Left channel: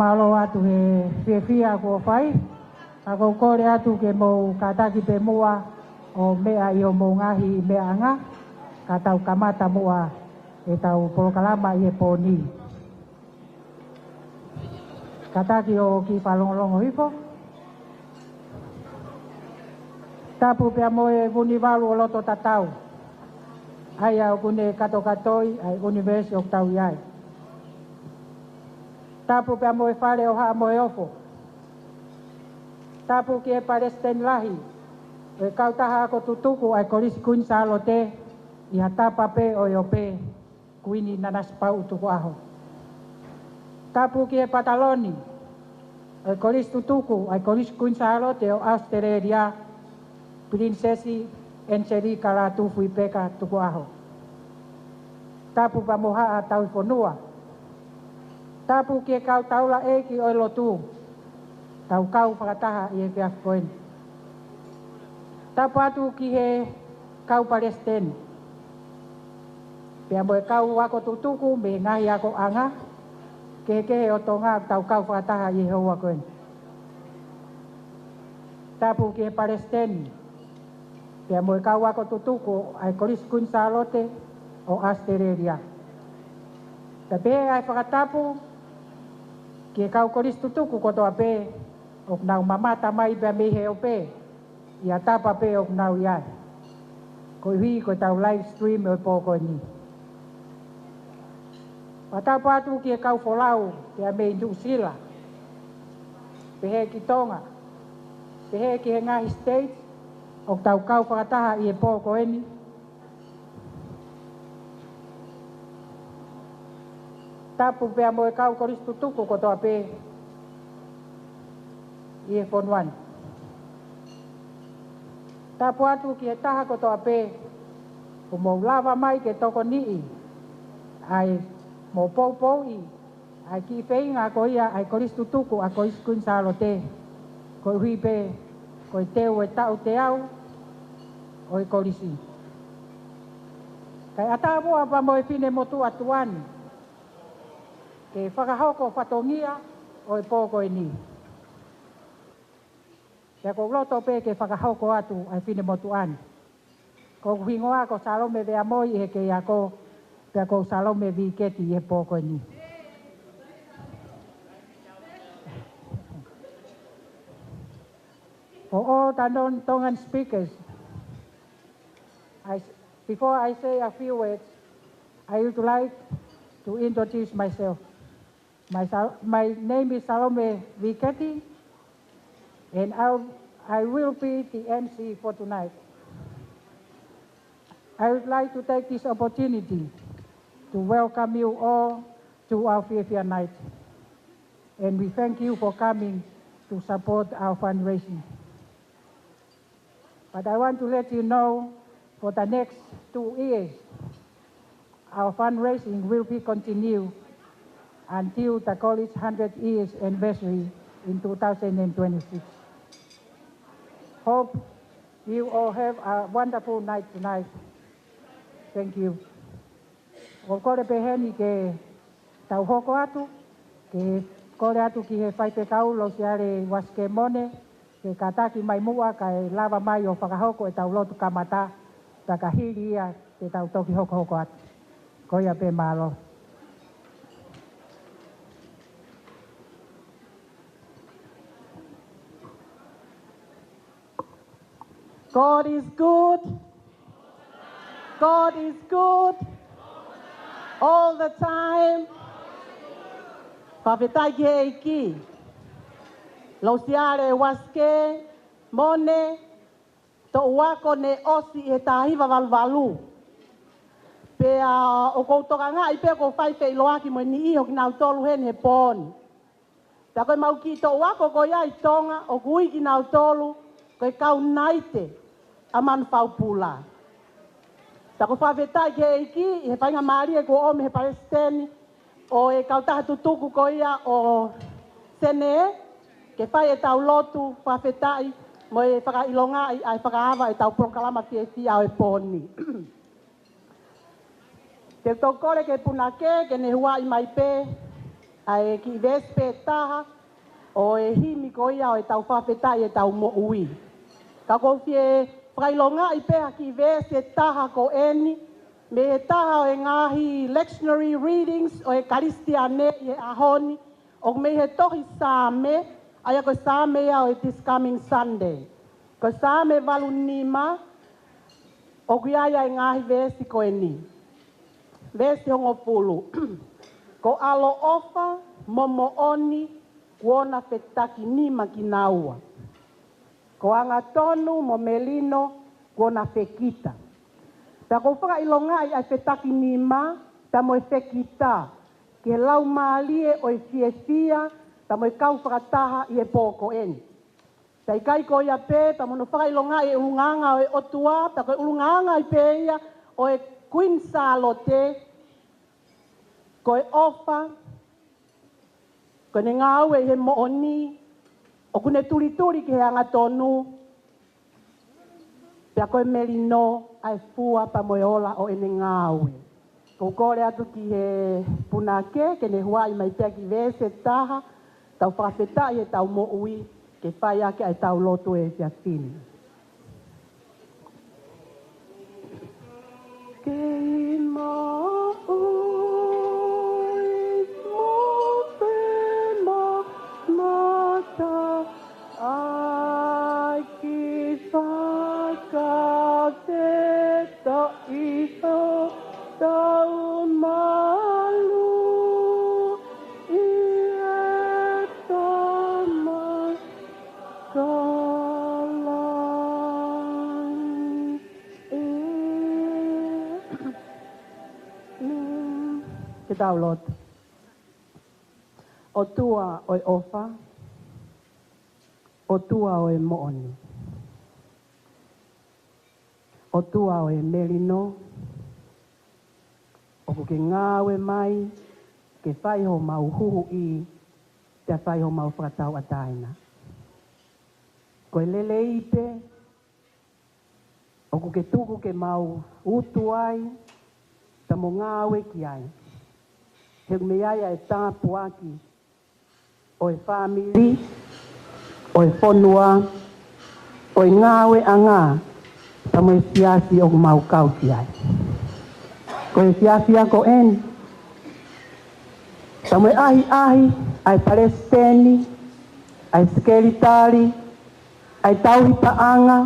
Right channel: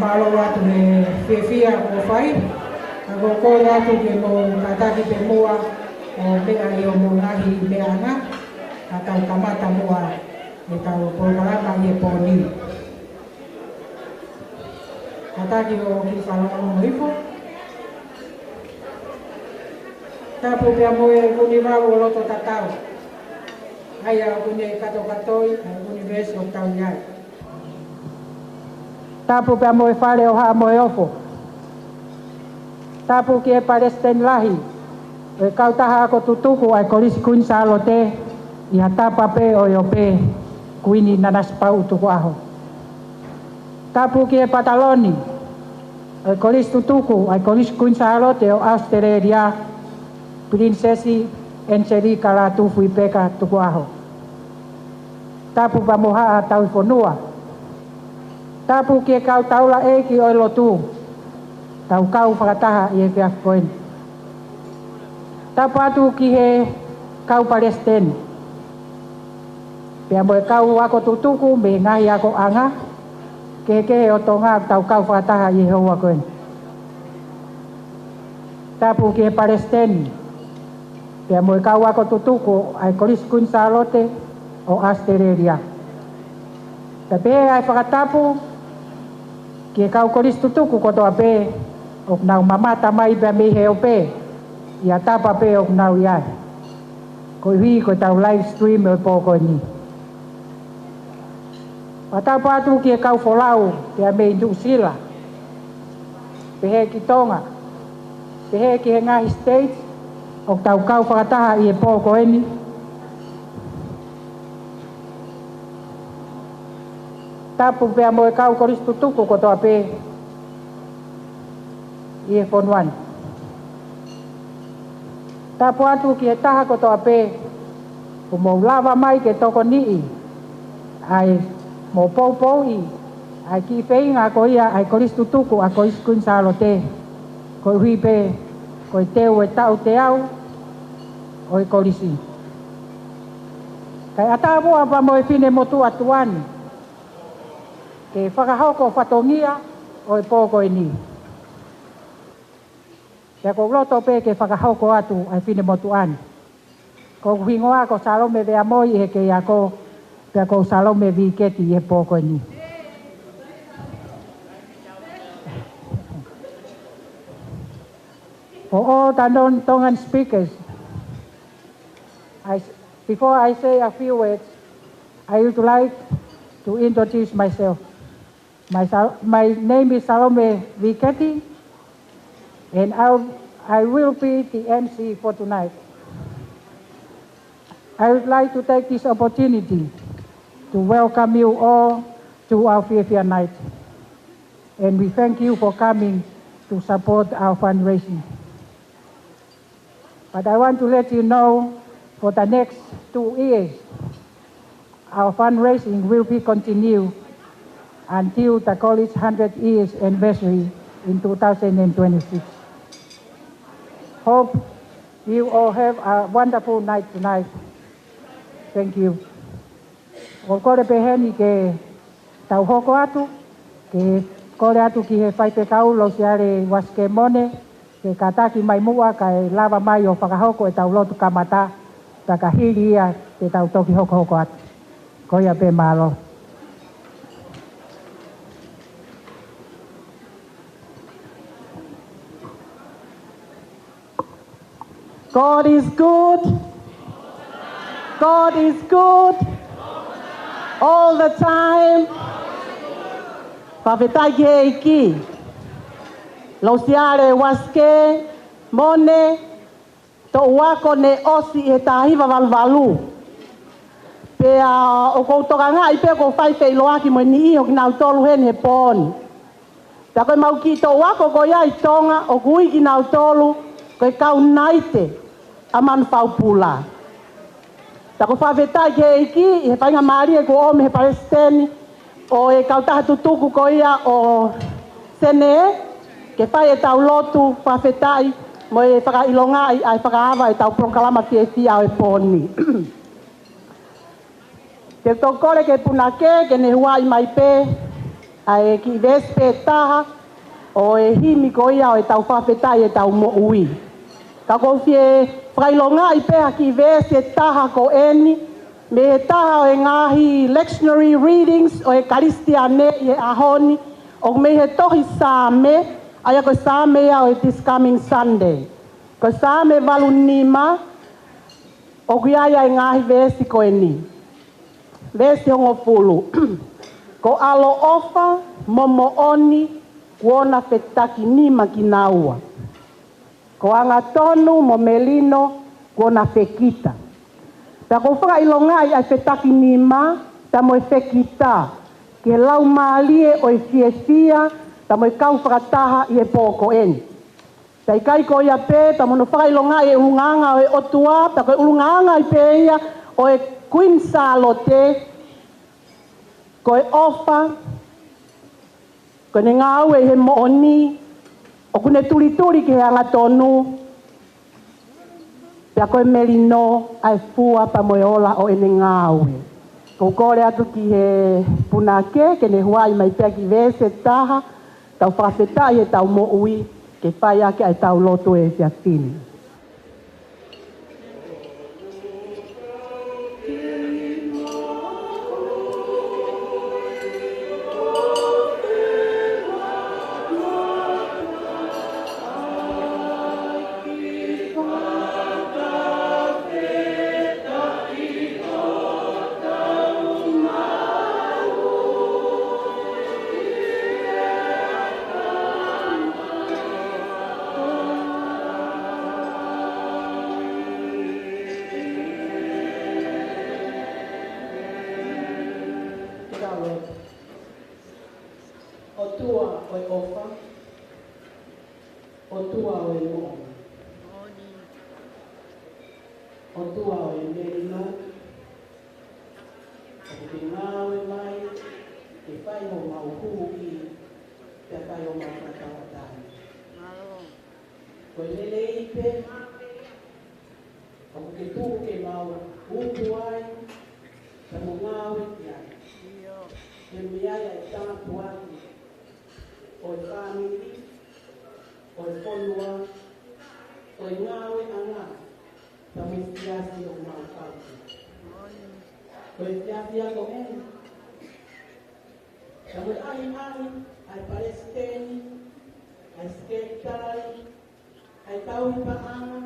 malo atu e fia ko fai ako ko na tu ke mo tata ki pe mua o mea i o mo ngahi mea nga tata utamata mua e tau programa i e poni tata ki o ki whalongo hifo tapu pe mo e kuni wago loto tatau ai au kune katokatoi ai University of Taunai tapu pe mo e whare o haa mo e ofo tapu ki e Palestine lahi e kautaha ako tutuku ai korisi kuin sa alote i hatapa pe o yo pe kuini nanas pau tuku aho tapu ki e Pataloni e korisi tutuku ai korisi kuin sa alote o Australia Prinsesi Angelica la tufu i peka tuku aho tapu pa moha a tau fonua tapu ki e kau taula e ki o lotu tau kau whakataha i e whiaf koen tapu atu ki he kau Palestine pia mo e kau wako tutuku me ngahi ako anga ke o tonga tau kau whakataha i e hoa koen tapu ki he Palestine pia mo e kau wako tutuku ai koris kun sa alote o Australia tape ai whakatapu ki kau koris tutuku koto ape o nau mamata mai bea me he o pe ia tapa pe o nau iai ko hui ko tau live stream o poko ni patapa atu ki kau folau pea me indu sila pehe ki tonga pehe ki he ngahi States o tau kau whakataha i e poko eni tapu pea mo e kau koris tutuku koto ape i e fonuan tapu atu ki e taha koto ape o mo lava mai ke toko nii ai mo pou i ai ki whainga ko ia ai koris tutuku a koris kun sa alote ko hui pe ko i teo e tau te au o i korisi kai atamua pa mo e fine motu atuan ke whakahoko whatongia o i pōko e ni. Kia ko roto pe ke whakahoko atu ai fine motu an. Ko hingoa ko salome vea moi he ke ako kia ko salome vi keti e pōko e ni. For all the non-Tongan speakers, before I say a few words, I would like to introduce myself. My name is Salome Viketi, and I will be the MC for tonight. I would like to take this opportunity to welcome you all to our Fiafia night, and we thank you for coming to support our fundraising. But I want to let you know, for the next 2 years, our fundraising will be continued until the college 100 years anniversary in 2026. Hope you all have a wonderful night tonight. Thank you. O kore peheni ke tau hoko atu, ke kore atu ki he whaipe kau lo siare waske mone, ke kataki mai mua ka e lava mai o whakahoko e tau lotu kamata, taka hiri ia te tau toki hoko atu. Koia pe malo. God is good. God is good. All the time. Whawhetai ki he iki. Lausiare waske, mone, to uako ne osi e tahiwa walwalu. Pea o koutoka ngā i pea ko whaipe i loaki mo ni iho ki nau tolu hen he pōni. Pea koe mau ki to uako ko ia i tonga o kui ki nau tolu koe kau naite a manu whaupula. Ta ko whawhetai ki he iki, he whainga maari e ko ome he Palestini, o e kautaha tutuku ko ia o sene, ke whai e tau lotu whawhetai, mo e whakailonga ai whakaawa e tau prokalama ki e fia o e pōni. Te tokore ke punake, ke ne huai mai pe, ai ki vespe taha o e himi ko ia o e tau whawhetai e tau mo ui. Ka ko fie whailonga i peha ki vespe taha ko eni, me e taha o e ngahi lectionary readings o e karistiane i e ahoni, o me he tohi sāme, aia ko sāme ia o e this coming Sunday. Ko sāme walu nima, o kuiaia i ngahi vesi ko eni. Vesi hongo pulu. Ko alo ofa, momo oni, kuona fetaki nima ki naua. Ko anga tonu, mo melino, kuona fekita. Ta ko whaka ilongai ai fetaki nima, ta mo e fekita. Ke lau maalie o e fia, ta mo e kau whakataha i e pōko eni. Ta i kai ko ia pē, ta mono whaka ilongai e unganga o e otua, ta ko e unganga i pē ia o e Queen Salote, ko e ofa, ko ne ngau e he mooni, o kune turi ki he anga tonu, pia ko e melino ai fua pa mo e ola o ene ngau e. Ko kore atu ki he punake, ke ne huai mai pia ki vese taha, tau whakawhetai e tau mo ui, ke whai ake ai tau loto e fia fini. O tua o e ofa, o tua o e mooni, o tua o e melino, o ke ngawe mai, ke whai ho mau huhu i, te whai ho mau whakatau ataina. Ko e lele i te, o ke tuku ke mau utu ai, ta mo ngawe ki ai. He meia e tāpu aki, o e whamiri, o e whonua, o e ngāwe a ngā, ta mo e siasi o mau kauti ai. Ko e siasi ako eni, ta mo e ahi, ai Palestini, ai Skelitari, ai Tauhitaanga,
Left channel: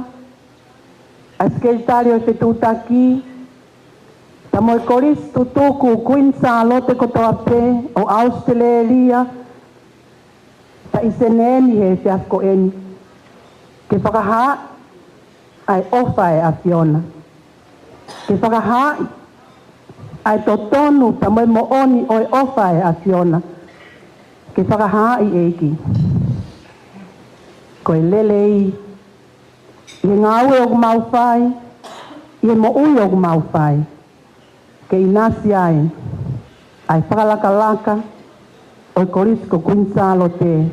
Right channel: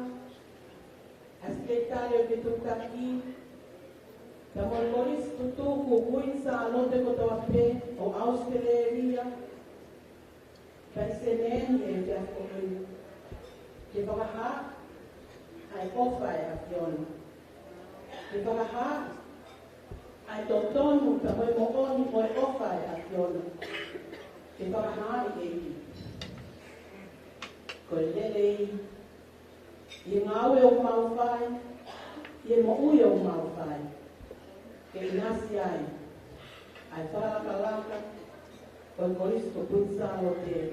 ai Skelitari o te tūtaki, ta mo e koristu tuku Queen Salote kotoa pē o Australia, ta iseneni he se asko eni. Ke whakaha ai ofa e a Fiona. Ke whakaha ai totonu ta mo e mooni o e ofa e a Fiona. Ke whakaha i eiki. Ko e lele i ngaue o mau whai, i e mo ui o mau whai. Ke inasi ai whakalaka o e korisko Queen Salote,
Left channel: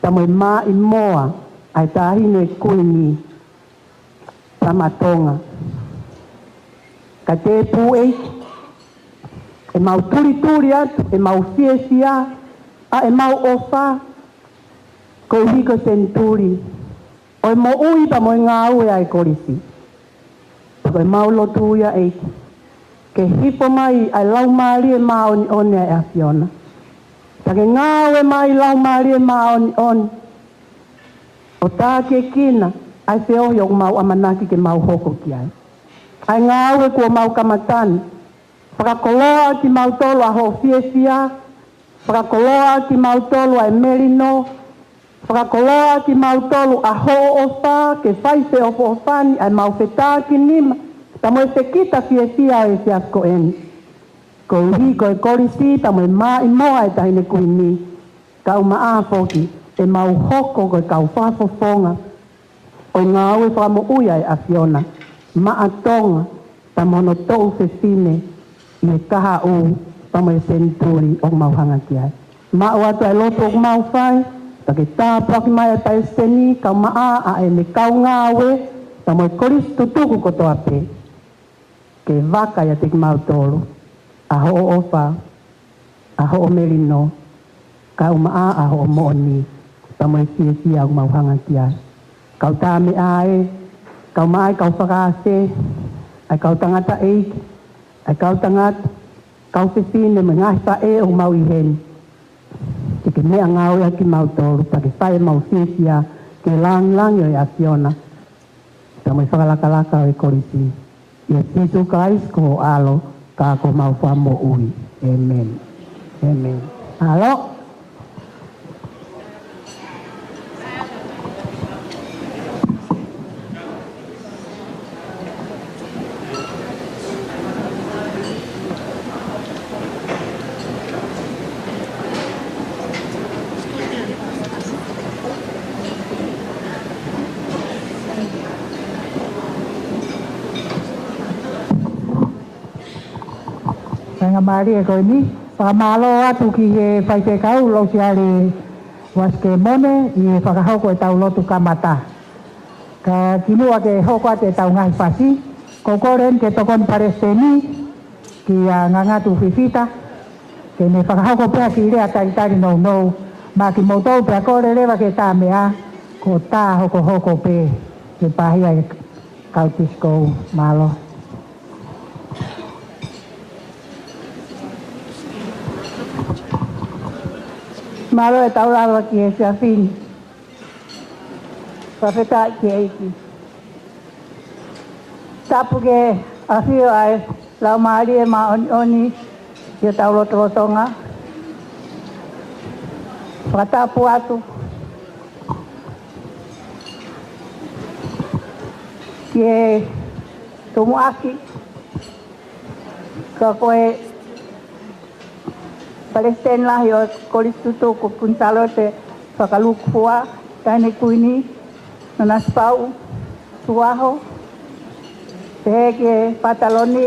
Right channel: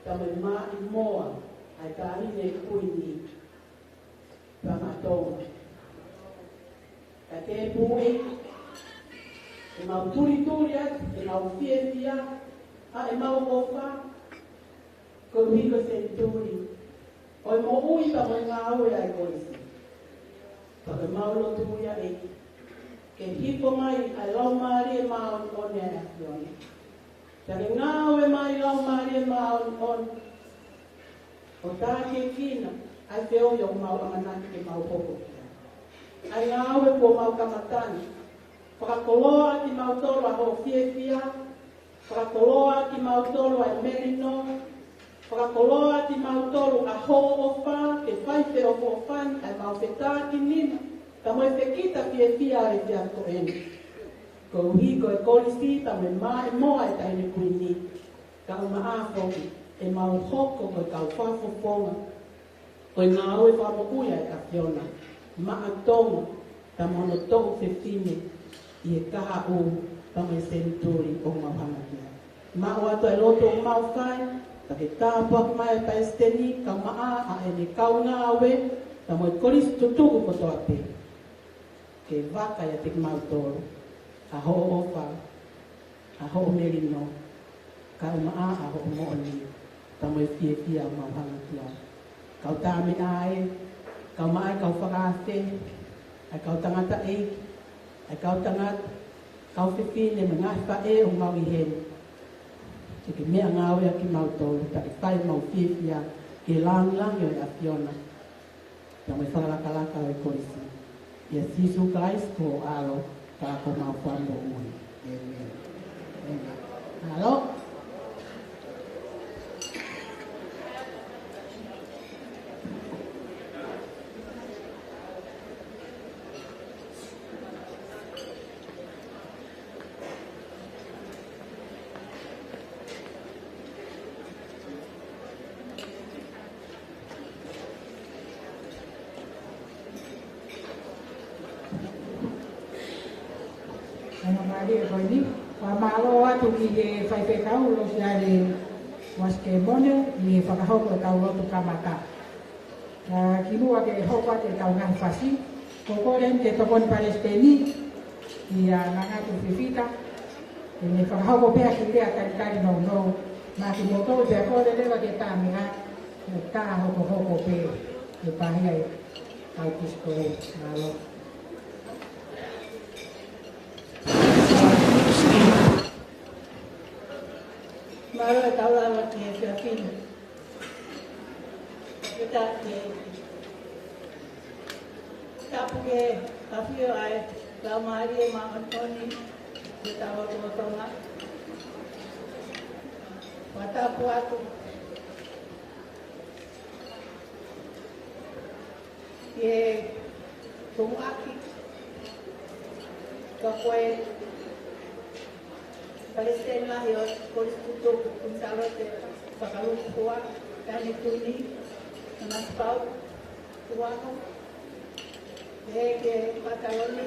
ta mo e mā i moa ai tāhine kuini ta matonga. Ka te pū e mau turi atu, e mau fia, a e mau ofa, ko hiko senturi. O e mo ui pa mo i ngā ue ai korisi. Ko e mau lotu ia eiki. Ke hipo mai ai lau maari e maoni oni ai a Fiona. Ta ke ngāwe mai lau maari e maoni oni. O tā ke kina, ai whiohi o mau amanaki ke mau hoko ki ai. Ai ngāwe kua mau kamatani. Whakakoloa ki mau tolo a ho fia, whakakoloa ki mau tolo ai melino, whakakoloa ki mau tolo a ho ofa, ke whaife o ofani ai mau whetā ki nima. Ta mo e pekita fia e te asko eni. Ko uhi ko e korisi, ta mo e mā i moa e tahine kuini. Ka uma a foki, e mau hoko ko e kau whafofonga. O ngā ue whamo uia e a Fiona. Ma atonga, ta mono tou fefine, i e kaha u, ta mo e senturi o mau hanga ki ai. Ma o atu e loto o mau whai, ta ke tāpua ki mai e Palestini, ka uma a e ne kau ngā ue, ta mo e korisi tutuku kotoa pe. Ke waka ia te mau toro, a ho ofa, a ho melino, kau maa aho moni pamai sia mau hanga tia kau tame ai kau mai kau whakaase ai kau tangata eik ai kau tangat kau whiwhine me ngai whae o mau i hen tiki mea ngau e ki mau tōru taki whae mau sia ke lang e a Fiona pamai whakalakalaka o i korisi ia sisu kais ko alo ka ko mau whamo ui amen amen alo Maria ko ni pamalo atu ki e pai pe kau lo siare waske mone i whakahau ko e tau lotu kamata ka kinua ke hoko te tau ngai pasi ko koren ke tokon paresteni ki a ngangatu fifita ke ne whakahau ko pea ki rea taritari no ma ki motou pea kore rewa ke tā mea ko tā hoko pe ke pahia e kautisko malo malo e tau lalo ki e sia fin. Whawheta ki eiki. Tapu ke awhio ai lau maari e ma oni ki e tau lotonga. Whatapu atu. Ki e tumuaki. Ka koe Palestine lahi o koristuto ko punsalo te whakalukua taine kuini na naspau tuaho te heke pataloni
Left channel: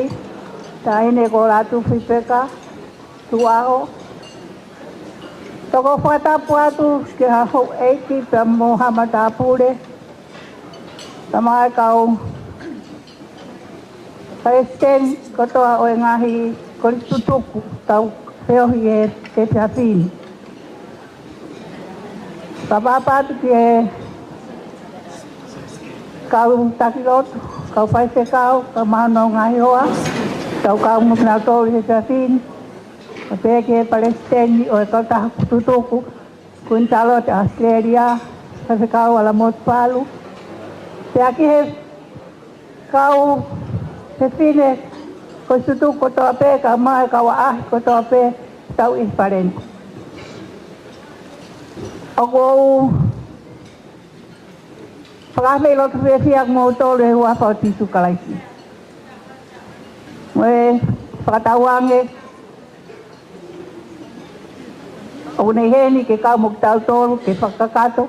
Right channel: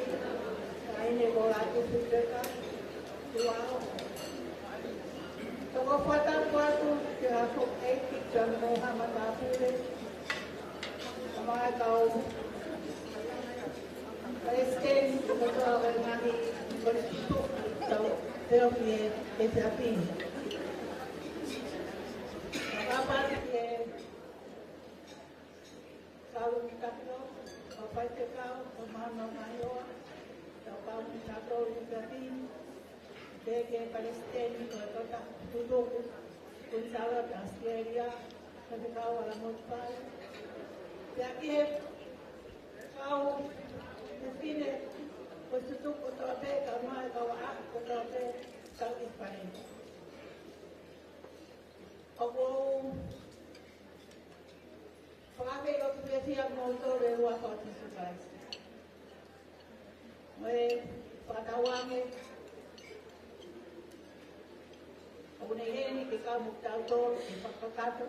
taine ko ratu whipeka tuaho toko whatapu atu ke haho eiki pa Mohamad Apure tamai kau Palestine kotoa o ngahi koristuto tau Peo e te tapini. Kapapati ke kau takilotu, kau whaise kau, kau mahano ngai hoa, kau mukna tōru he tapini. Ka peke Palestini o e kau taha kututuku, kuntalo te Australia, whaise kau ala motpalu. Te aki he kau he fine, ko tutu ko to ape ka mai ka wa ko to ape tau I parent ako pagame lo tu fiak mo to le wa pa ti su kalai we patawange o nei heni ke ka mo tau to ke fakakato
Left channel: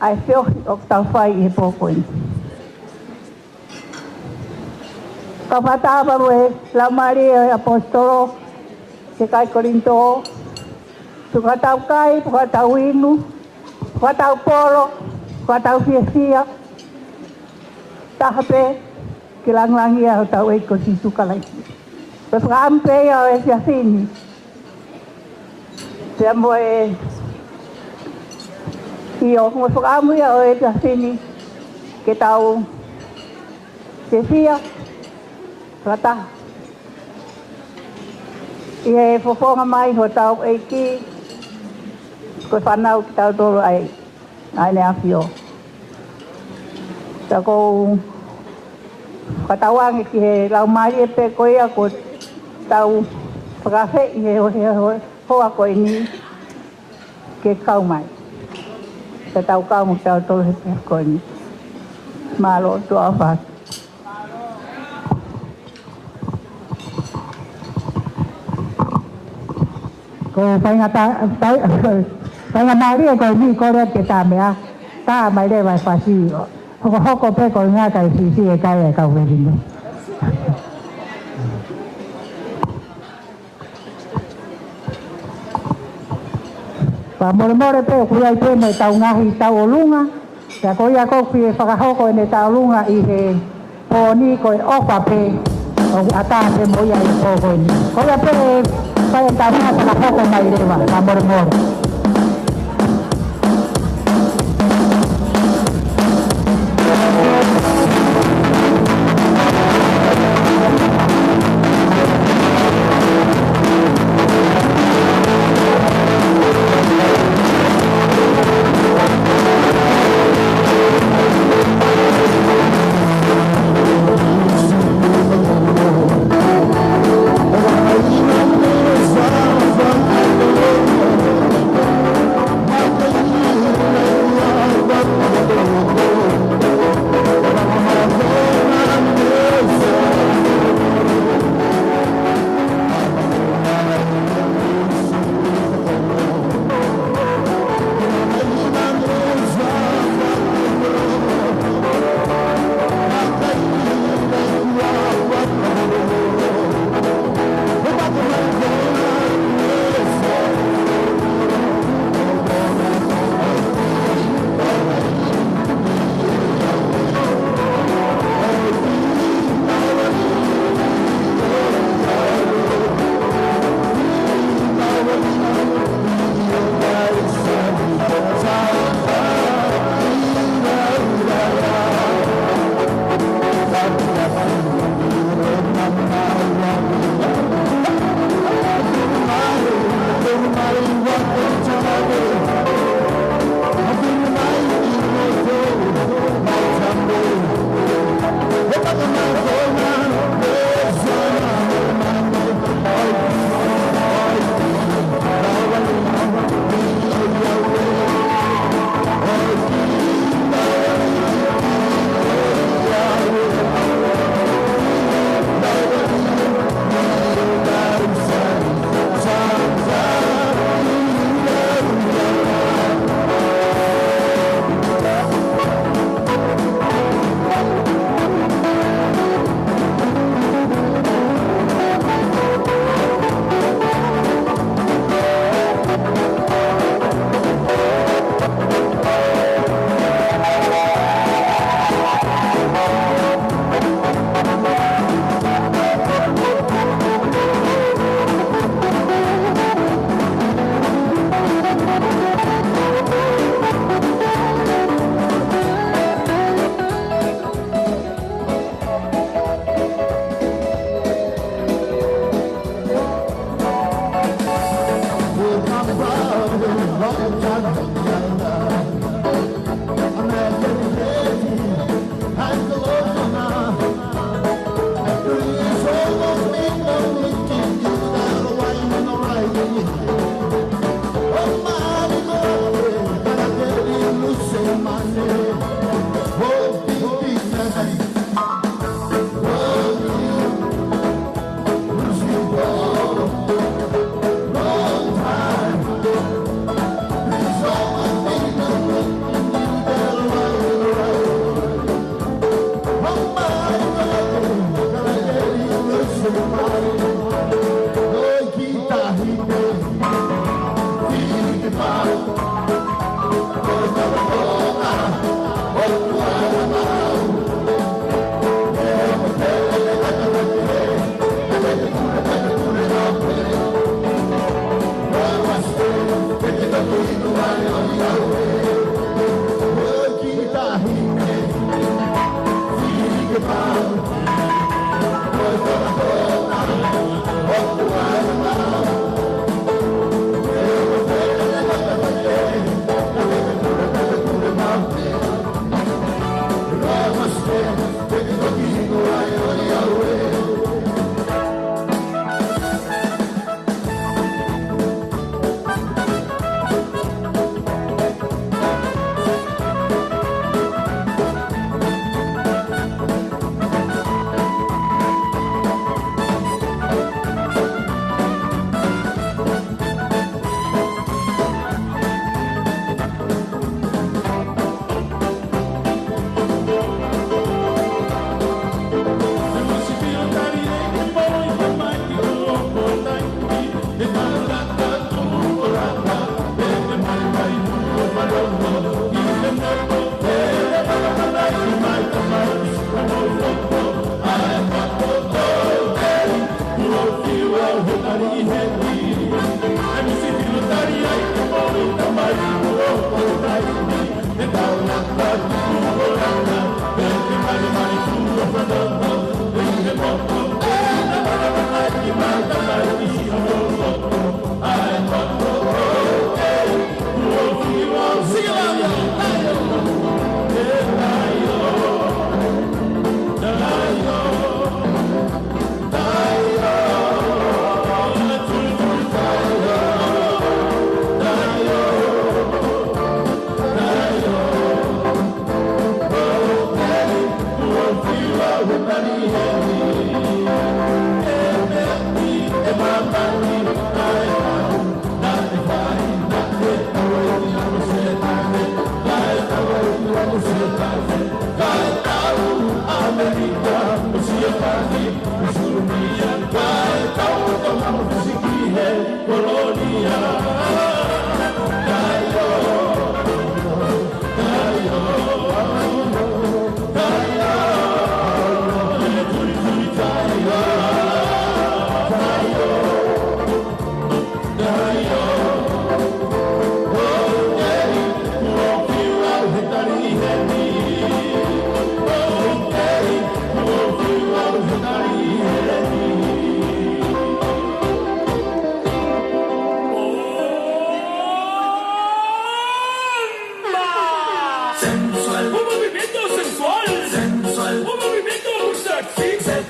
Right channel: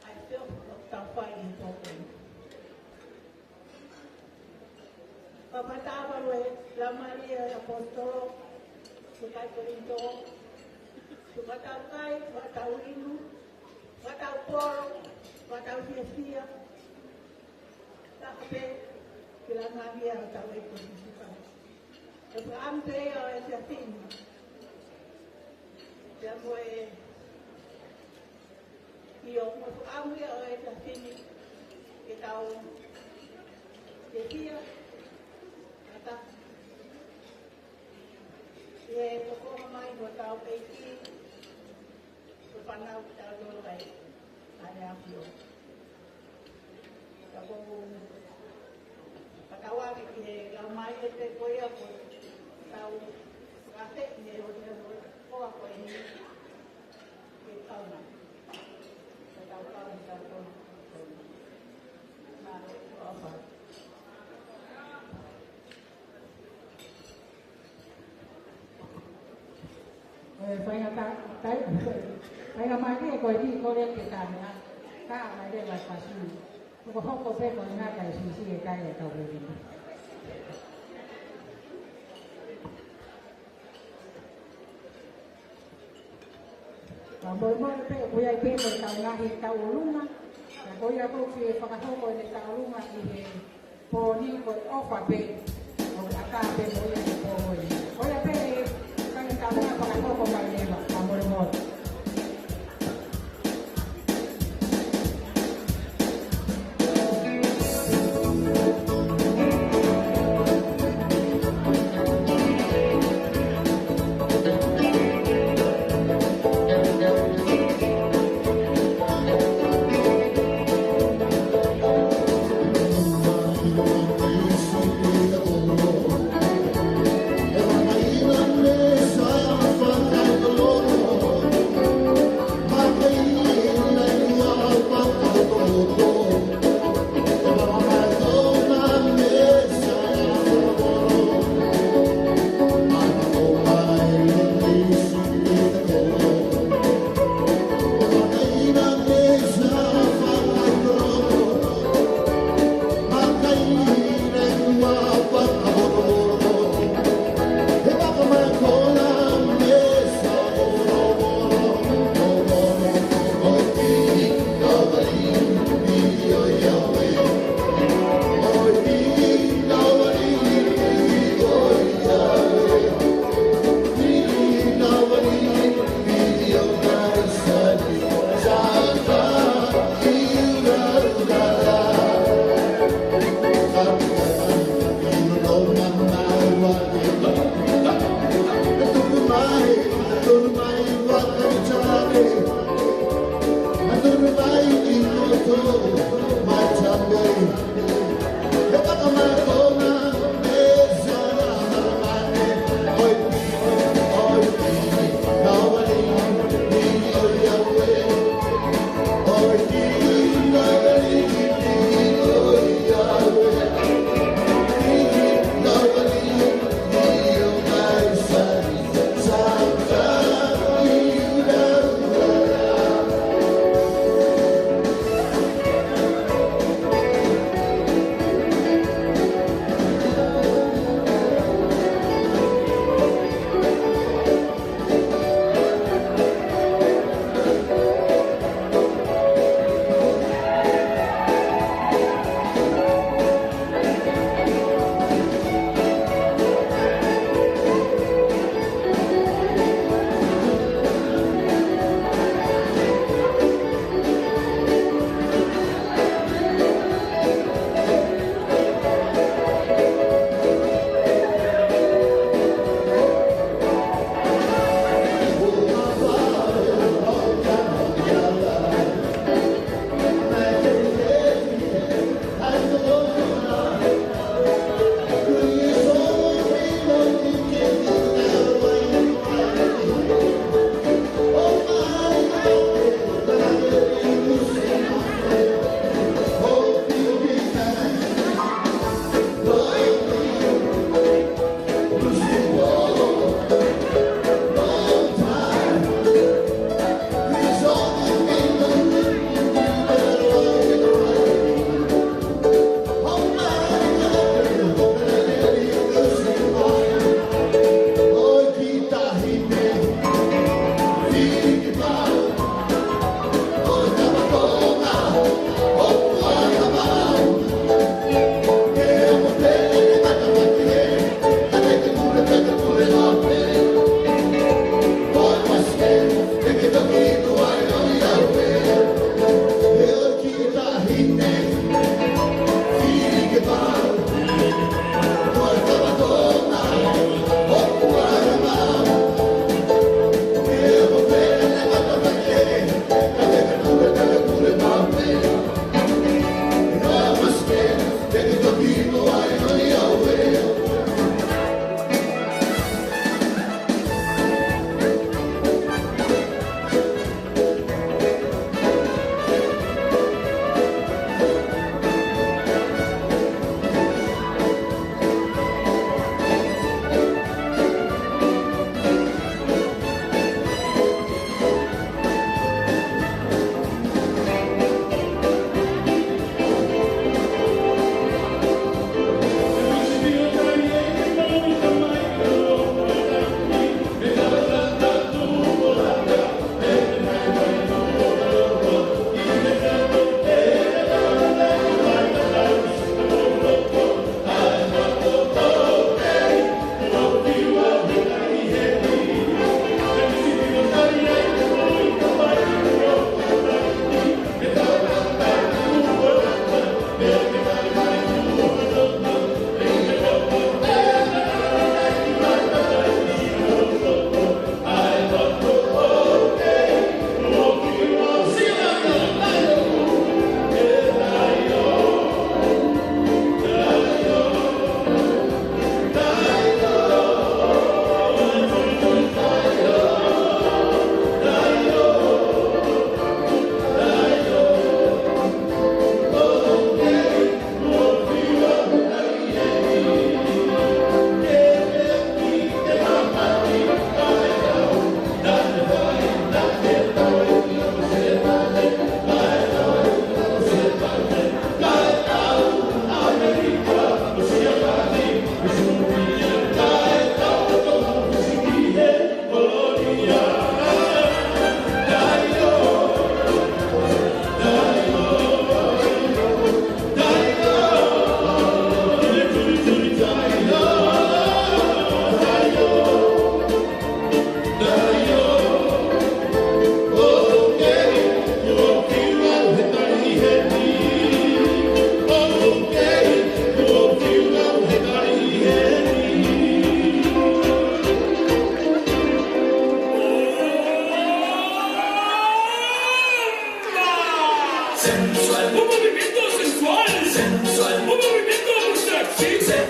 ai fio o tau fai e pokoin Kapataba we la Maria Apostolo se kai Corinto tukatau kai tukatau inu tukatau polo tukatau fiesia tahape kilang-langi ya tau e ko situ kalai pe ampe ya e sia sini se mo e io mo amu ya e sia sini ke tau fiesia Rata. Ia fofonga mai ho tau eiki. Ko whanau ki tau toro ai. Ai ne awhio. Ta ko whatawangi ki he lau mai e pe koia ko tau whakawhe I he hoa koe ni ke kau mai. Te tau kau mo tau toro he pe koe ni. Malo tua whak. ko whainga maria ko ni ko re ke tā mea tā mai re vai whasi hoko pe ko ngā kai si e kai e kau weringo pa more pe ku ai pe mai tau ngahi tau o lunga ta ko ia ko ki e whakahoko ne tau lunga I he o ni ko e ofa pe o ata pe mo ia I ko ko ni ko ia pe Kaya tama sa nakoko mai rewa, kamor-mor.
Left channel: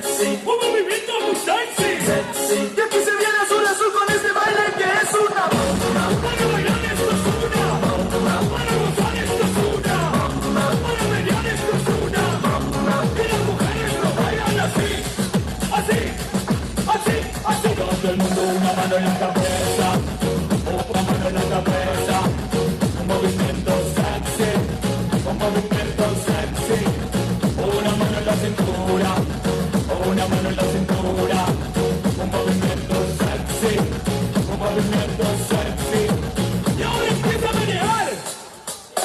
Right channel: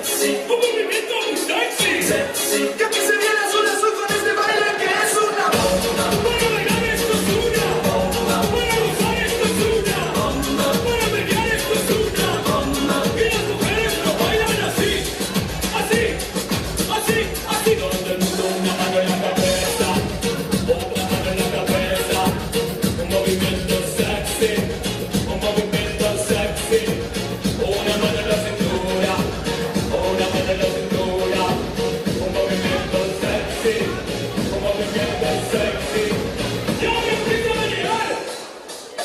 sexy, un movimiento muy sexy. Sexy, y aquí se viene azul azul con este baile que es una bomba. Para bailar esto es una bomba. Para gozar esto es una bomba. Para bailar esto es una bomba. Y las mujeres no bailan así, así, así, así. Todo el mundo una mano en la cabeza, otra mano en la cabeza. Un movimiento sexy, un movimiento sexy. Una mano en la cintura, una mano en la cintura. Un movimiento sexy, un movimiento sexy. Y ahora empiezo a manejar,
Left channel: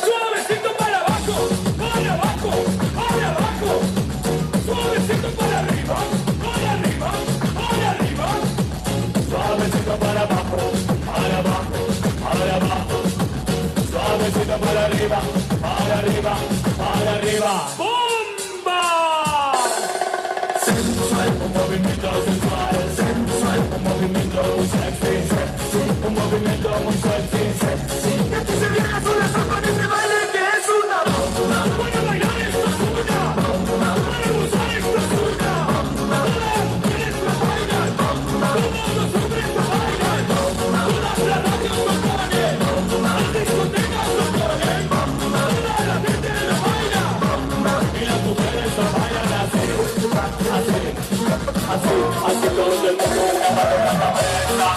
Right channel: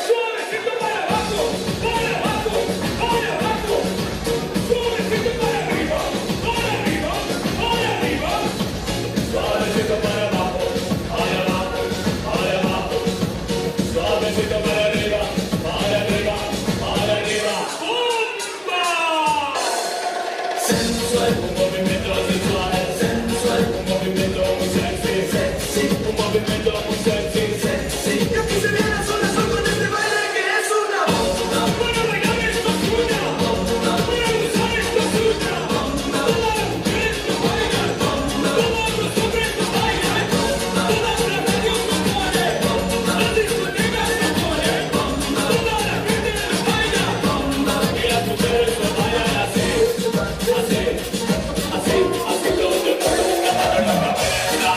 suavecito para abajo, para abajo, para abajo. Suavecito para arriba, para arriba, para arriba. Suavecito para abajo, para abajo, para abajo. Suavecito para arriba, para arriba, para arriba. ¡Bomba! Sensual, un movimiento sensual, sensual, un movimiento muy sexy, sexy, un movimiento muy sexy, sexy. Y aquí se viene azul azul con este baile que es una bomba. Para bailar esto es una bomba. Para gozar esto es una bomba. Todas las mujeres no bailan bomba. Todos los hombres no bailan bomba. Todas las radios no ponen bomba. Las discotecas no ponen bomba. Toda la gente no baila bomba. Y las mujeres no bailan así, así, así, así. Todo el mundo una mano en la cabeza.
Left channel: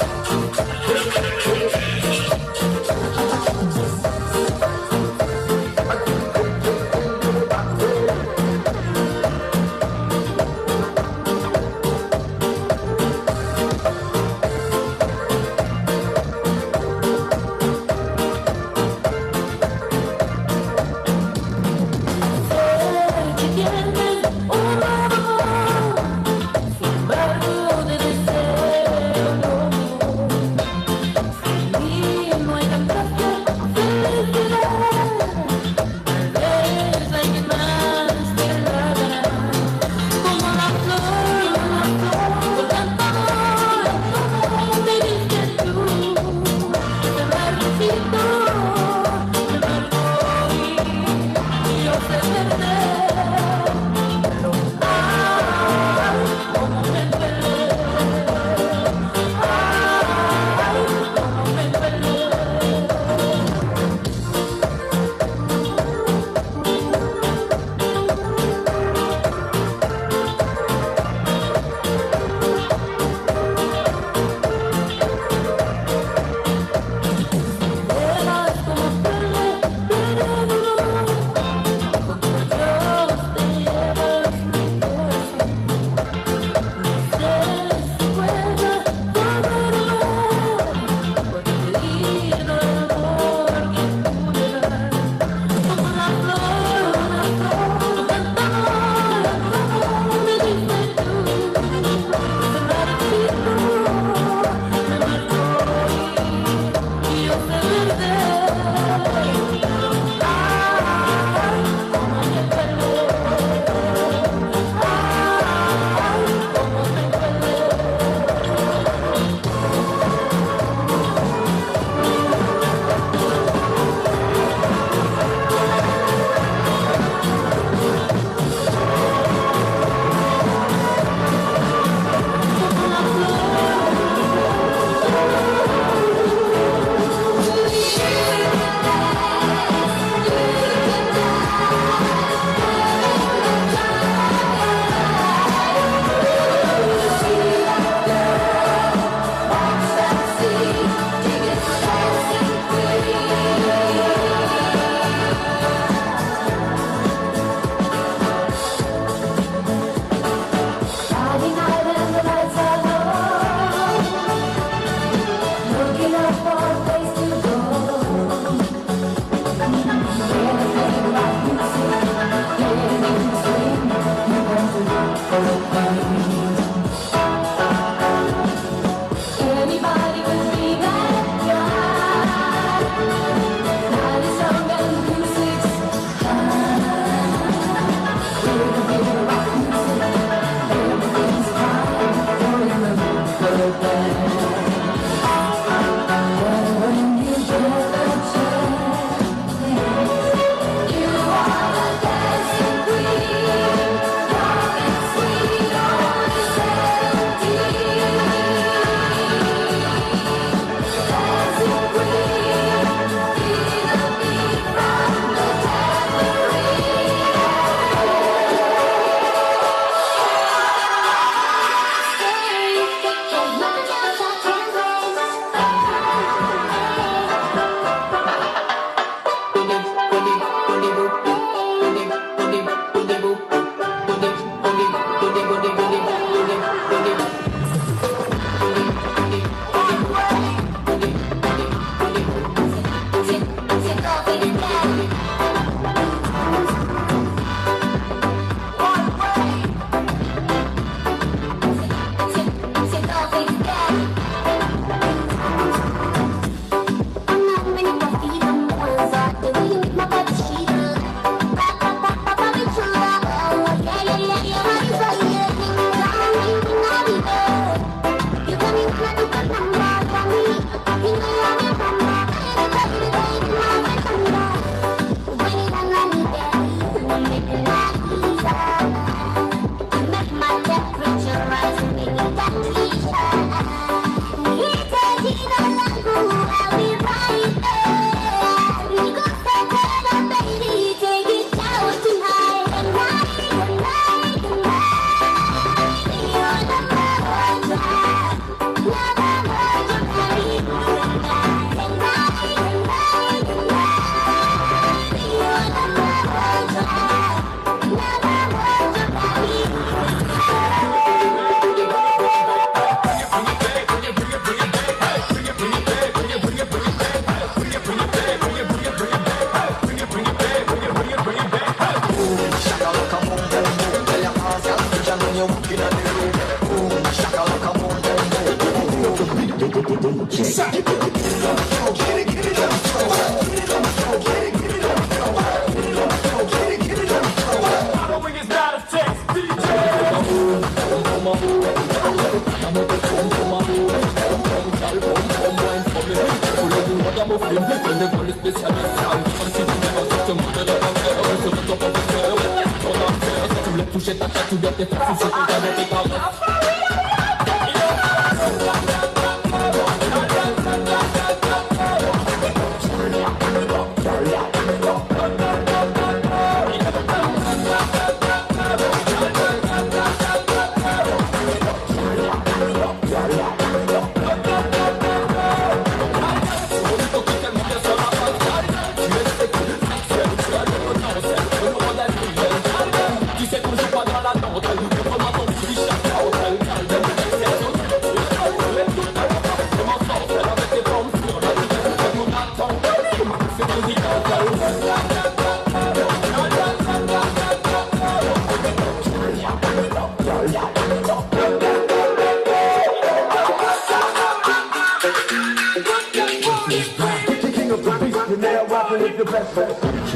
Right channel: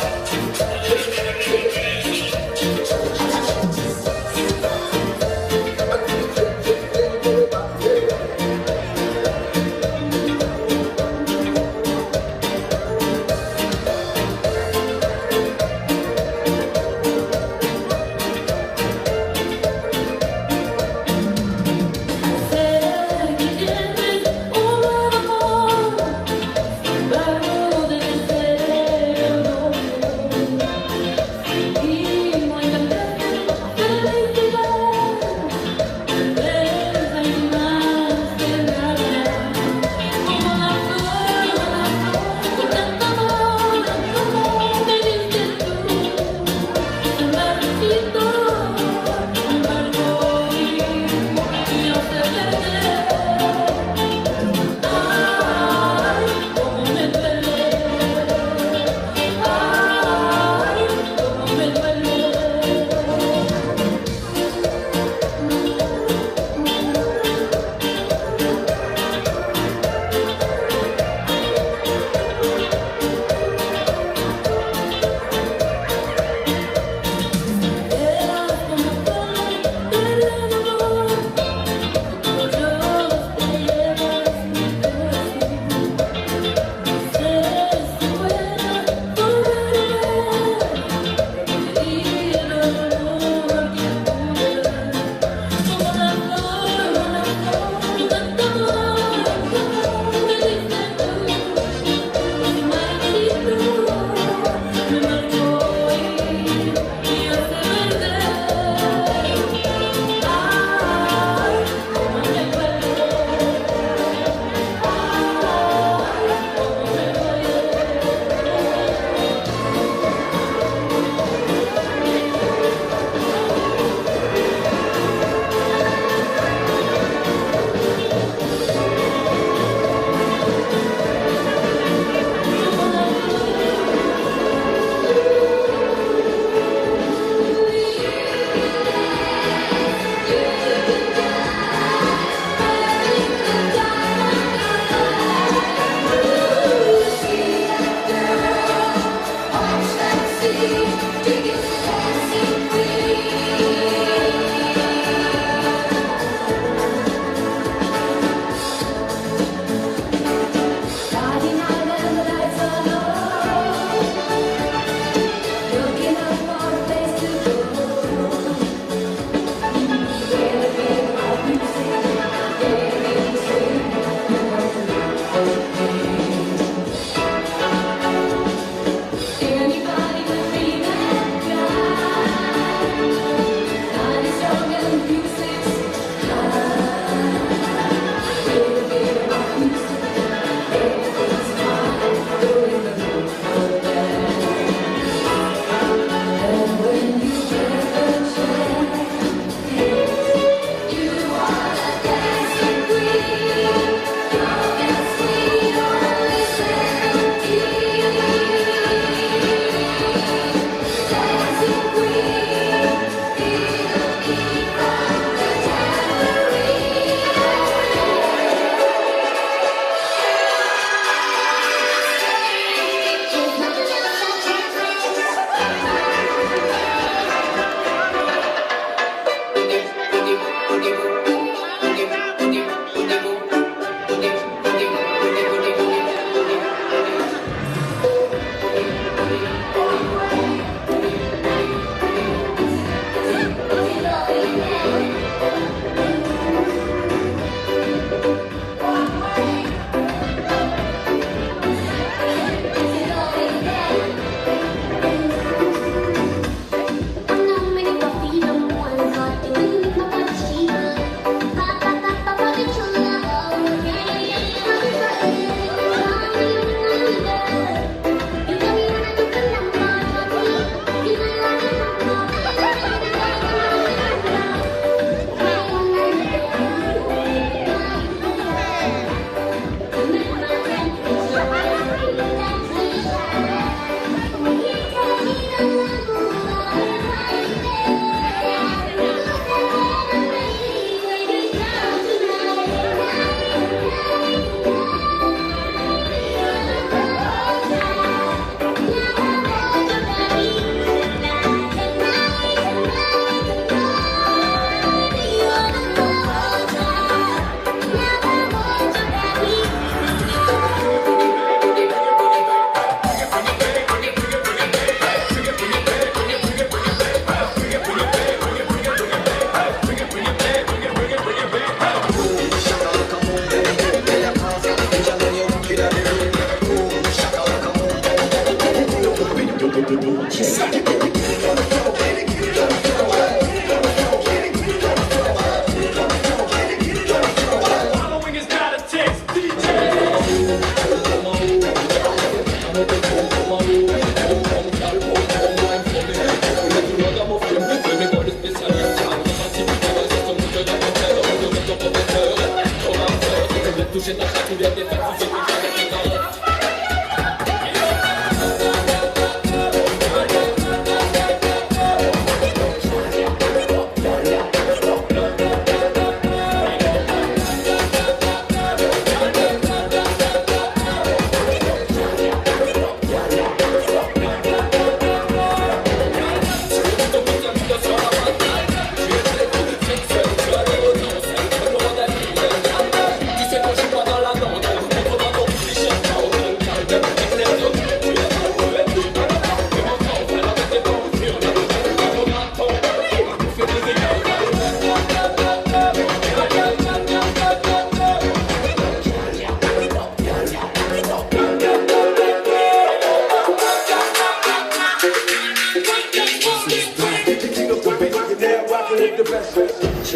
All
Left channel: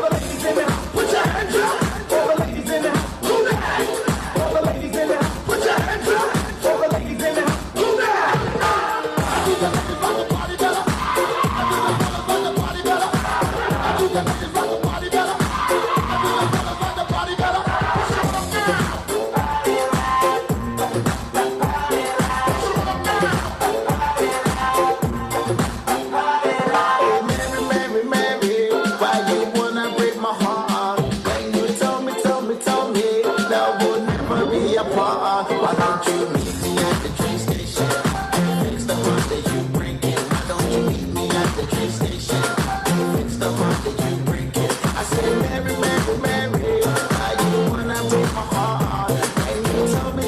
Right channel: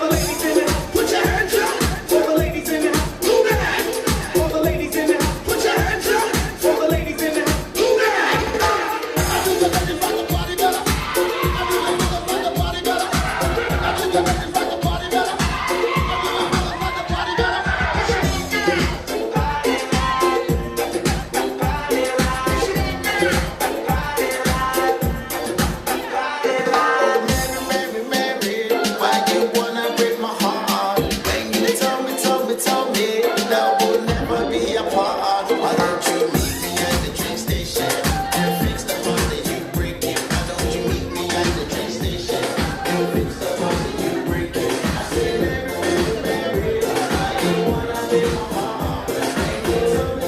the ladies in it, put your hands up. All the ladies in it, move that. All the ladies in it, put your hands up. All the ladies in it, move that. I do the ladies rock the party better. I do the motherfucker party better. I do the ladies rock the party better. I do the motherfucker party better. Mary, Mary, why you wanna break my heart? When you tell me, that will never be apart. Why don't you meet me at the train station and fix the heart that you breaking? Why don't you meet me at the train station and fix the heart that you breaking? I say, Mary, Mary, Mary, why you wanna break my heart? When you tell me,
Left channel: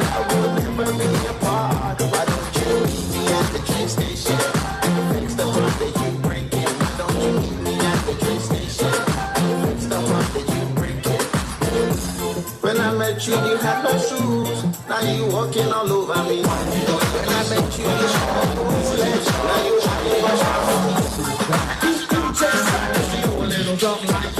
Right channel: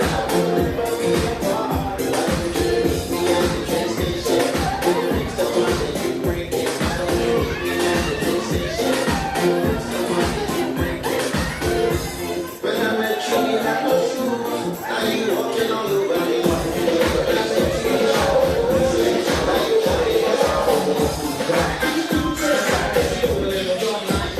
that will never be apart. Why don't you meet me at the train station and fix the heart that you breaking? Why don't you meet me at the train station and fix the heart that you breaking? When I met you, you had no shoes. Now you walking all over me. When I met you, you had no shoes. Now you walking all over me. You do taste like you little dog like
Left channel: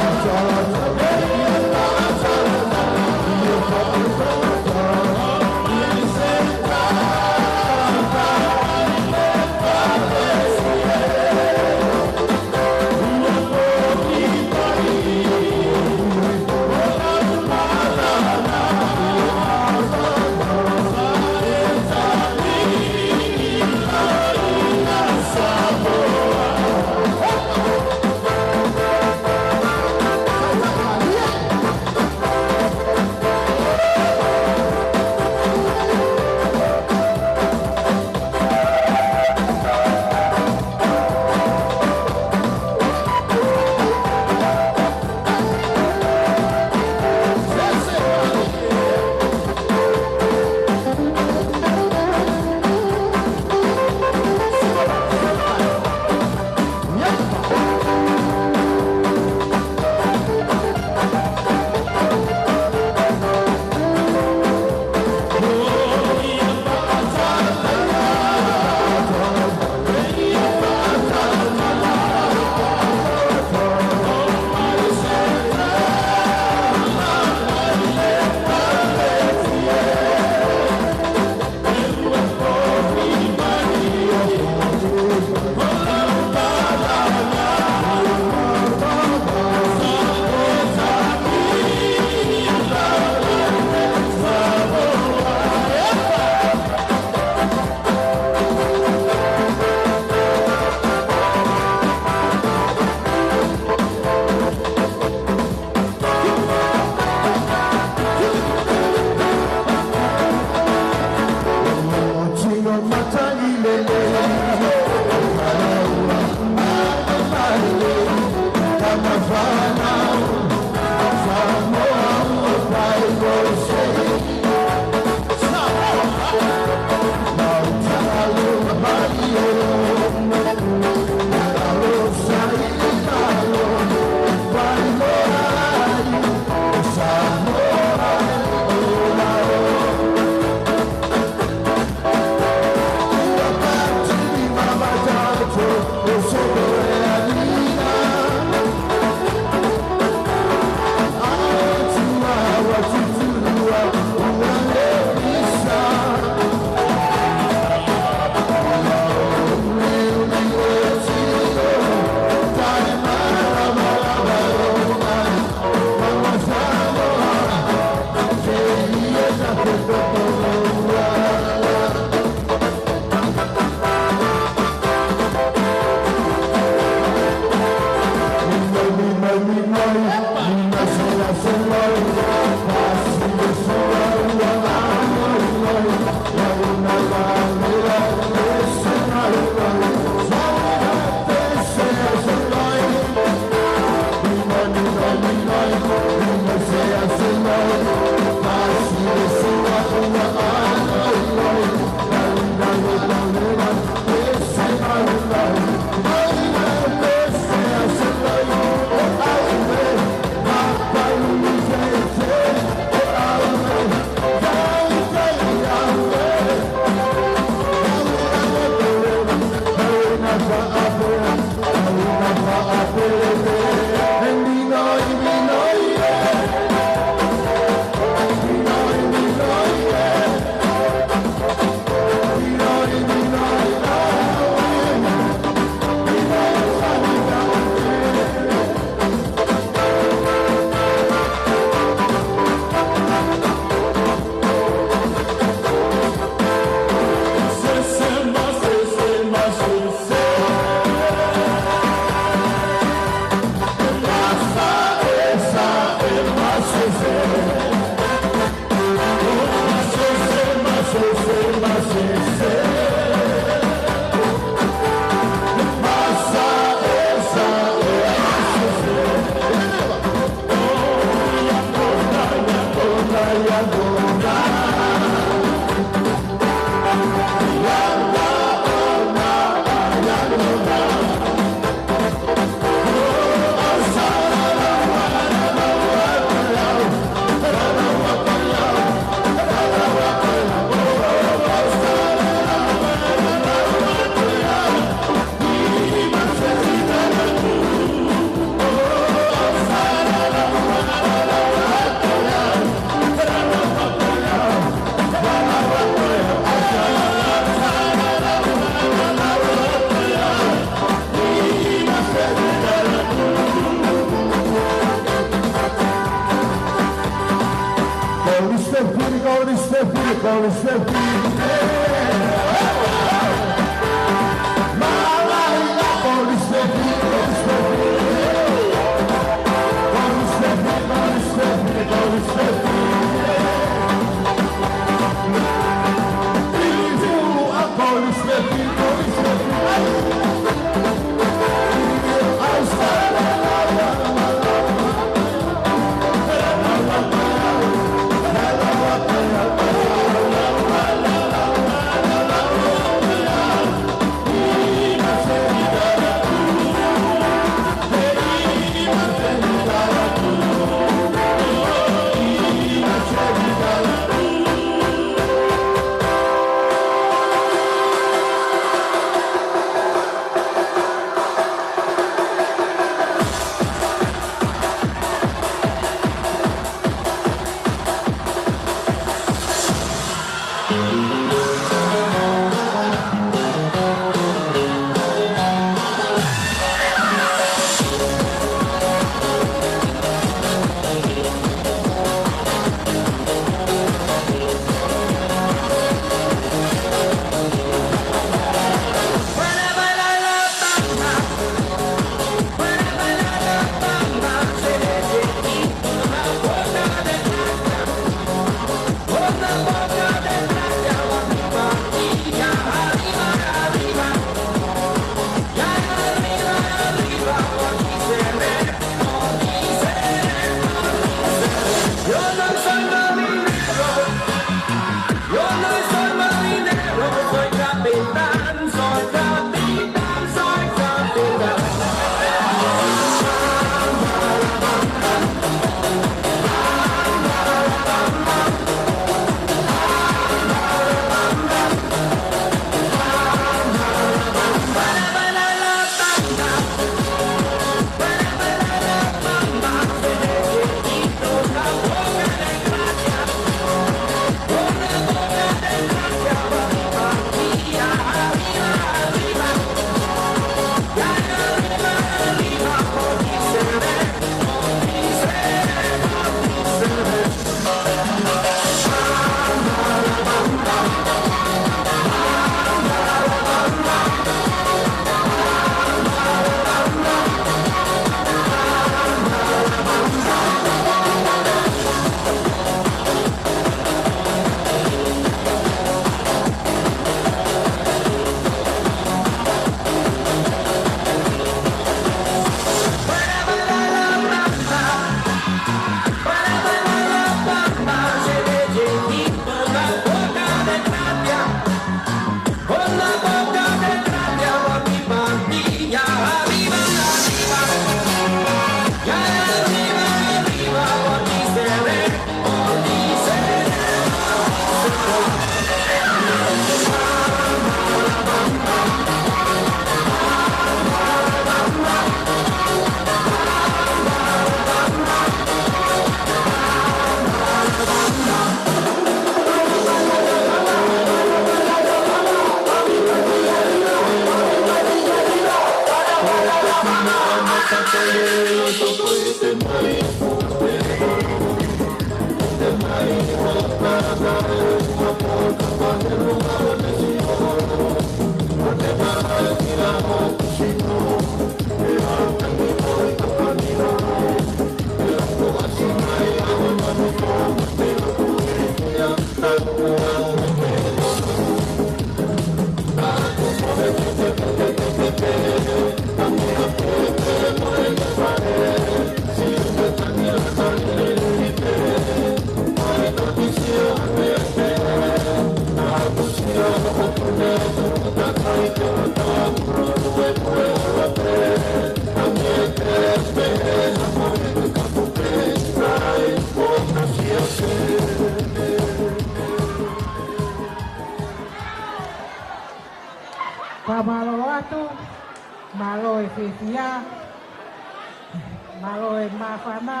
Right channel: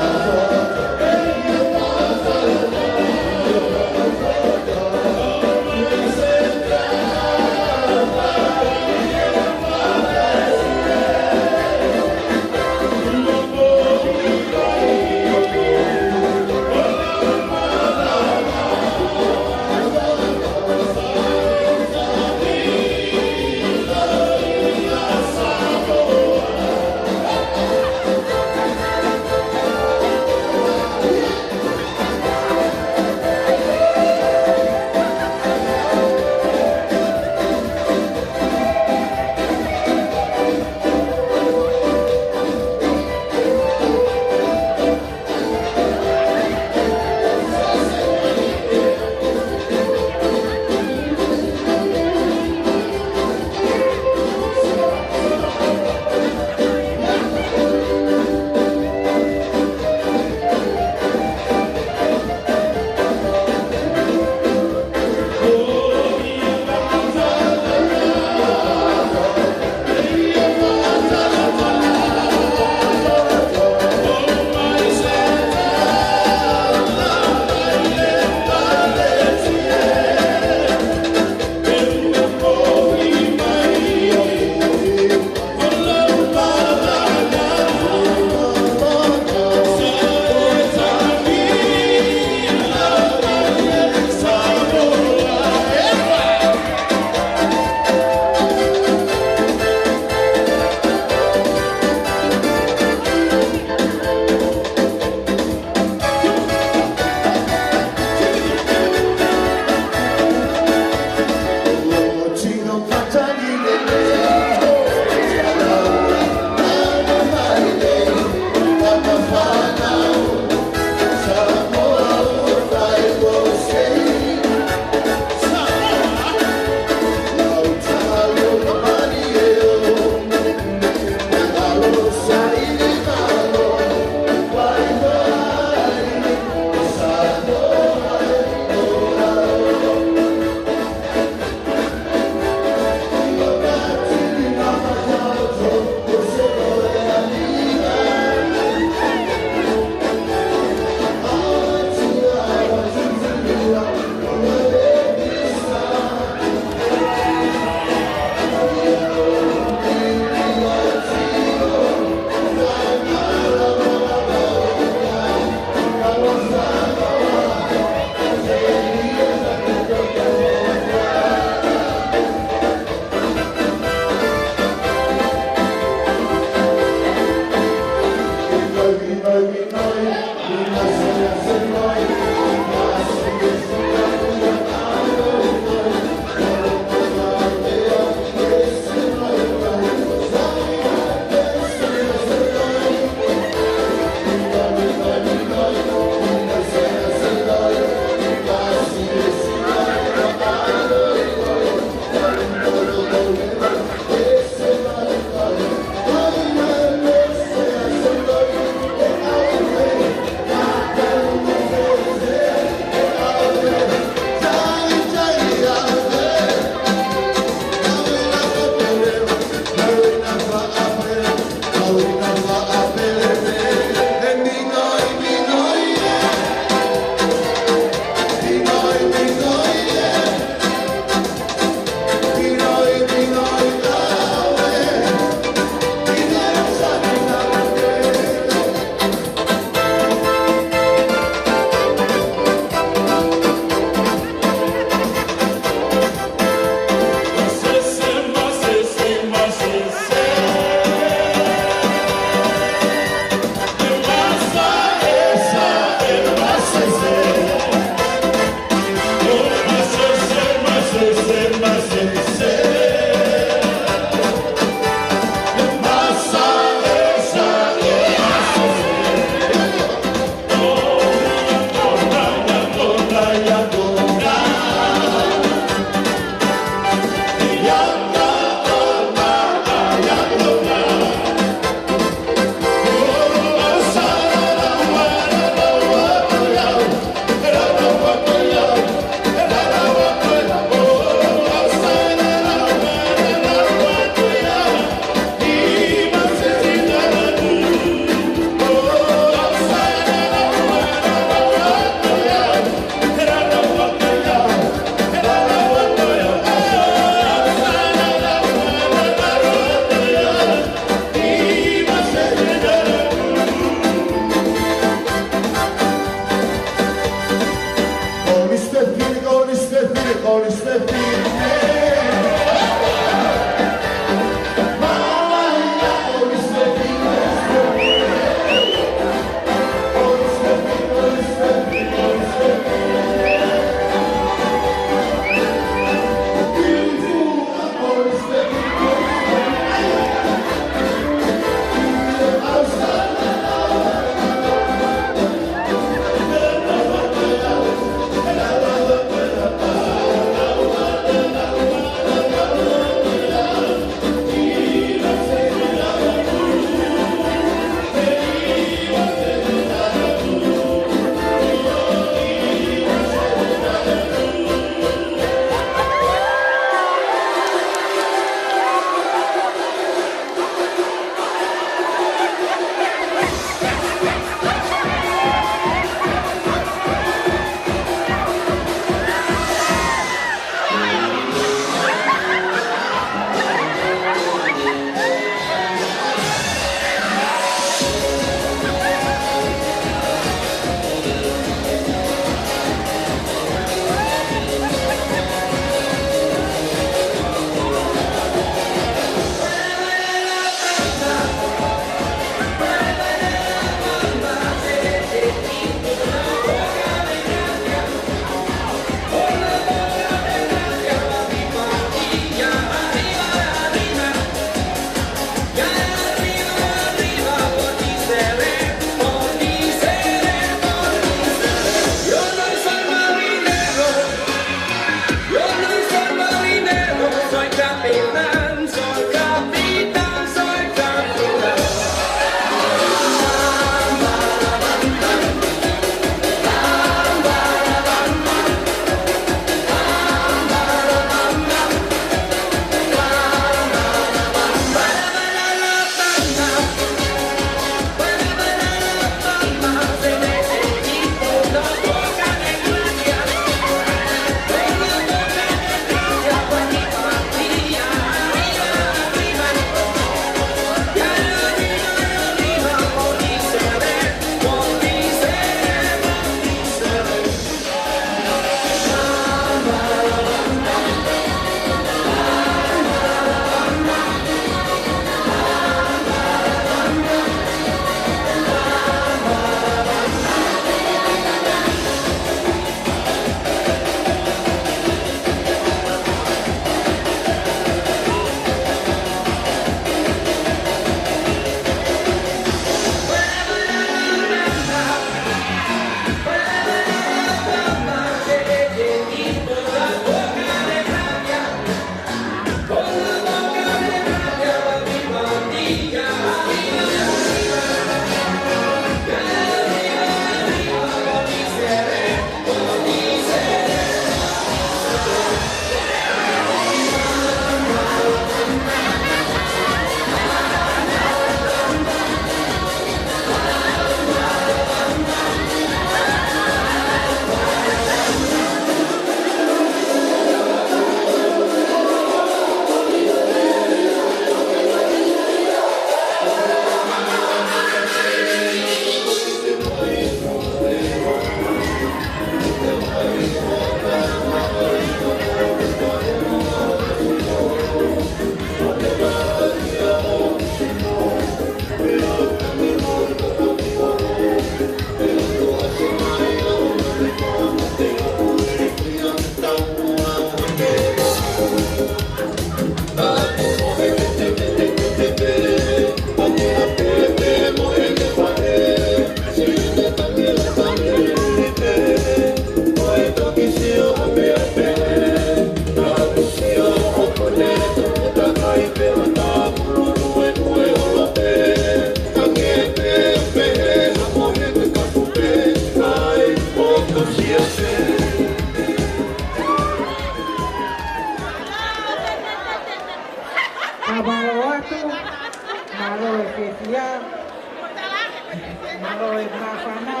Kalau mga pana,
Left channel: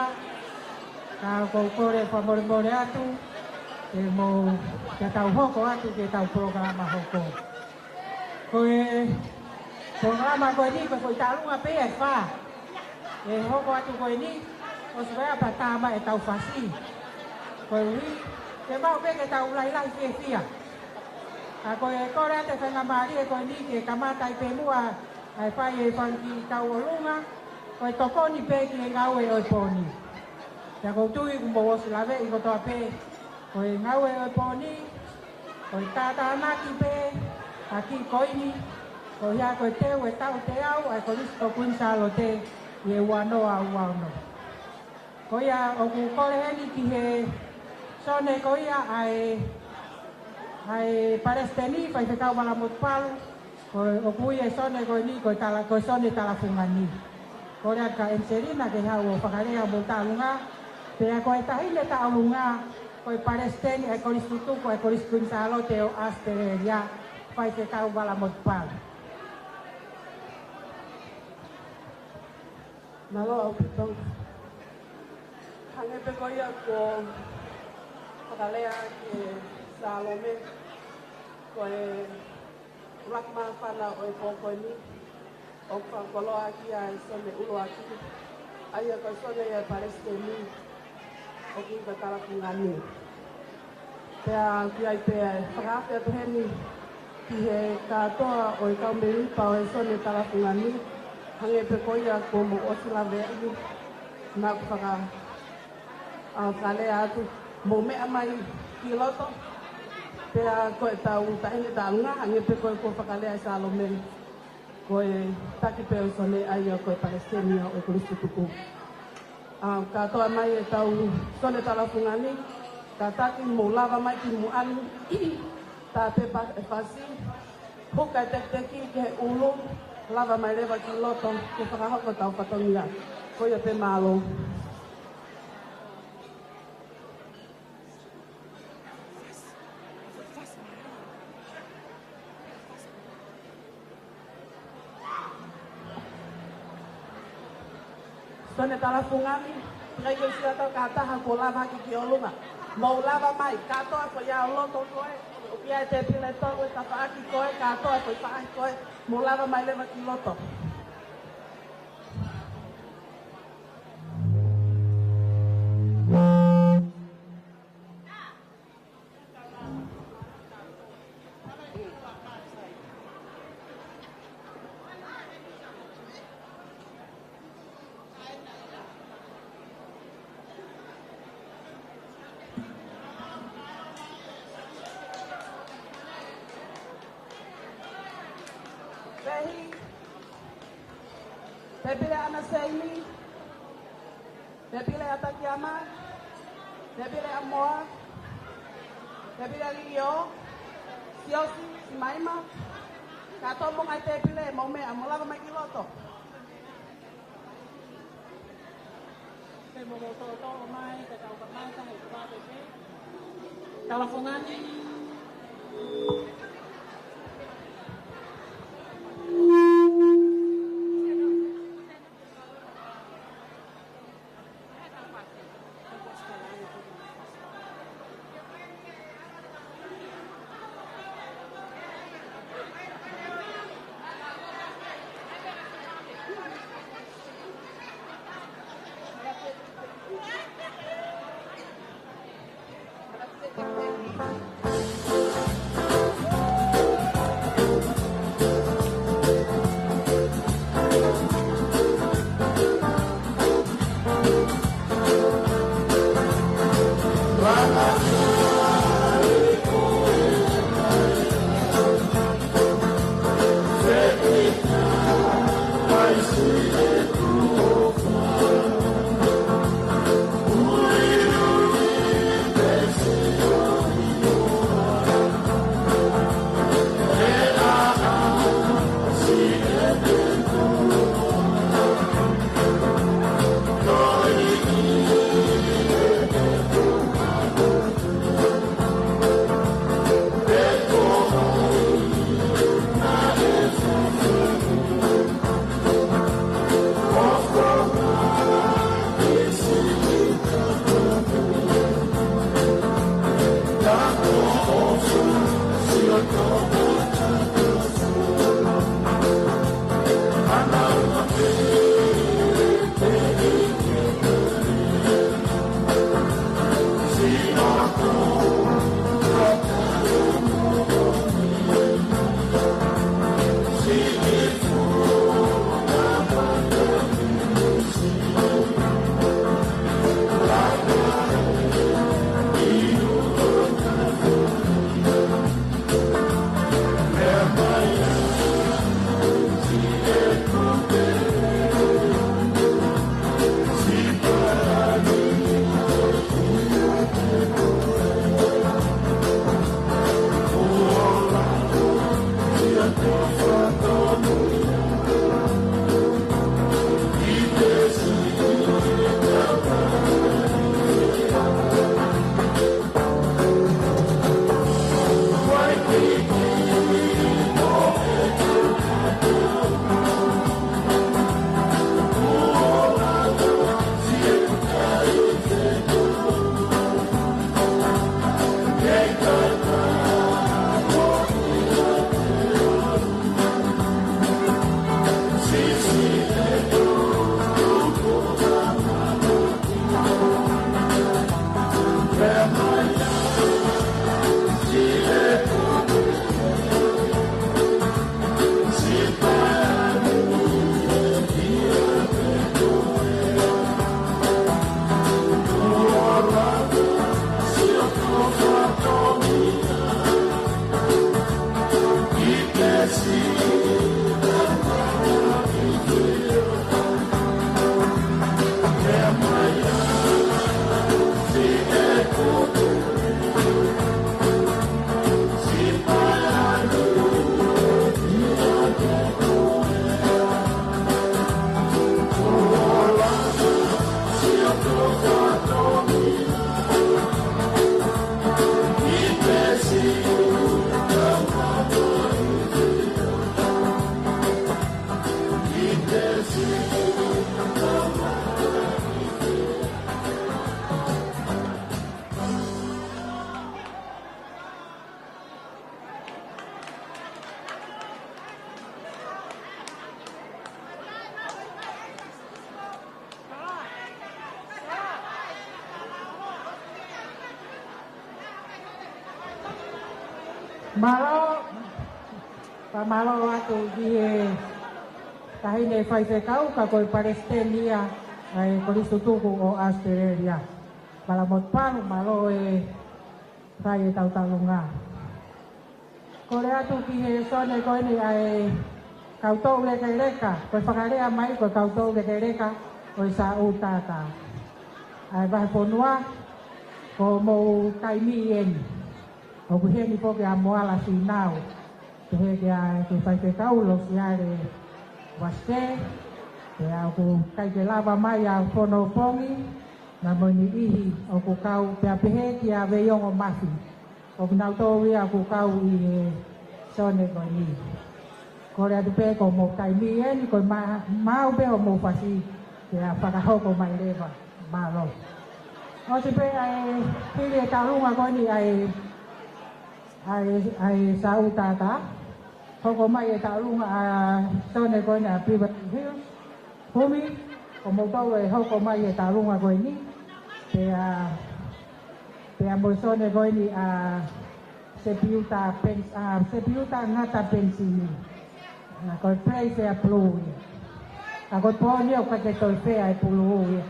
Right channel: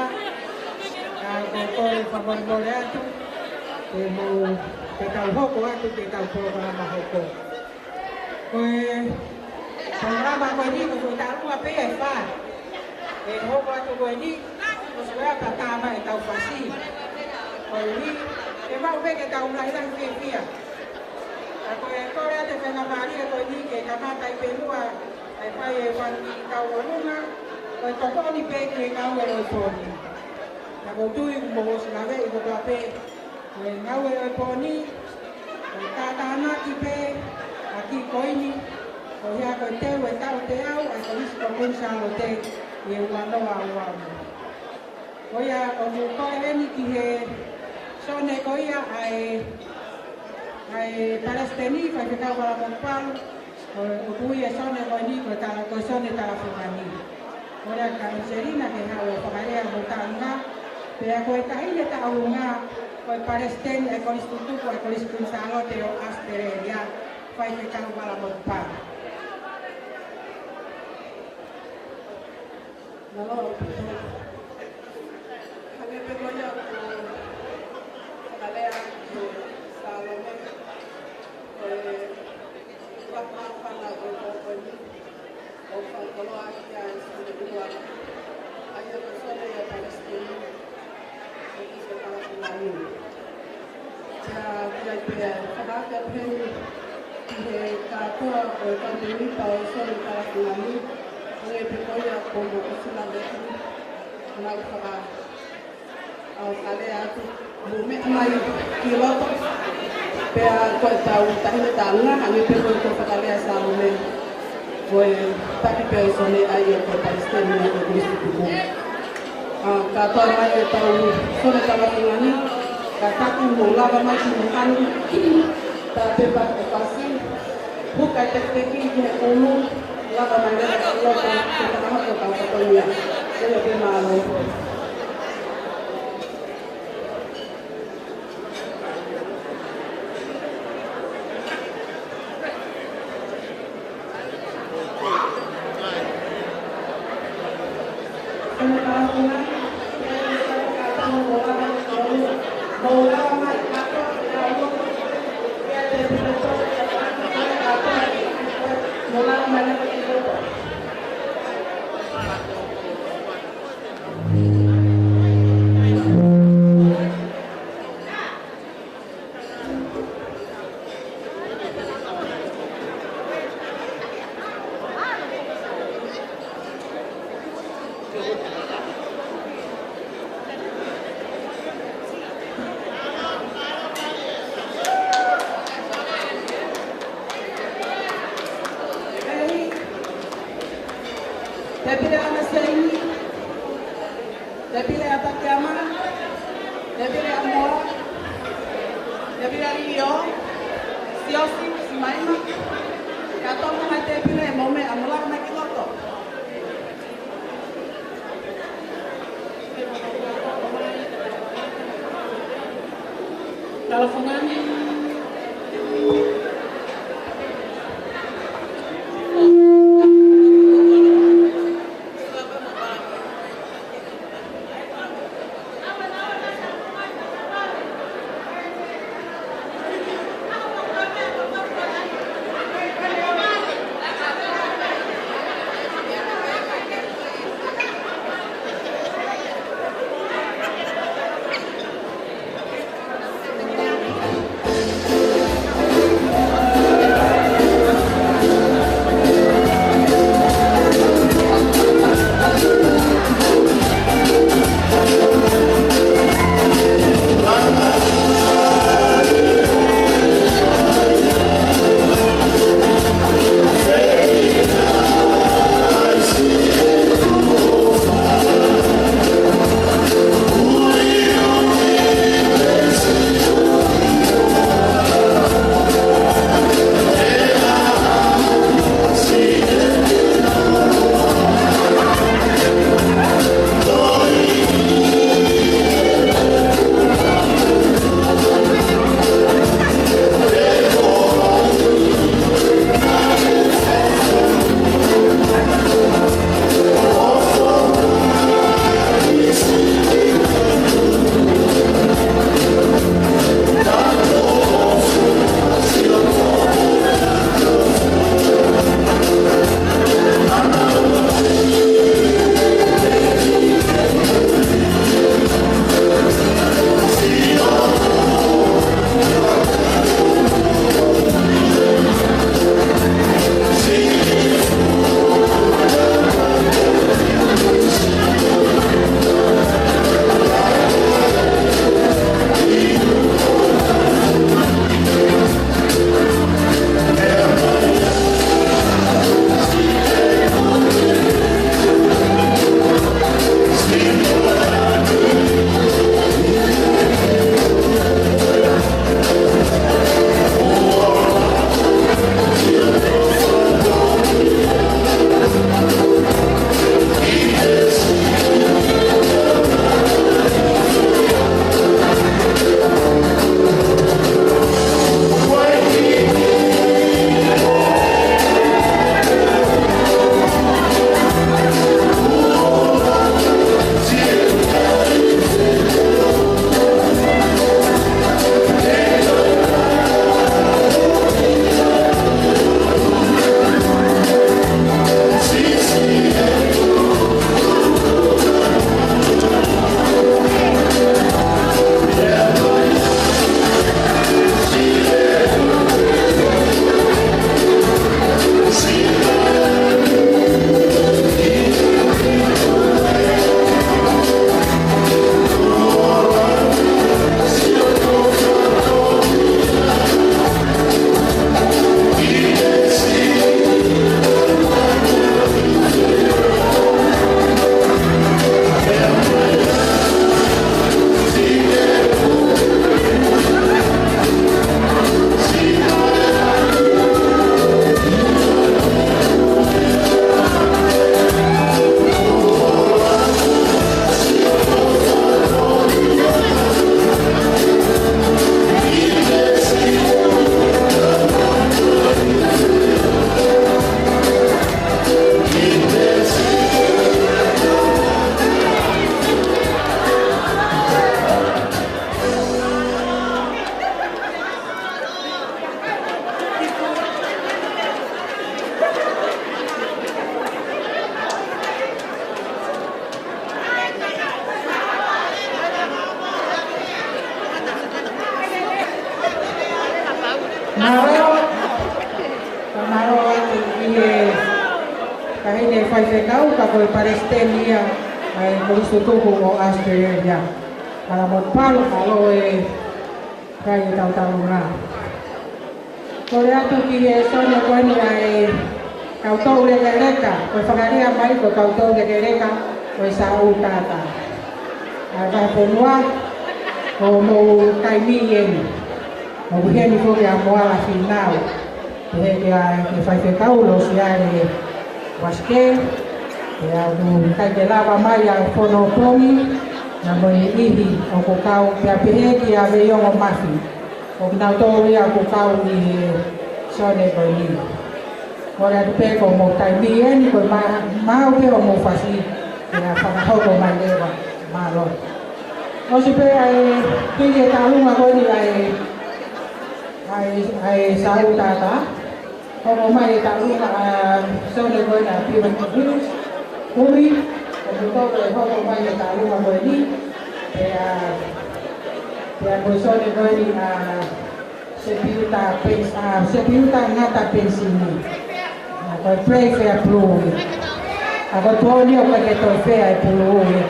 kung ko rin pamulmula ito, tetauho ko ako, tetauho ka mahoko. Kung naman ko hindi, kung italo nga pa, hoko ako ko hindi, kung sabaya patama ikaw fasi. Kung naman ko ikaw lang kaya. Ako ko rin kay nabali ko hindi, kamatay penua, ay pa ikaw ulunga, kung toko ni pe, ikaw ay poni. Nakutuloy kung bawa sila iba pa pe. Kung ngawe ay poni, kung tatahanak ipe, aki ko ini, kung ya ko te, tao, ay kung isko kung sa lote, wano awano. Kung ya, kung ko heni kihe, sone ko ya ay Palestini, kung ikaw wala mukpang, kung upuye sone ko ini, kung sone talafungani. Kung ka inserina ke hawe pagarea buntang nga, pero kung tahin ta ulunga, kung Palestini ay kung istutu ko ay kung iskun sa alo teo asteria, kung ikaw wala mukpang. Malo ito. Kami pe ko ya ko pagarea sa lame ko lakman pala ko ni o pangkolo aki ay sonde bulo aki ay persona ya Palestini o isa tara ngani ja dia pe pagaka pheni ki ka to o ko meni pa o sonde tara ngani hangi pe ko ya ko mo ko sila de na paka au kale atu mo me amai kilo pe ko tau tahine tanga hangi pe ko pagale sa lome foi taki persone aí o Palestina do Cristo kata mai tau sone tala pungani kata tu molava mai mungkan tapi pak pasti buka teki ke ulu lava mai da lo ko tengah ko tau katolia saya pe malo Debile anaseni, debile atakama, debile amor, debile rio, siosi simaima, katomo na debile mome amular na kiloto. Kalau fungani fai fe kau ka koe Palestina ai Kristo tuku o Australia. Ala mo palo alo e kai tau tau nga. Kore atu ki e sonia koe ni ai kau tau leke leka, koe whakaria mai koe kau tau leke leka koe sa u tata. Ai vai ponua ko mo kai mi eni. Mo buheni koe a moala finau. He kia e fai fe kau lo si ai paske ya tu kai ke lava mai a fono pongi na mo ihi o ko kau pia pehe kia ve yo o mafi. O na to ia ko kau ni sone ko ni. Ora de pe ko mo kai mi eni ko ma o pe o mo fasi ya fa ka ko mai leva ma lo. No se pe ai ke ta lunga ko ni ai sau tata. Como mai ta lunga sone ko na pi ban virus. Huri como todo ho ko mai ta lunga ko ni. Ya mo sone ko ni se piuta ngata pensini. Ko pray for approve. Ako tuoni o ka ke to fe ai approve.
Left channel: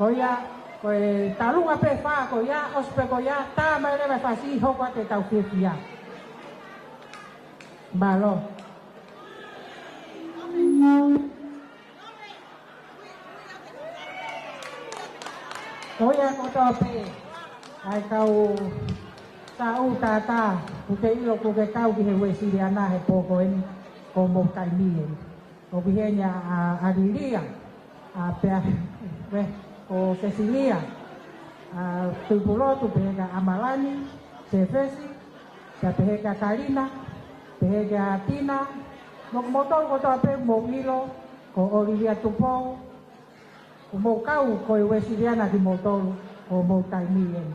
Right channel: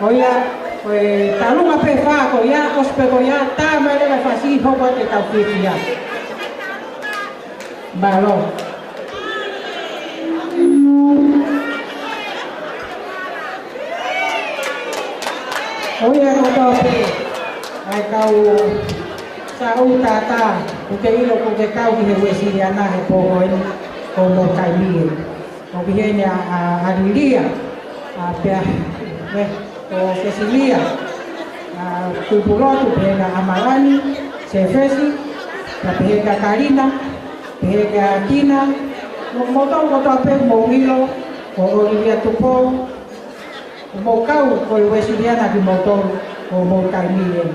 Ko ya talunga pe fa ko ya ospe ko ya ta mele va fasi ho ko te ta fia. Balo. Oya ko to pe ai kau sa u tata ku ke ilo ku ke kau ki he wesi ana he po ko mo kai mi. Ko viene a diria a pe o Cecilia, tu pulotu pega Amalani, Sefesi, la pega Karina, pega Tina, mo tau pe mo hilo, o Olivia Tupo, mo kau ko Wesiliana ki mo tau o mo Kaimie.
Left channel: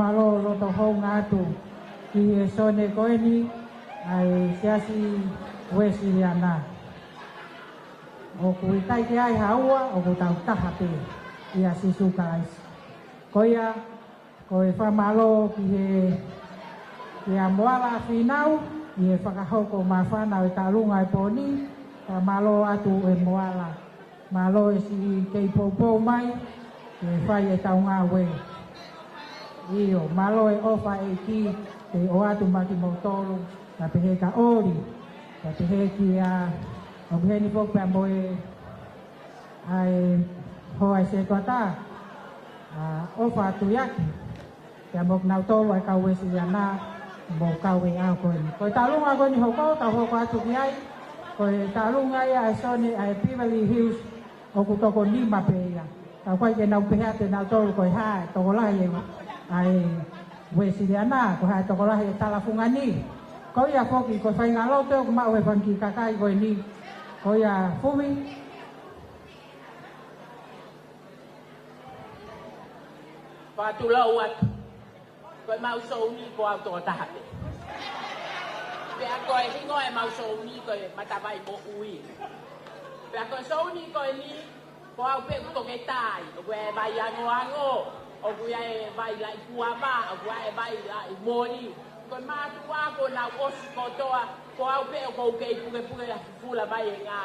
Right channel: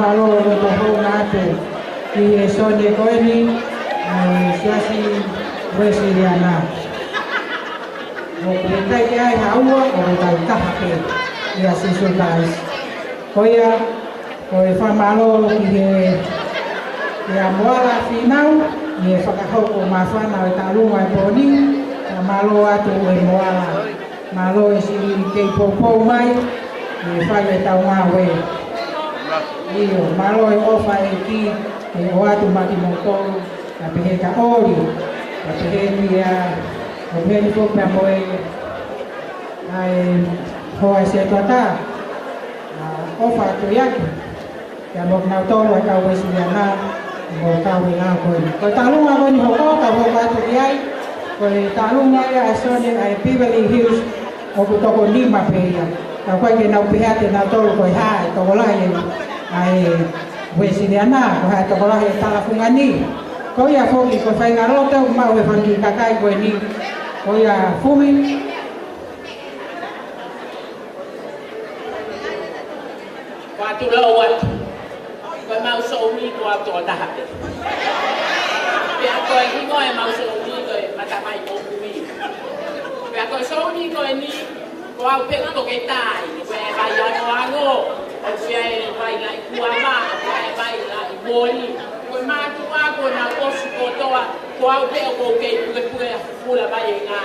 Malo ko ho natin ki sone ko ni siasi Wesiliana. O kita ai hawa o dai kape ya si sultais. Koya o fa malo ki ya moala finau ye whakaho ko mawhana o talunga e poni malo atu e moala malo e si kei popo mai e whai e tau ngā we iyo malo e ofa e ki e o atu maki mo tolu Tapi ka oli. Tapi dia Omen ko pa mo ay hoa se plata. Ofa tu yak. Ya mo na to wa ka wa si na o ka wi na ko. Ko talung ako ni ho ka ho ka tu ai. Ko talung ai a so ni ai Beverly Hills o ko to ko ni ma pe ya. Ka kwa ke na pe ha te na to ko ha to ko la ni ai we si na ko ha to ko la ta la fungani. Ko ya fo ki ko fa ngaro te ma we fan ki ka kai ko ni. Ko ya fumi. Patulawat. Ko mau so ni ko to ta ha. Pia ko ki ko mau so ni ko mata mai ko kui. Pia ko so ni ko ni ko au pe ko ke tai. Ko ba ya no ango. O ko ya vai lai kuama, ko vai lai boni. Ko ma tu a ko na o su ko to a ko au pe ko ke pu fula ba ye nga.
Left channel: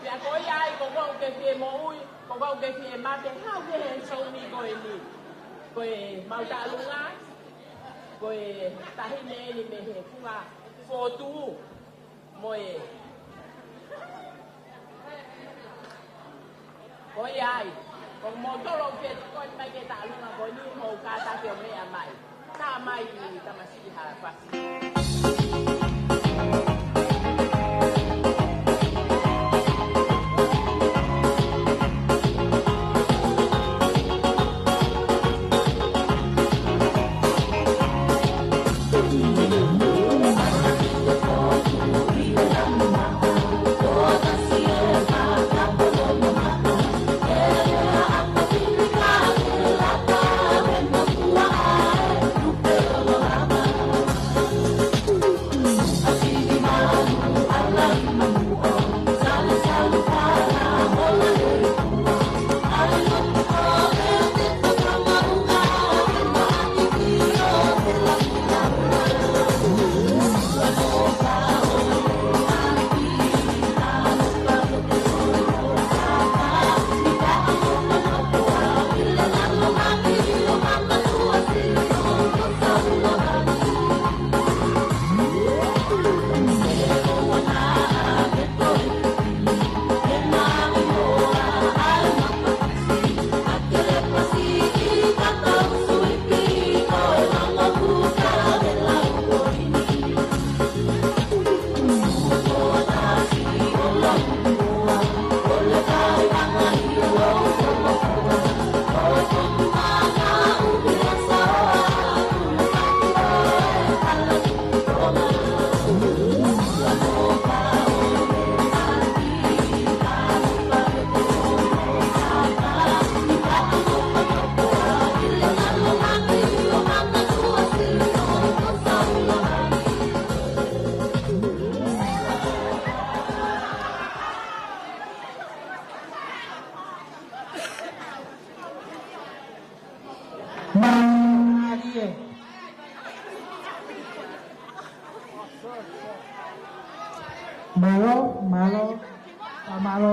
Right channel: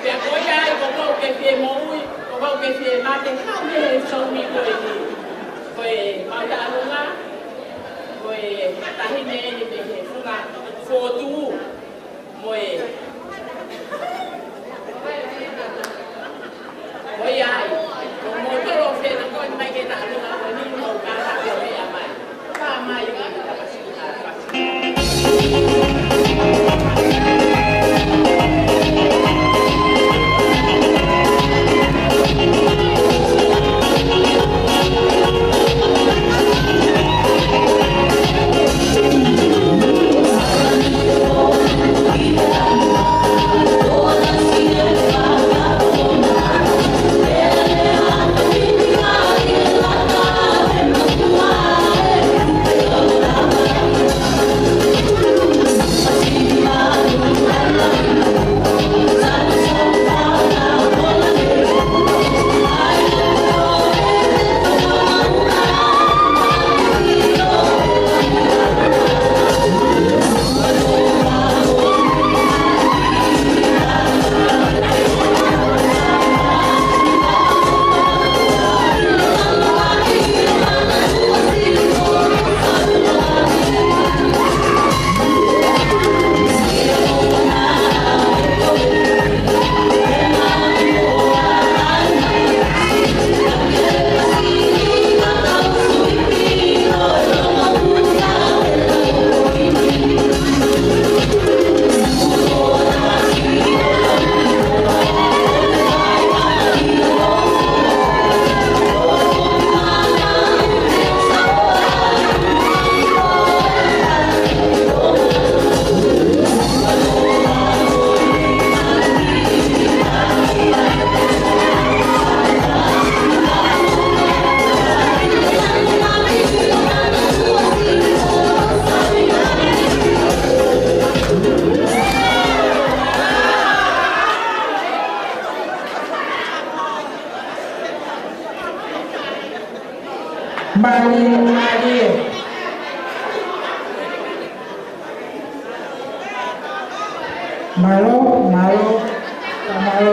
Pe ko ya ko ke pe mo ui, ko ke pe ma te ka me so ni ko ni. Ko ma ta lu nga. Ko ta hi ne ni me he fula fo tu. Mo ko ya mo to lo fe ko mai ke ta lu nga ko ni mo ka ta ko me ya mai. Ka mai nga ta pa si ta. Malo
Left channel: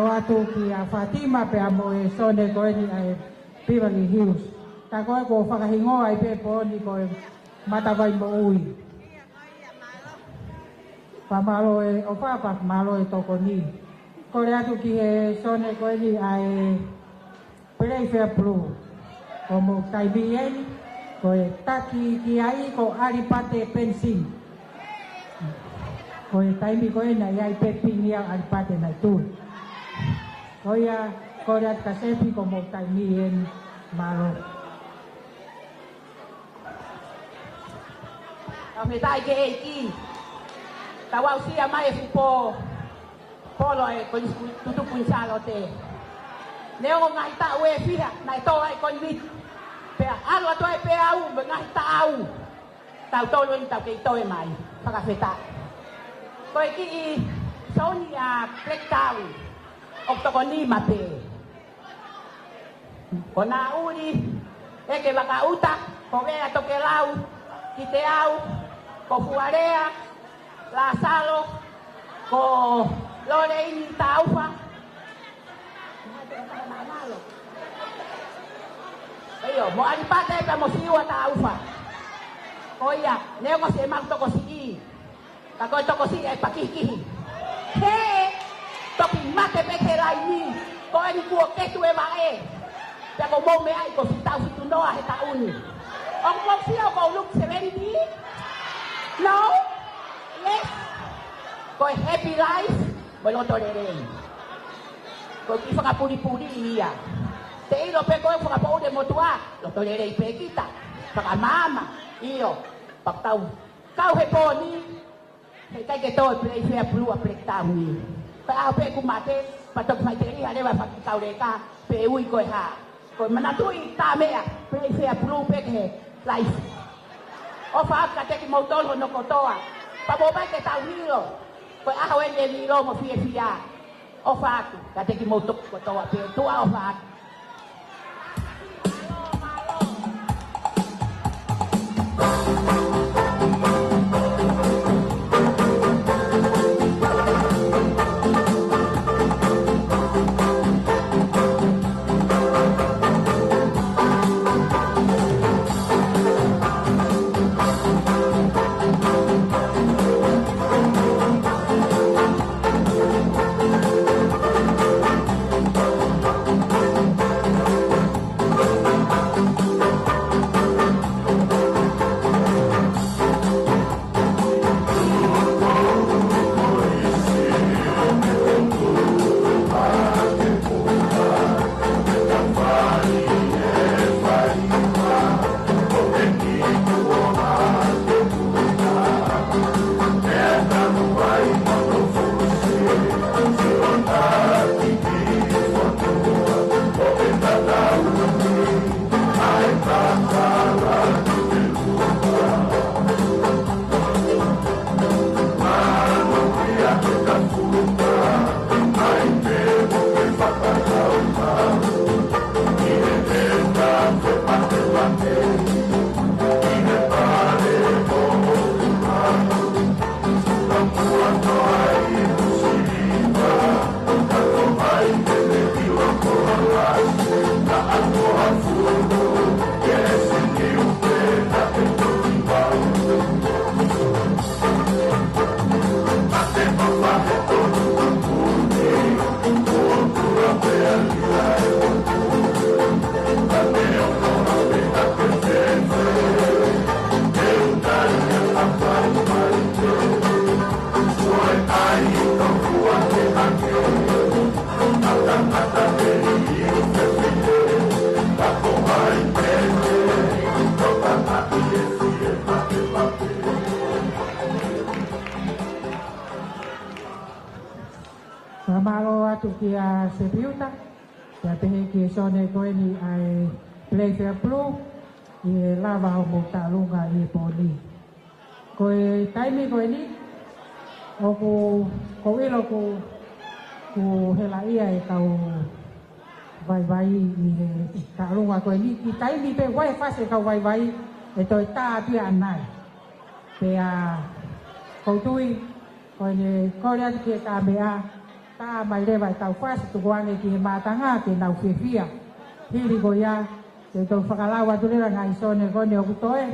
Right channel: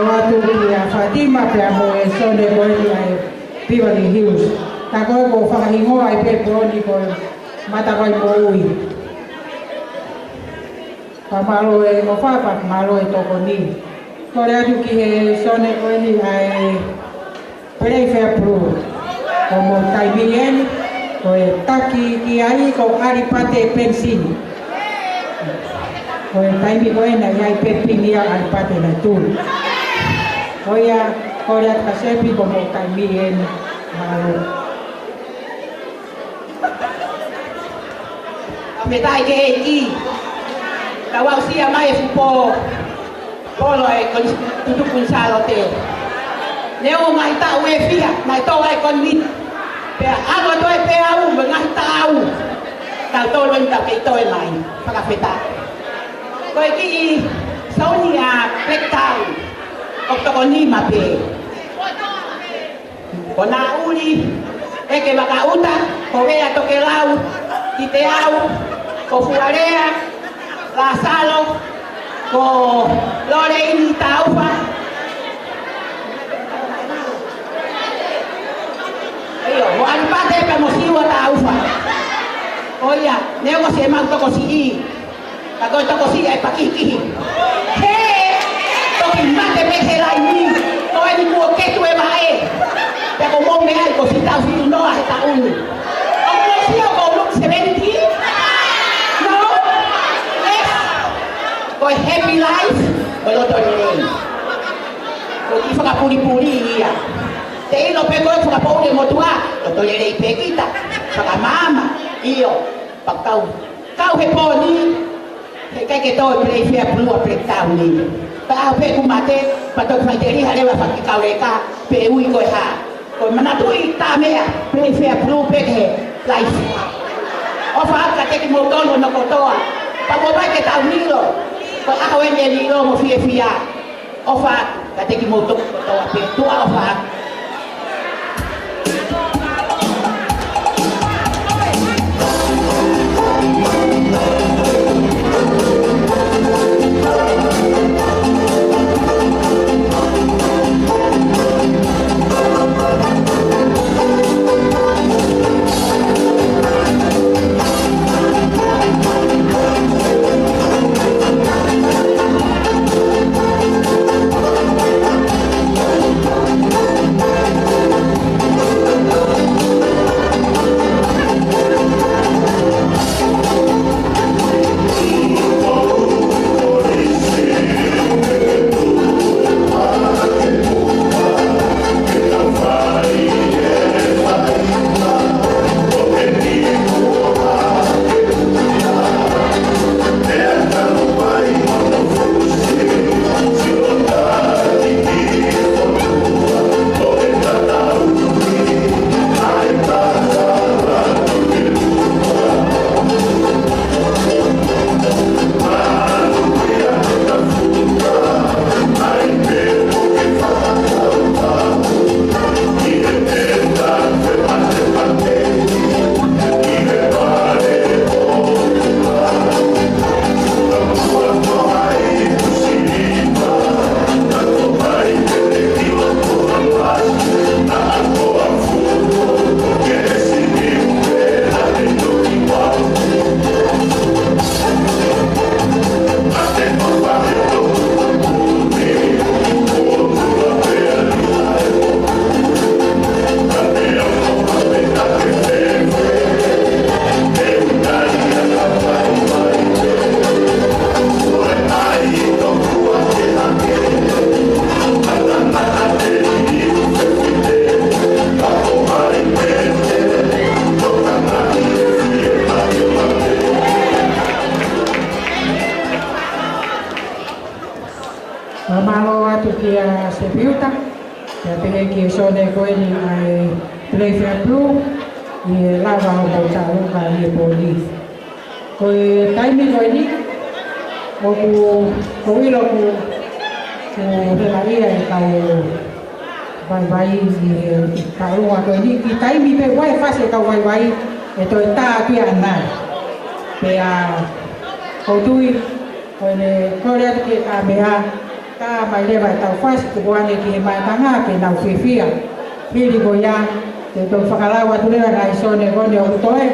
watu kia Fatima pia mo e sonde ko ni ai Beverly Hills. Ta ko ko whakahingo ai pe ko ni ko mata vai mo ui. Pa malo e o papa malo e toko ni. Ko le atu ki he sonde ko ni ai Playfair Pro. Ko mo taibien ko e taki ki ai ko aripate pensin. Koe taimi koe na iai pepinia aripate na tūru. Oia, kore at kasepi ko mo taimi en malo. Ametai ke eki. Tawau sia mai fupo. Polo e tutu kunsalo te. Neo mai ta ue fia, mai to ai kon mit. Pe alo to e pe au, ngai tau. Tau to len ta ke to e mai. Pakafeta. Koe ki I sauni a plektau o toko ni mape. Ko na uli e ke makauta ko vea toke lau, ki te au, ko fuarea, la salo, ko lore ini taufa. Eyo, mo alipate ka mo siwa taufa. Oia, neo ko se mang toko si I. Ako ito si ay pakikihi. Hey! Toki mate me helai ni. Ko ai ni mo ke tu e mae. Te ko mong me ai ko si tau si tu no a ta un. Ang mo si ko look 70. No. Yes. Ko happy life. Balo to ni. Ko ki fa puli-puli ya. Te ilo pe ko fa puli mo tua. Lo to le pe kita. Fa mama. Io. Pa kau he poni. Cái tôi play fair blue play tao ni pa ao pe kumate pa to fai deri hale wa fa kau leka pe ui ko ha ko mana tu I ta me play fair blue pe he life o fa ka te ki mo to no ko to pa bo ba ke tao ni lo ko a ho en ni lo mo fia o fa ka te ki mo to pe tu a fa Malo atu kia se piuta, ya pehe ki sone koe ni ai Playfair Blue, ni lava o bauta luka ni police. Koe taimi koe ni, o ilo ku hela ia e kau vai ni kau lunga koe ni, ki taimi pe wai fase kau vai e toi tā kia ana. Pe a kau tui, koe ne kore atu ki a mea, ka mai le vai tau fas ku wane ki mai tanga ke nau fifia hiri go ya te to fakalawa tu le na isone go ne o toe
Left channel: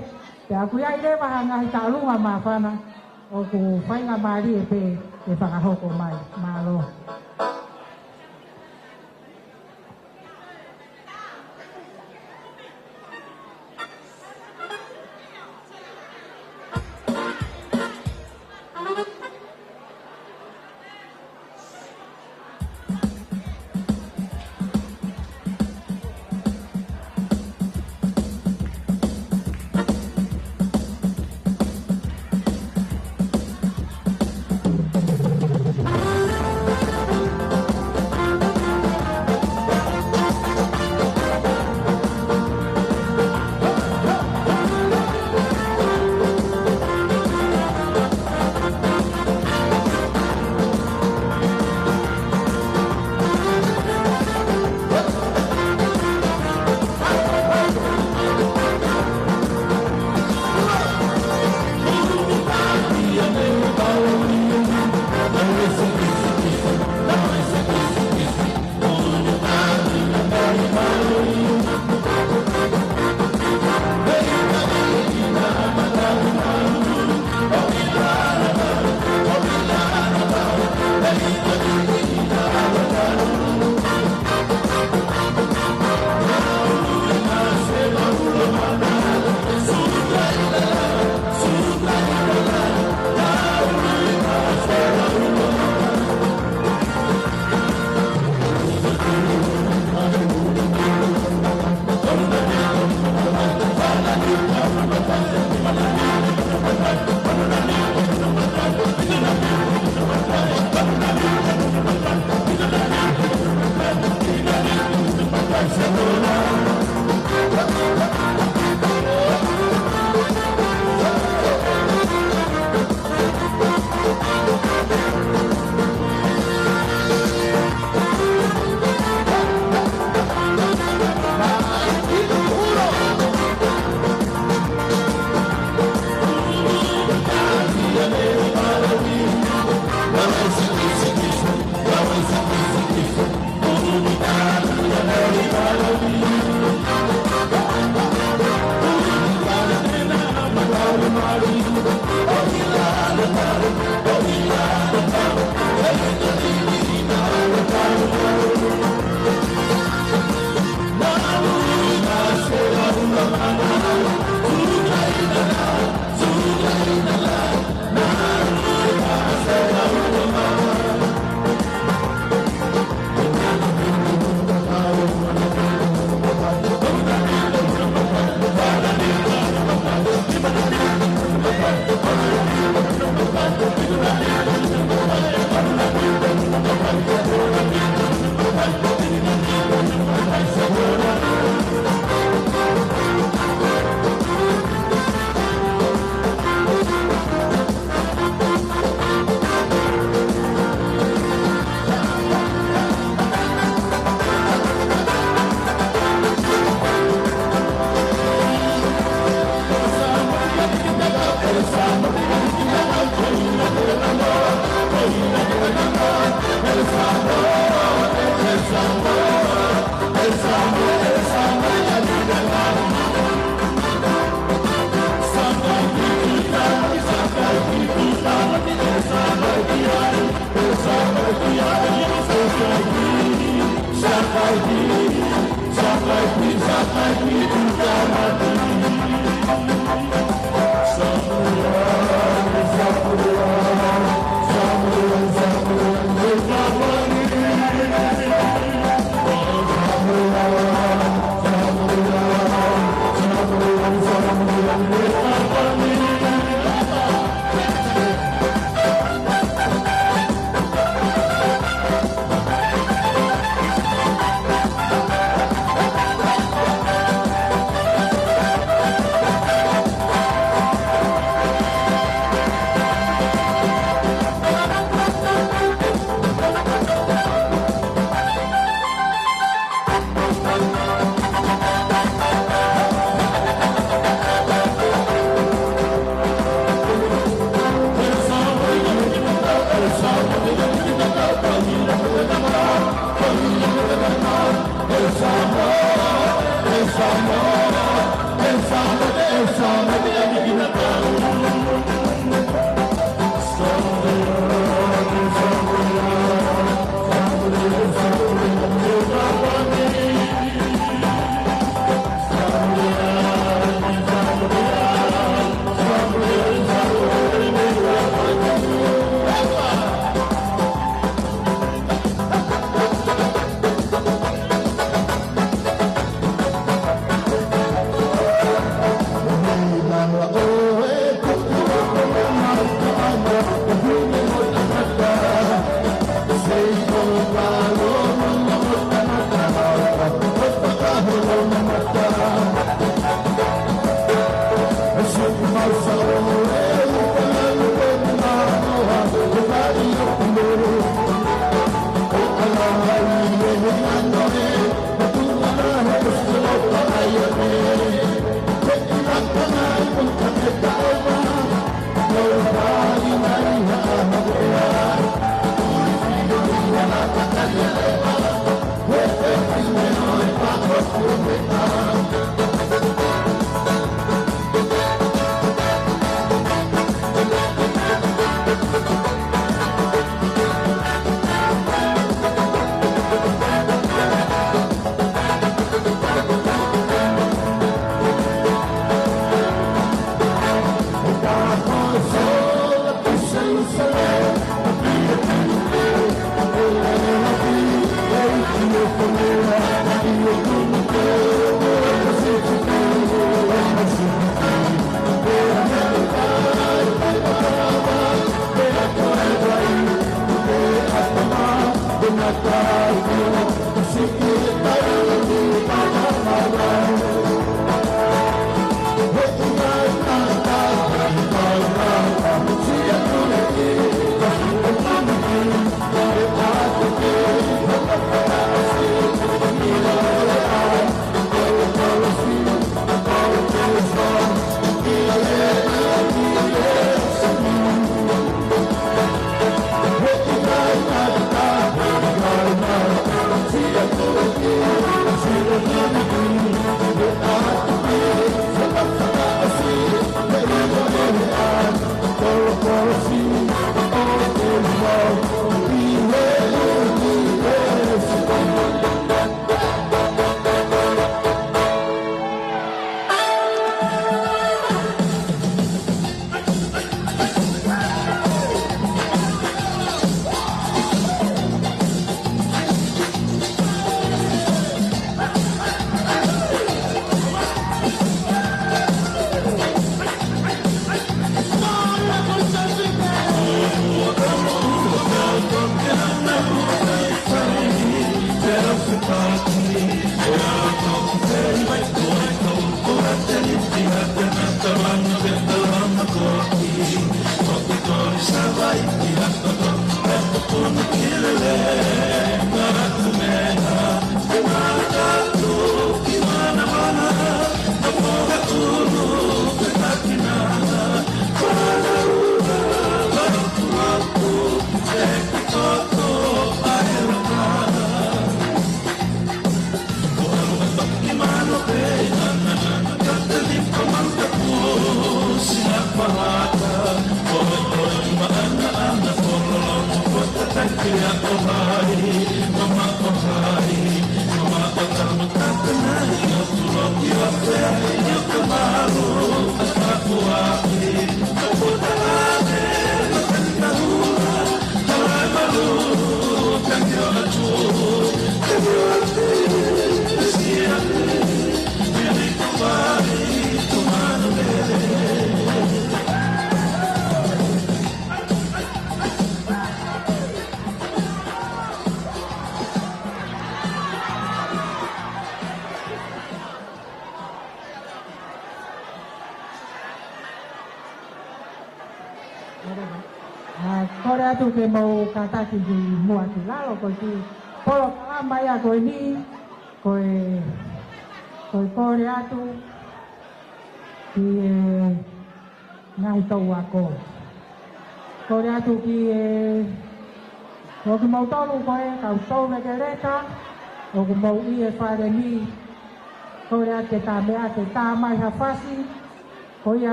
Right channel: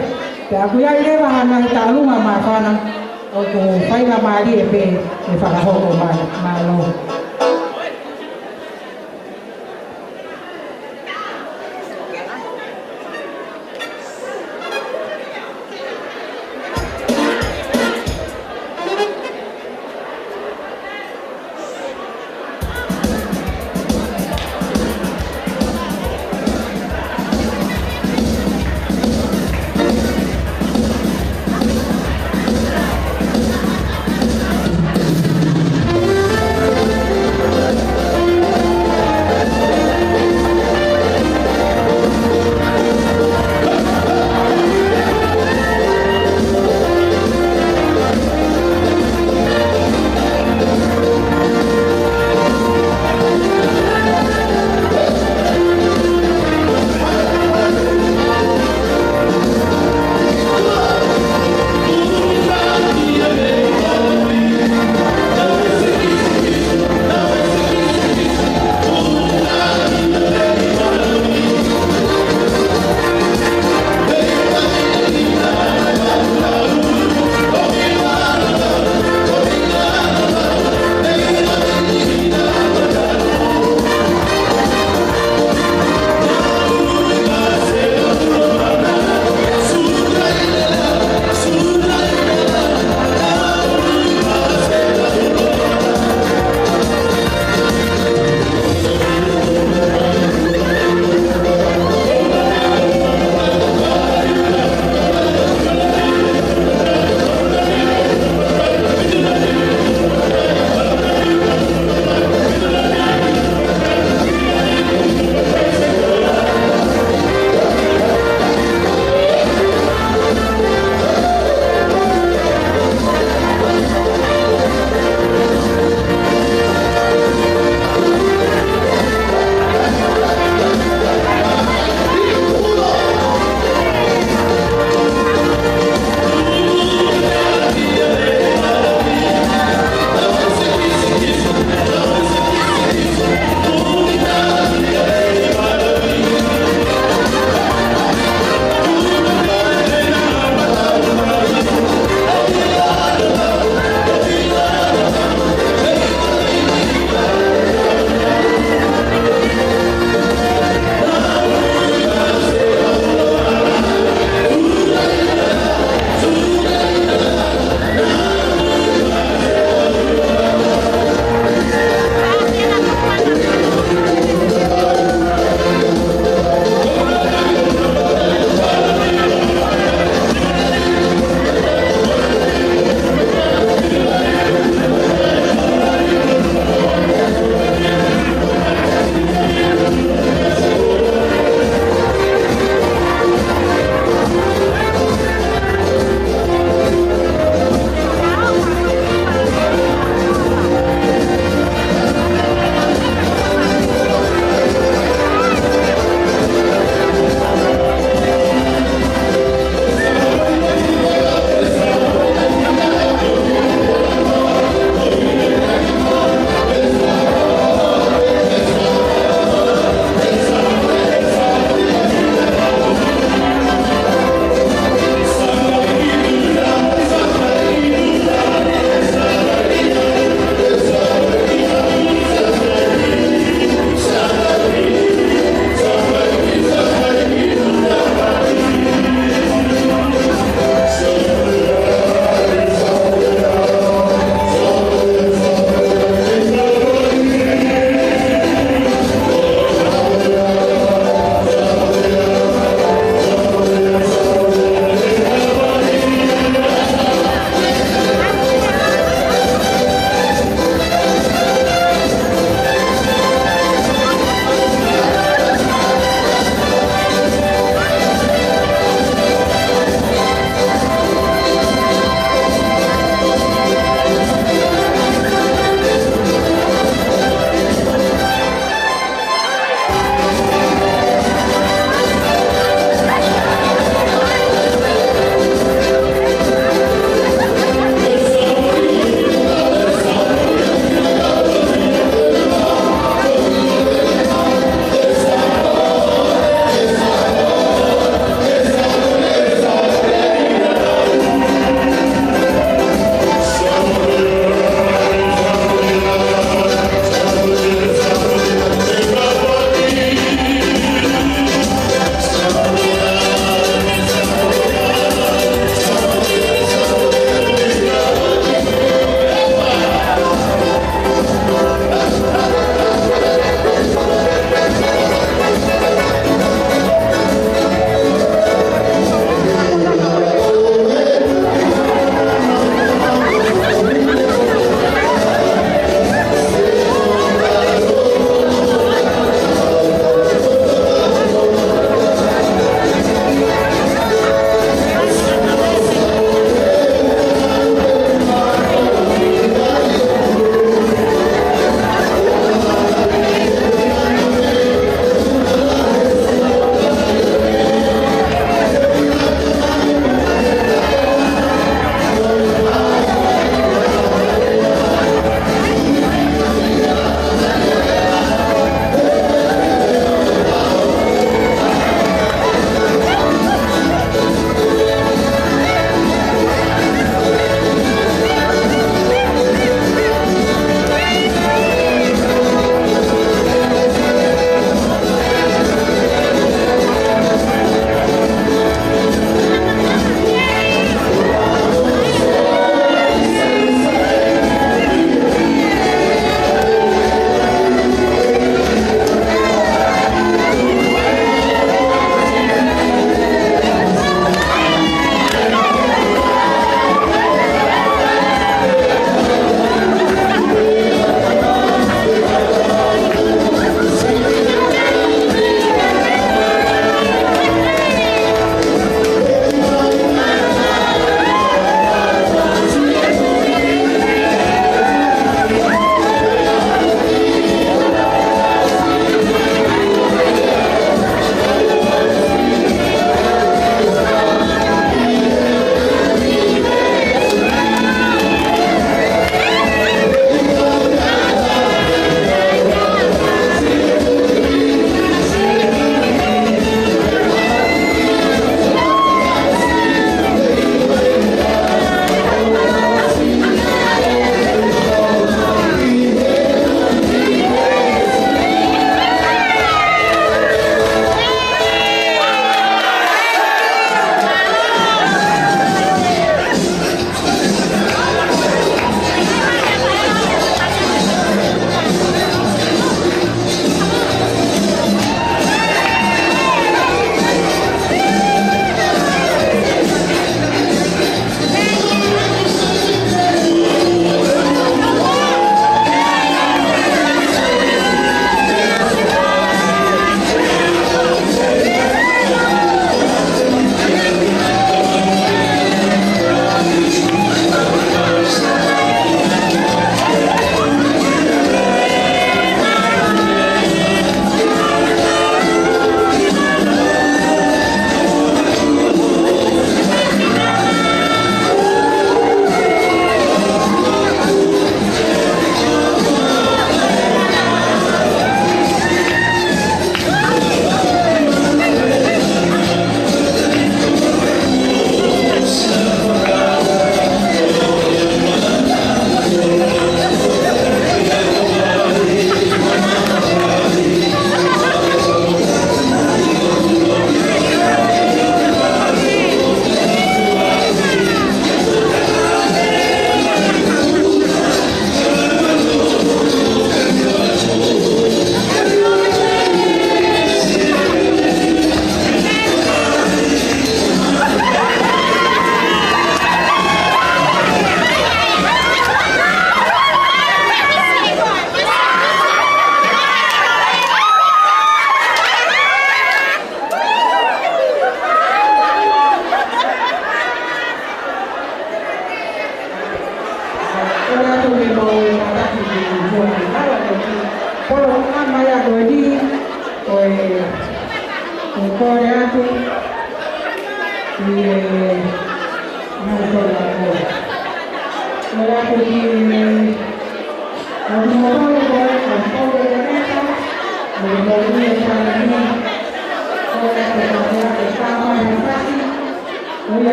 te aku ya le va na ta lunga ma fana o ku fai na mari e pe e fakaho ko ma lo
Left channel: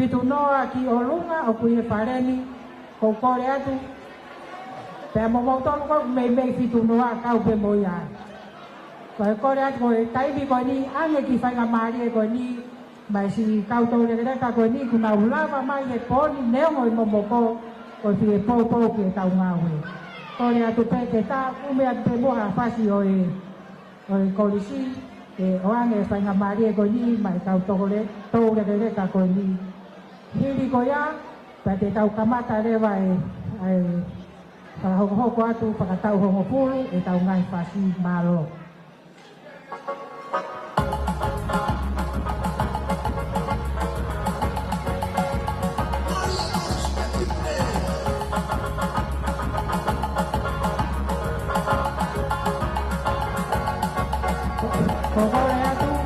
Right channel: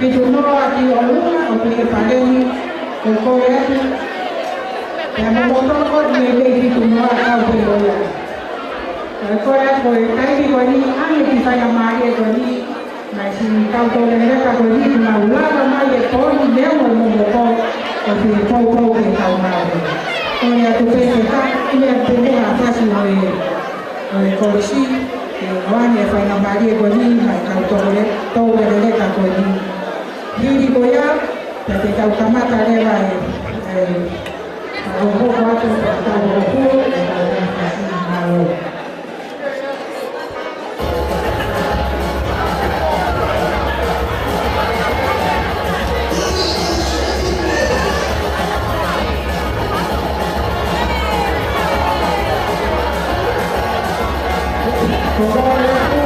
Pitunoa ki olunga o pili paleni o koyati. Yang memotong kot mebe pitunoa kau pili koya. Kalau koya boleh kaini wani ane bisa yang mari wani masih kau boleh mereka wani maula ramai ye poni dia mau memotong o pili kau ke kau mari. Koya tu pesa ia tunggu apa sih oleh polisi. Orang yang fai mari wani mai kau boleh kau boleh kau wani. Jadi koya, jadi kau tamat ada lagi. Aku kuat untuk tahu aku dan masih malu. Terima kasih.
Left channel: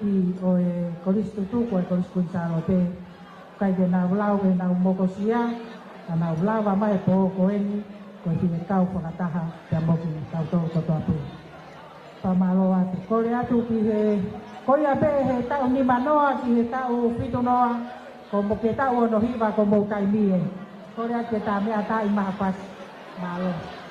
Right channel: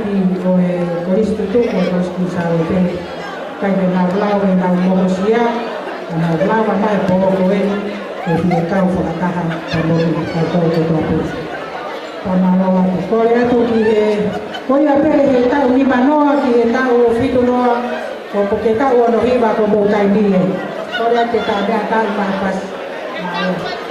ki o e korisi tutuku o korisi kunsalo te. Kai me nau lau e nau momosia, nau lau a mai polo koe, e hi e kau whakataha ka moki ka tau te tōpesi. Pamaloa te kore atu ki e, koi a pere he tau ni manoa ki e tau o whitu noa, o ke tau ono hiwa ko mou tai ni e. Kore atu tau mea tau mai pas. Maloa.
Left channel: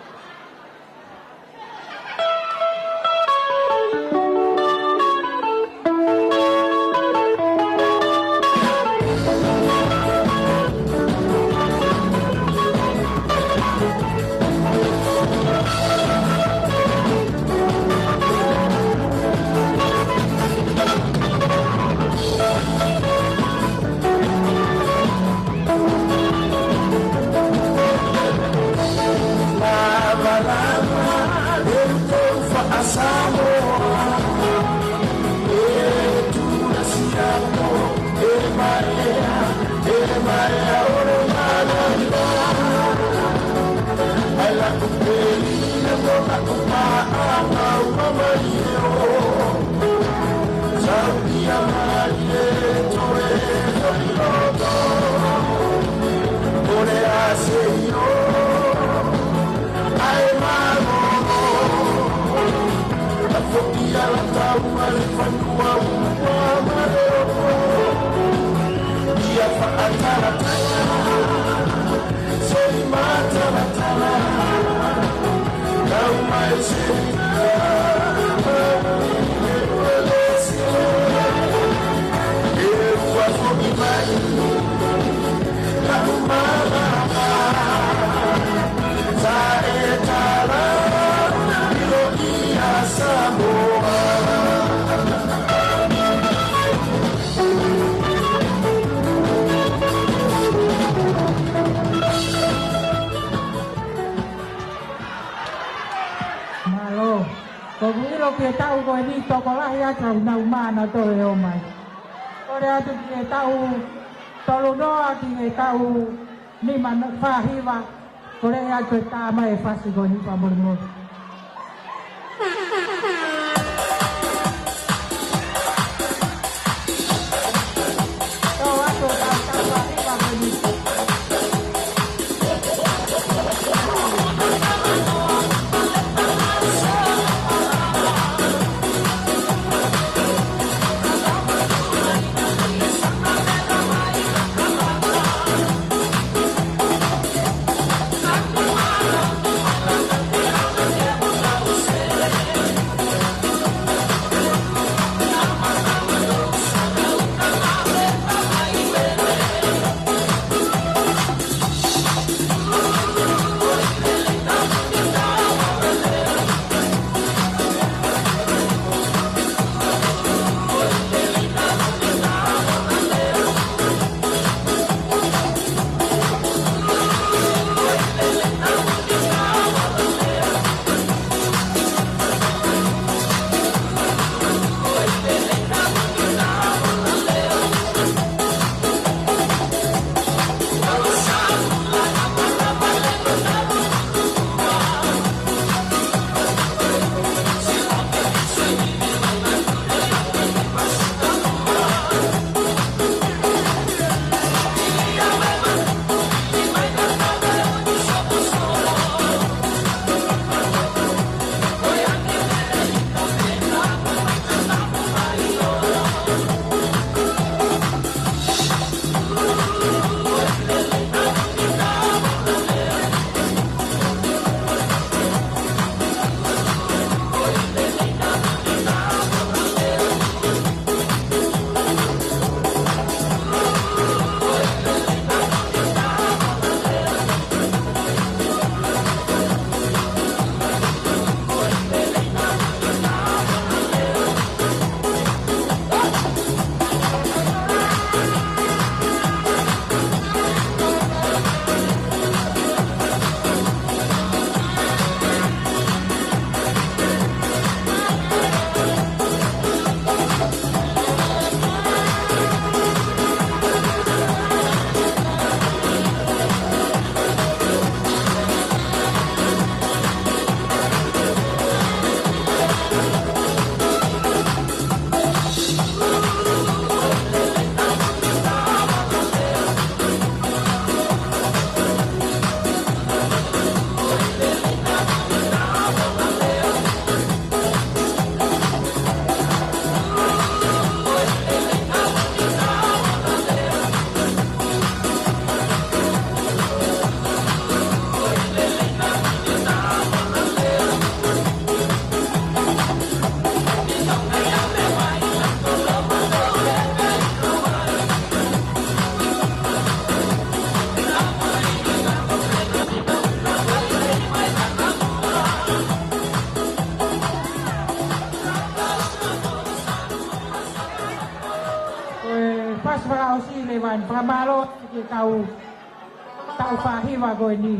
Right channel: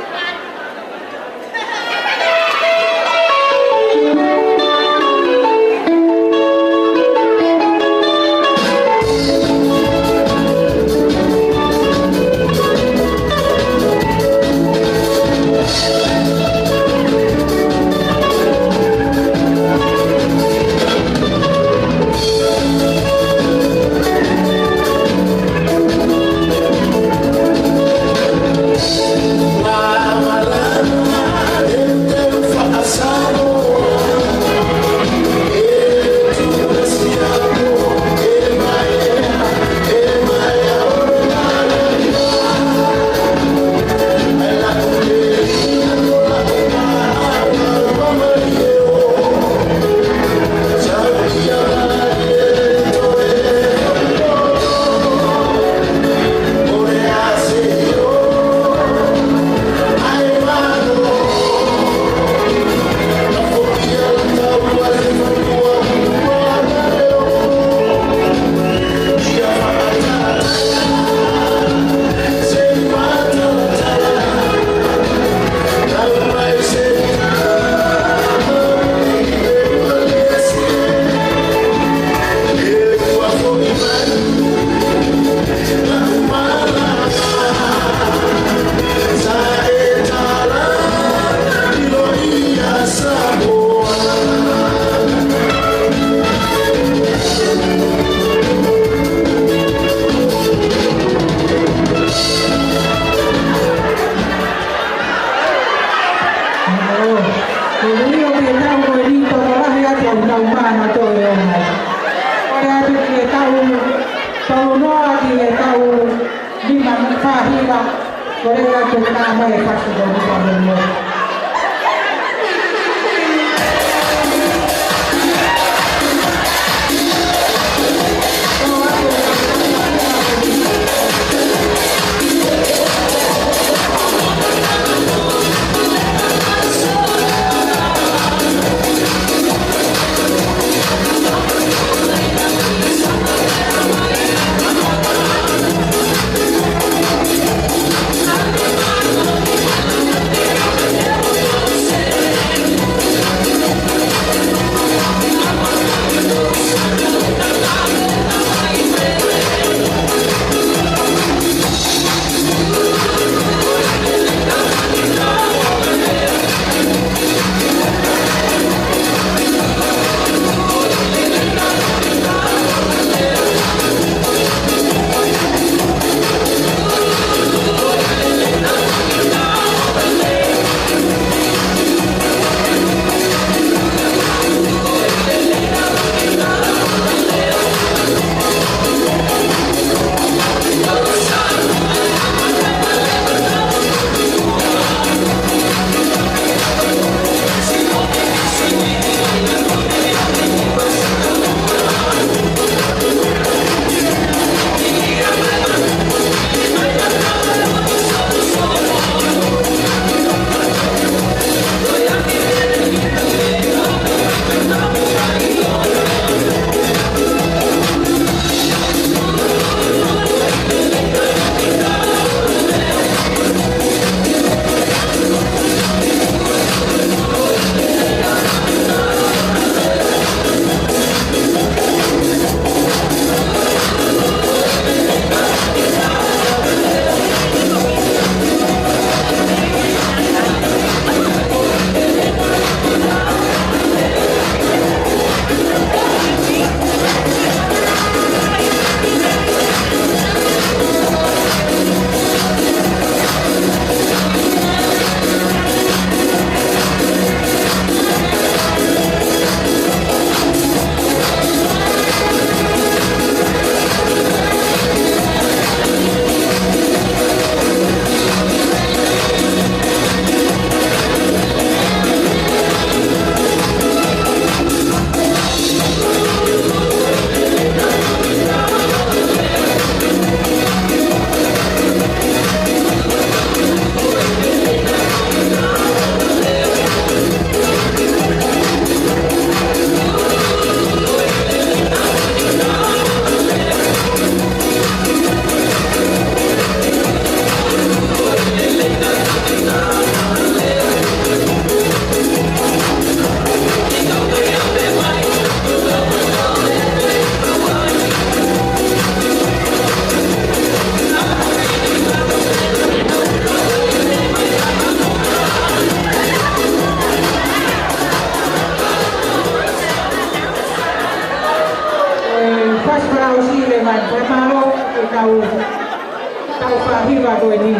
hiva koe ni.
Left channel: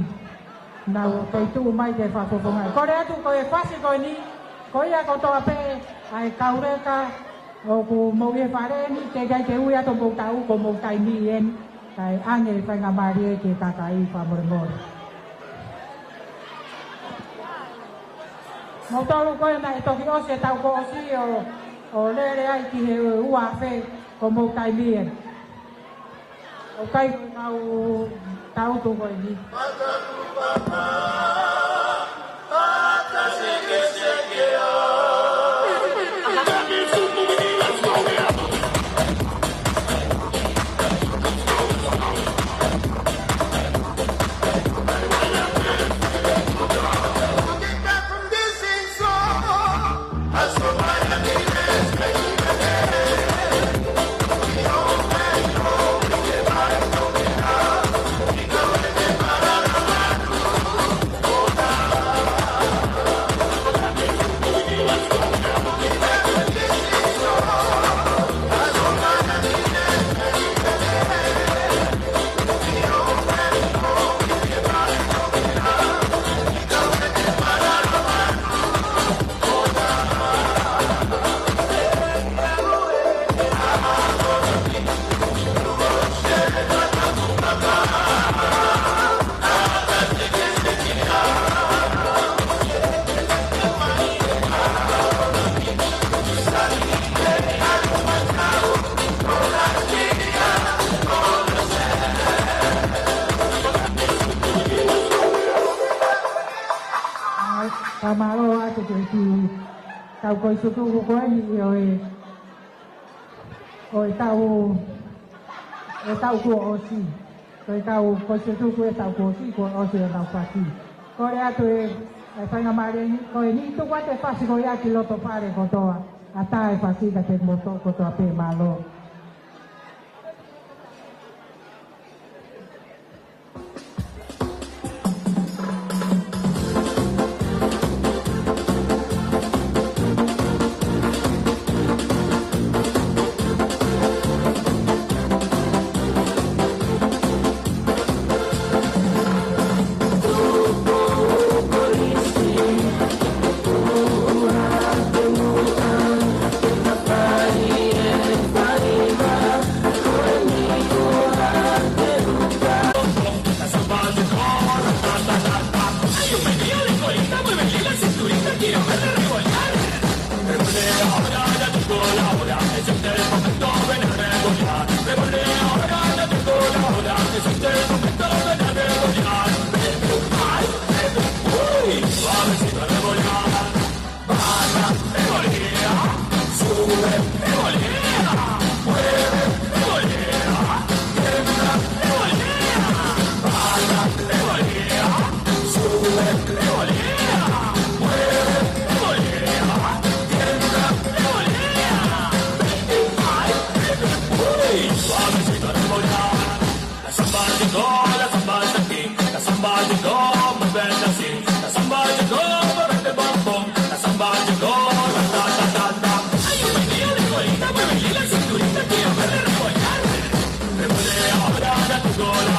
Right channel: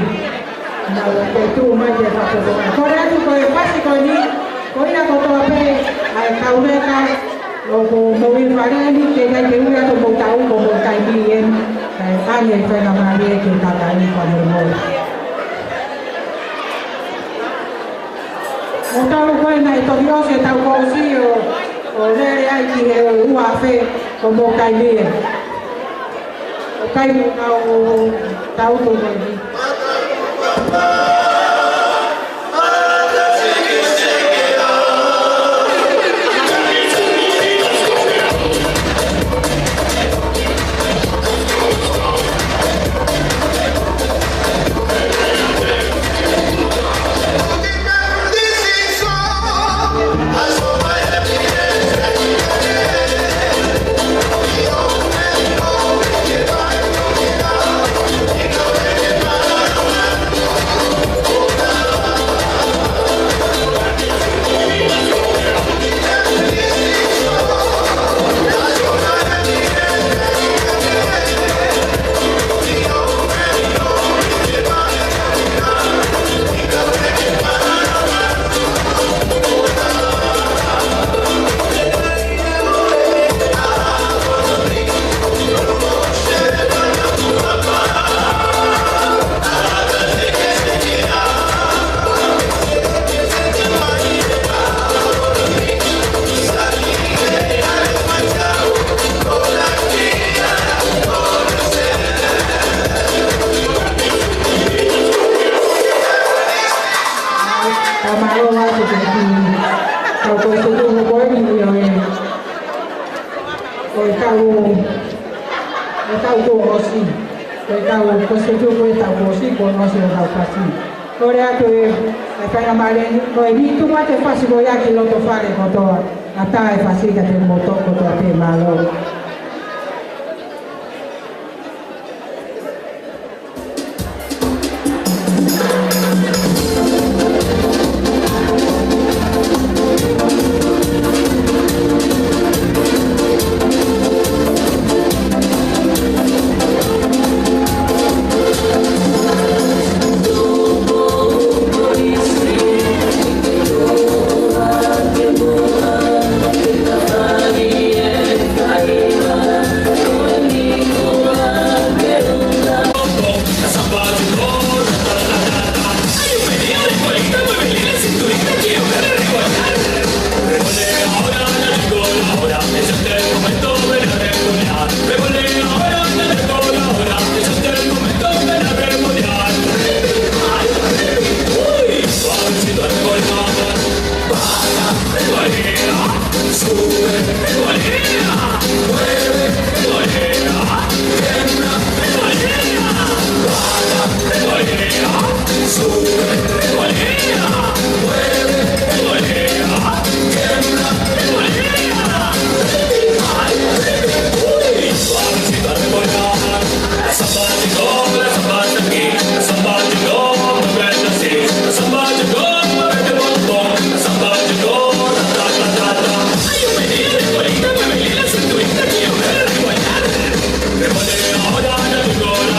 Na koe tū mai te whakoko. Kore atu koe pasi koe ni, koe ia kotoa pe, ai kaureka, o ko mowi whareani, te kai te ua to mou tau, ko mou kai kien, ai ane whainga maari e ke tata ni whanau mou. O tau koe nei toki ose tau kousi o rere ai ki e ua whe o mou kai mie. O kai tau to mai ni. Ata e fasika te motoko to te malo.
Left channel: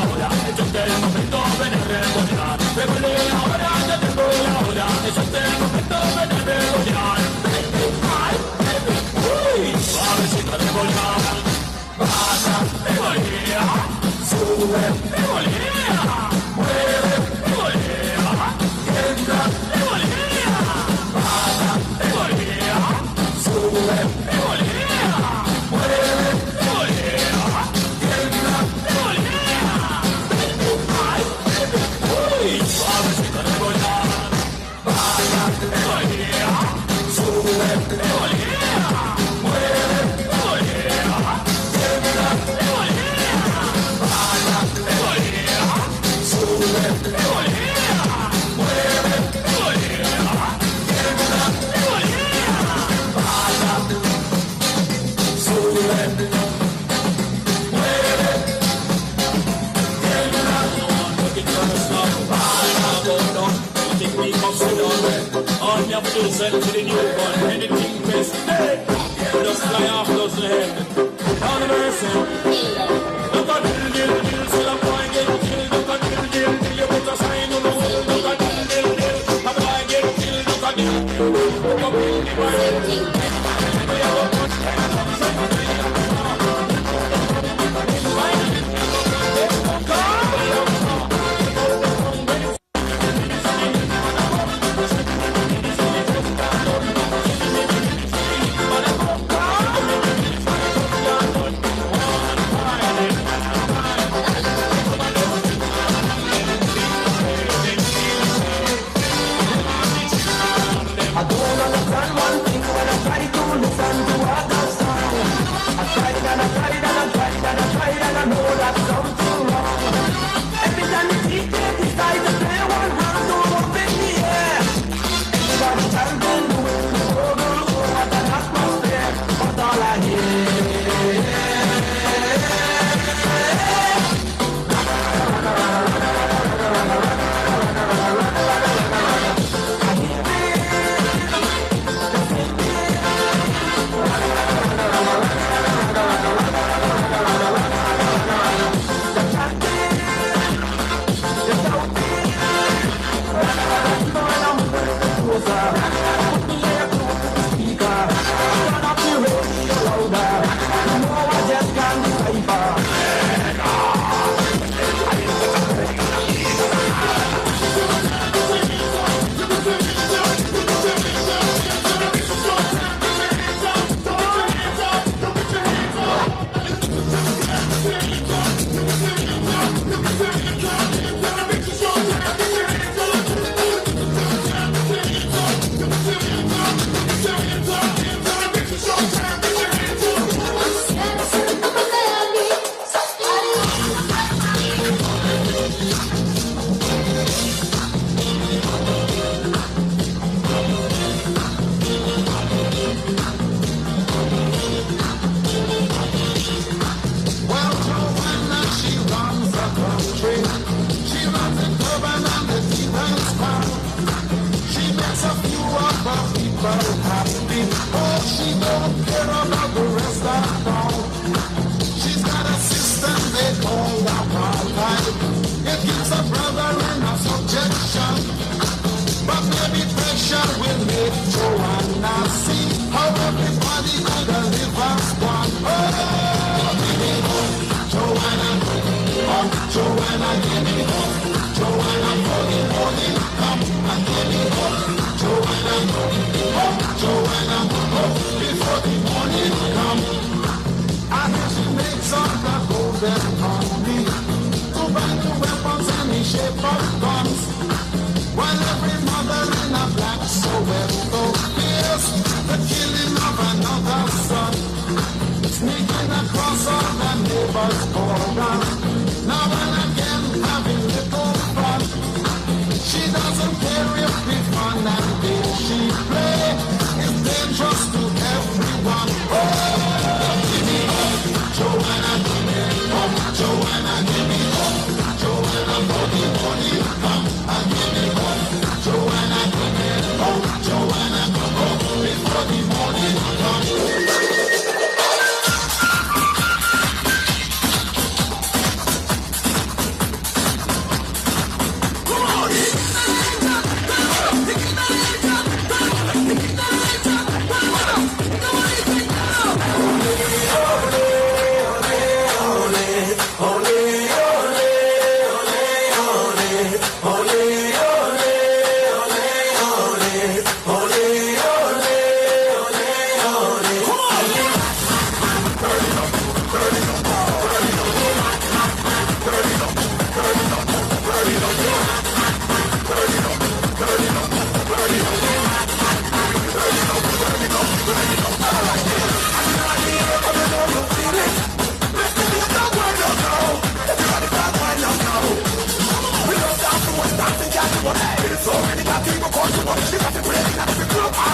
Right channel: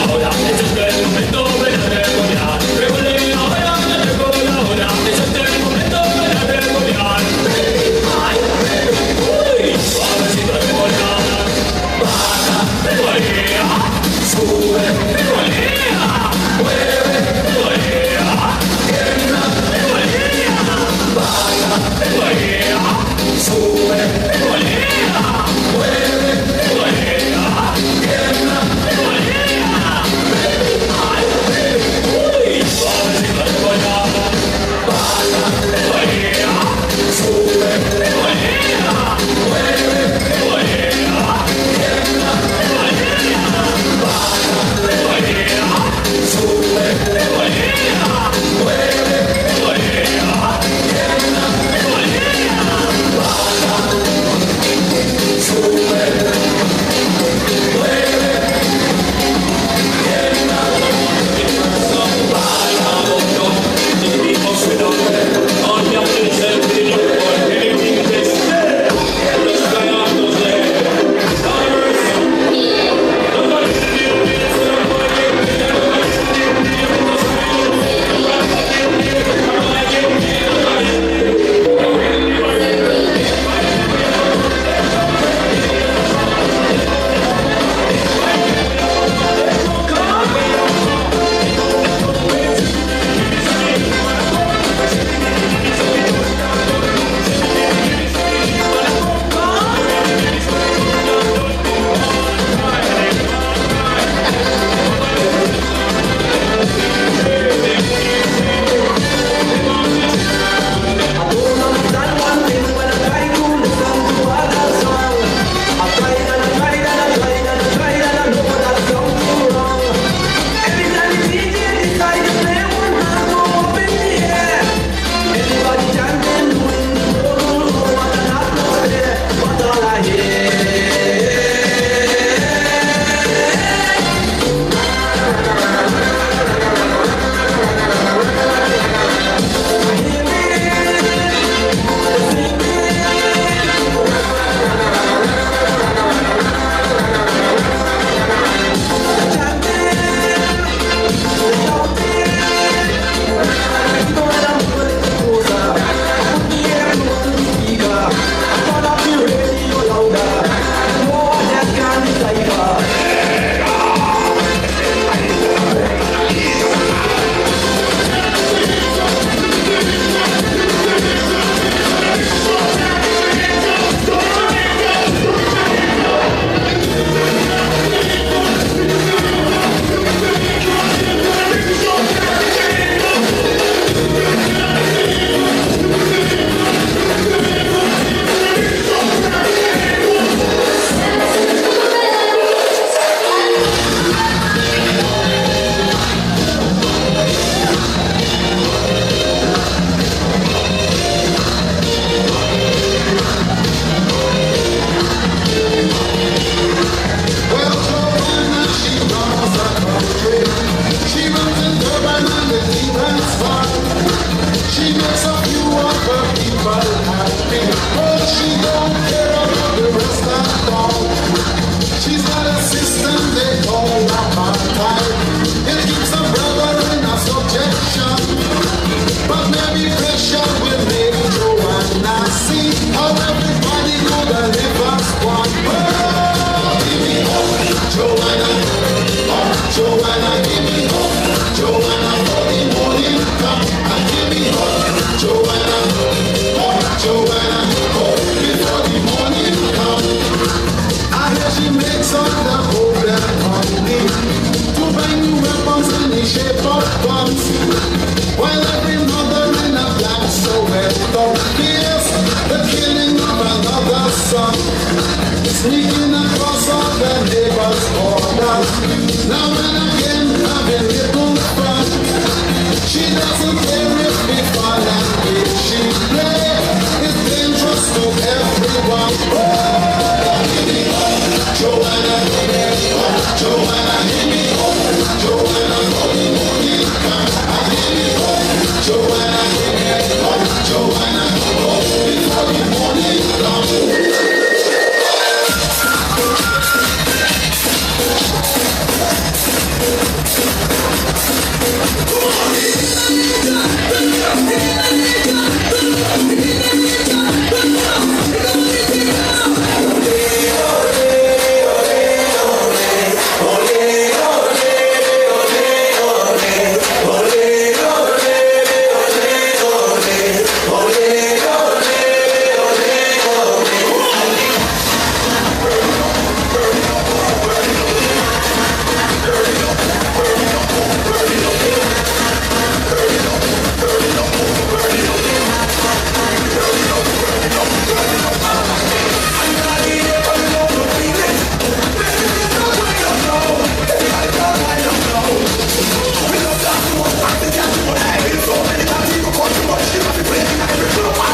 Ahora, es el momento de la revolución. picture with me, Joanna. See how everybody could live as one. Oh, give me hope, Joanna. Oh, Joanna, give me hope. Joanna, for the morning come. And give me hope, Joanna. Oh, Joanna, oh, before the morning come. And then she makes all the hope and honey to buy new weapons in the shape of guns. While every mother in a black Soweto fears the killing of another son, sneaking across all the neighbors' borders. Now and again having little fun. She doesn't care if we fun and if she play. It's dangerous to everyone. Oh, give me hope, Joanna, give me hope, Joanna, give me hope, Joanna, for the morning come. Give me hope, Joanna, give me hope, Joanna, oh, before the morning comes. She got me playing every club.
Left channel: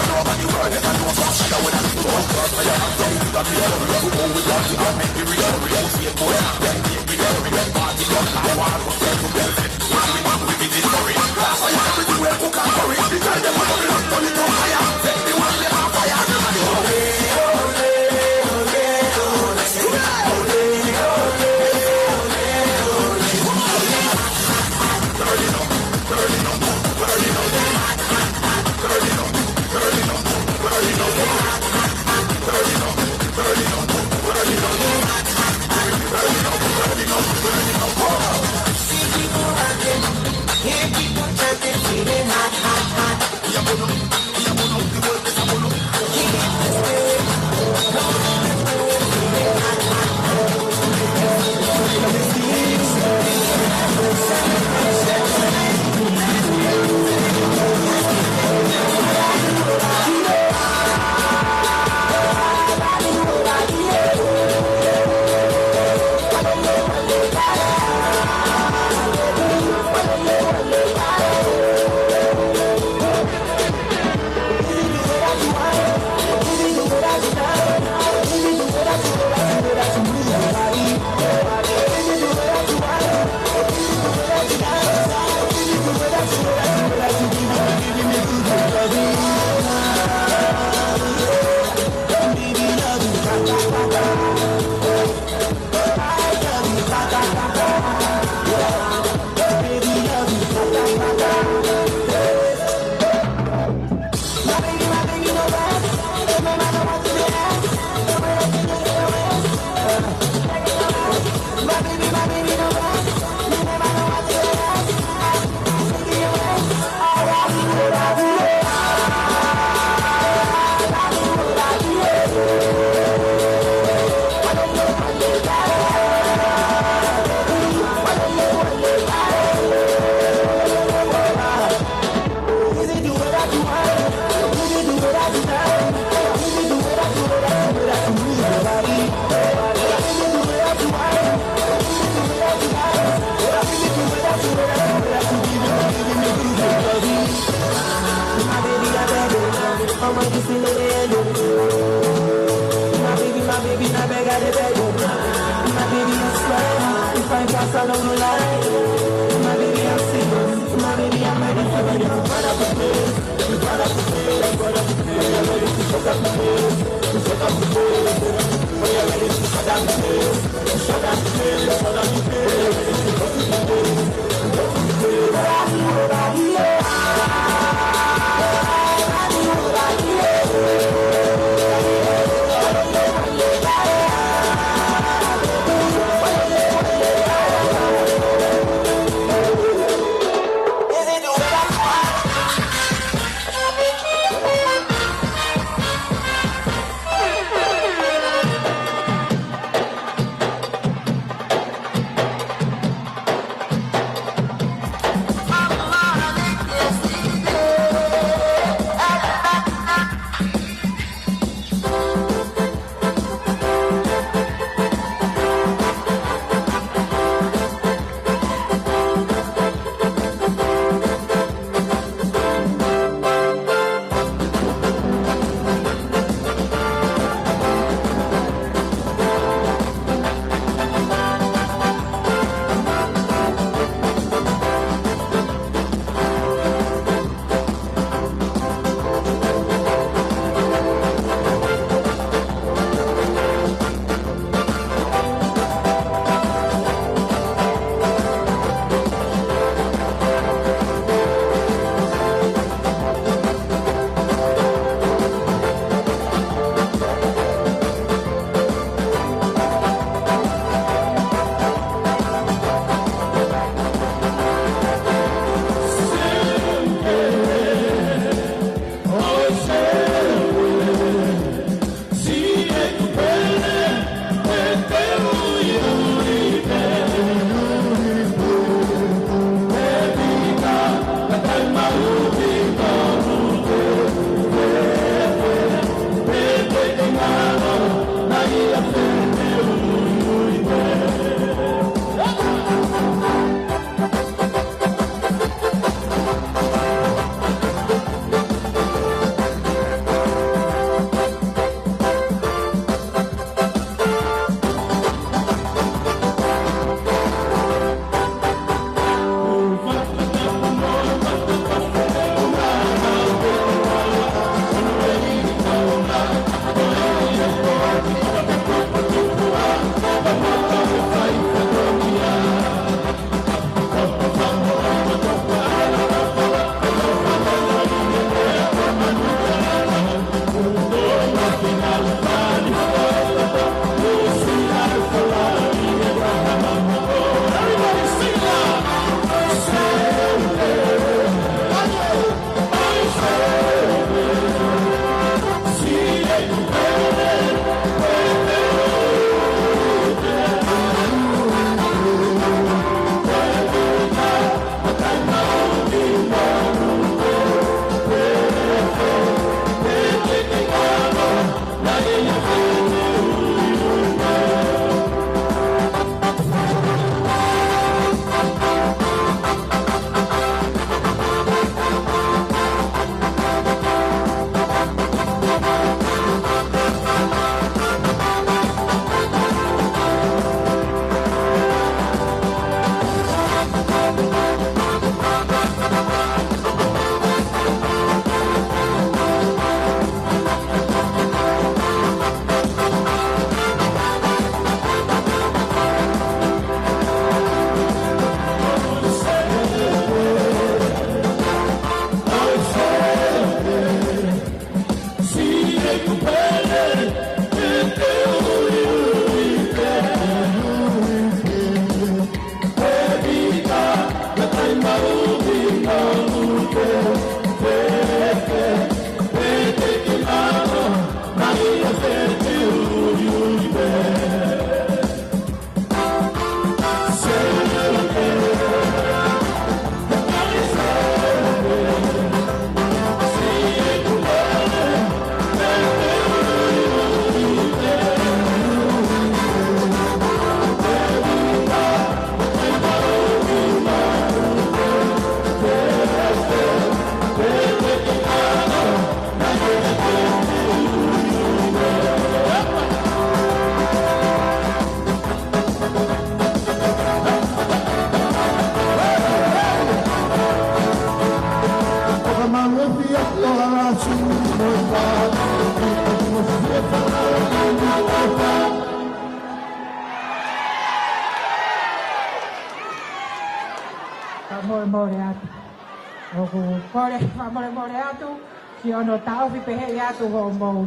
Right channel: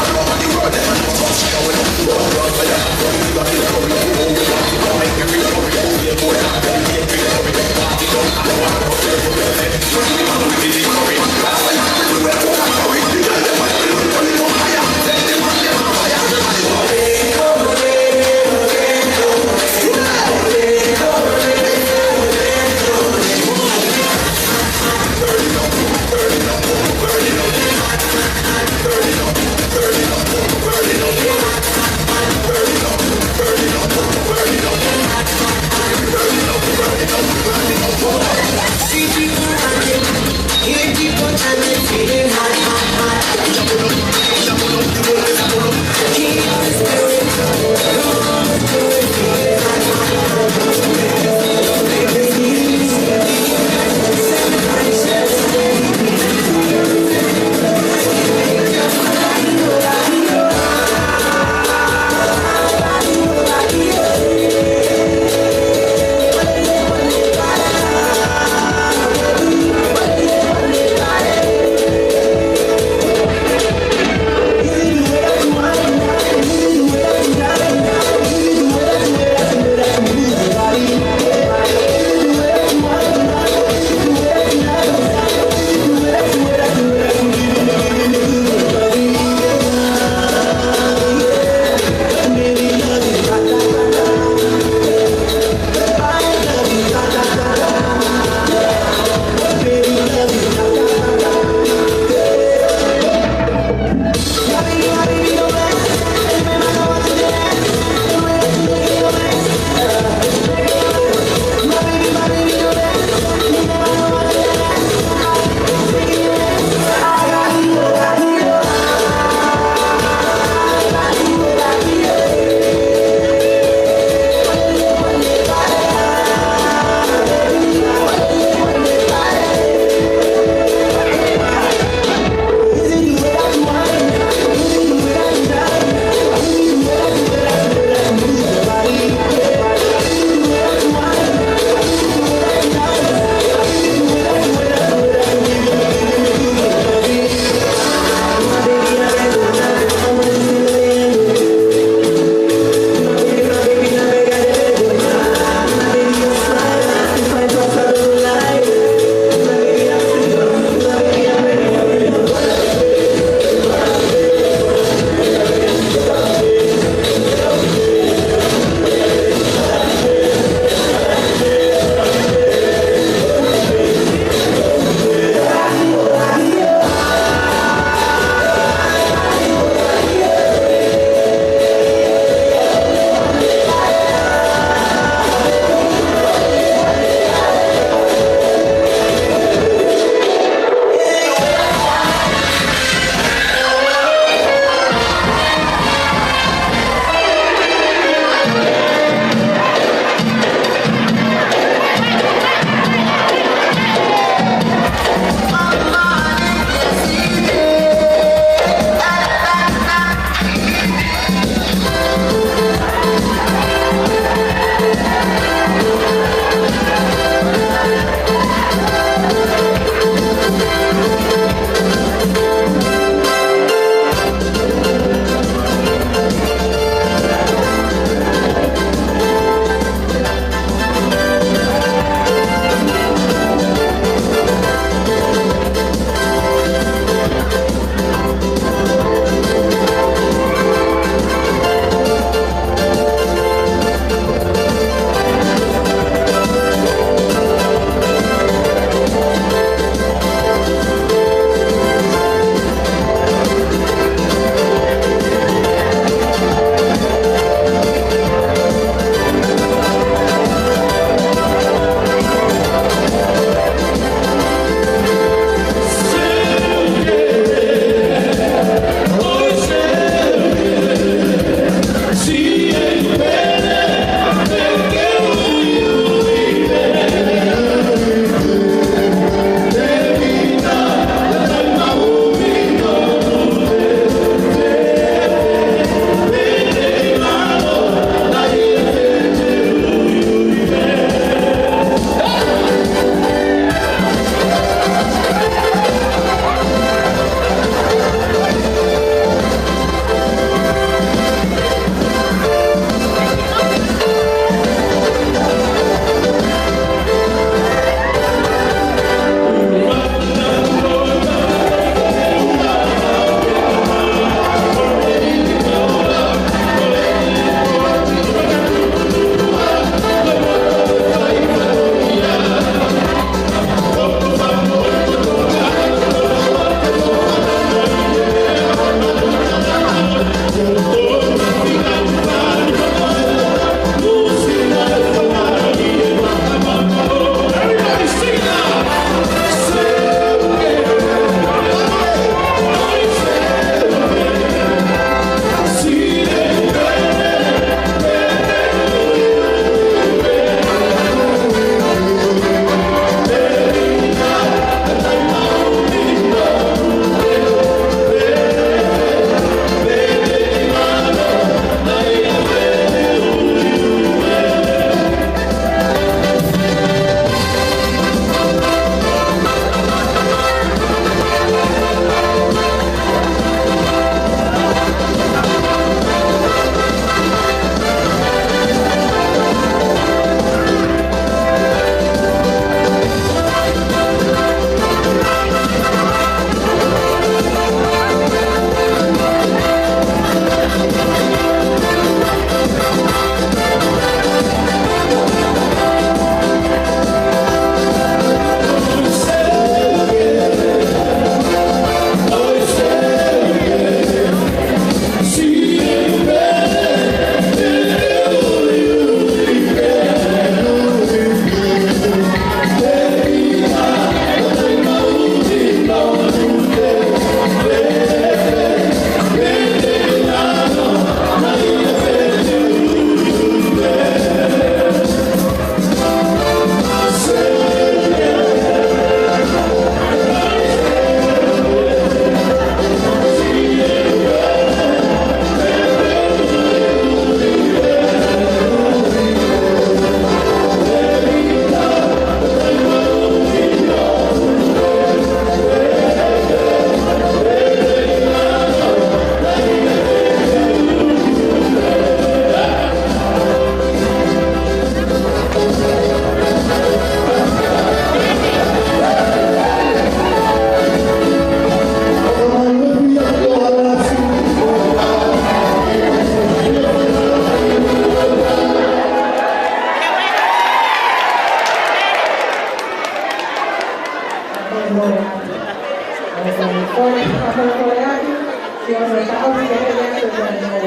Yo no estaba viendo ya que no estaba.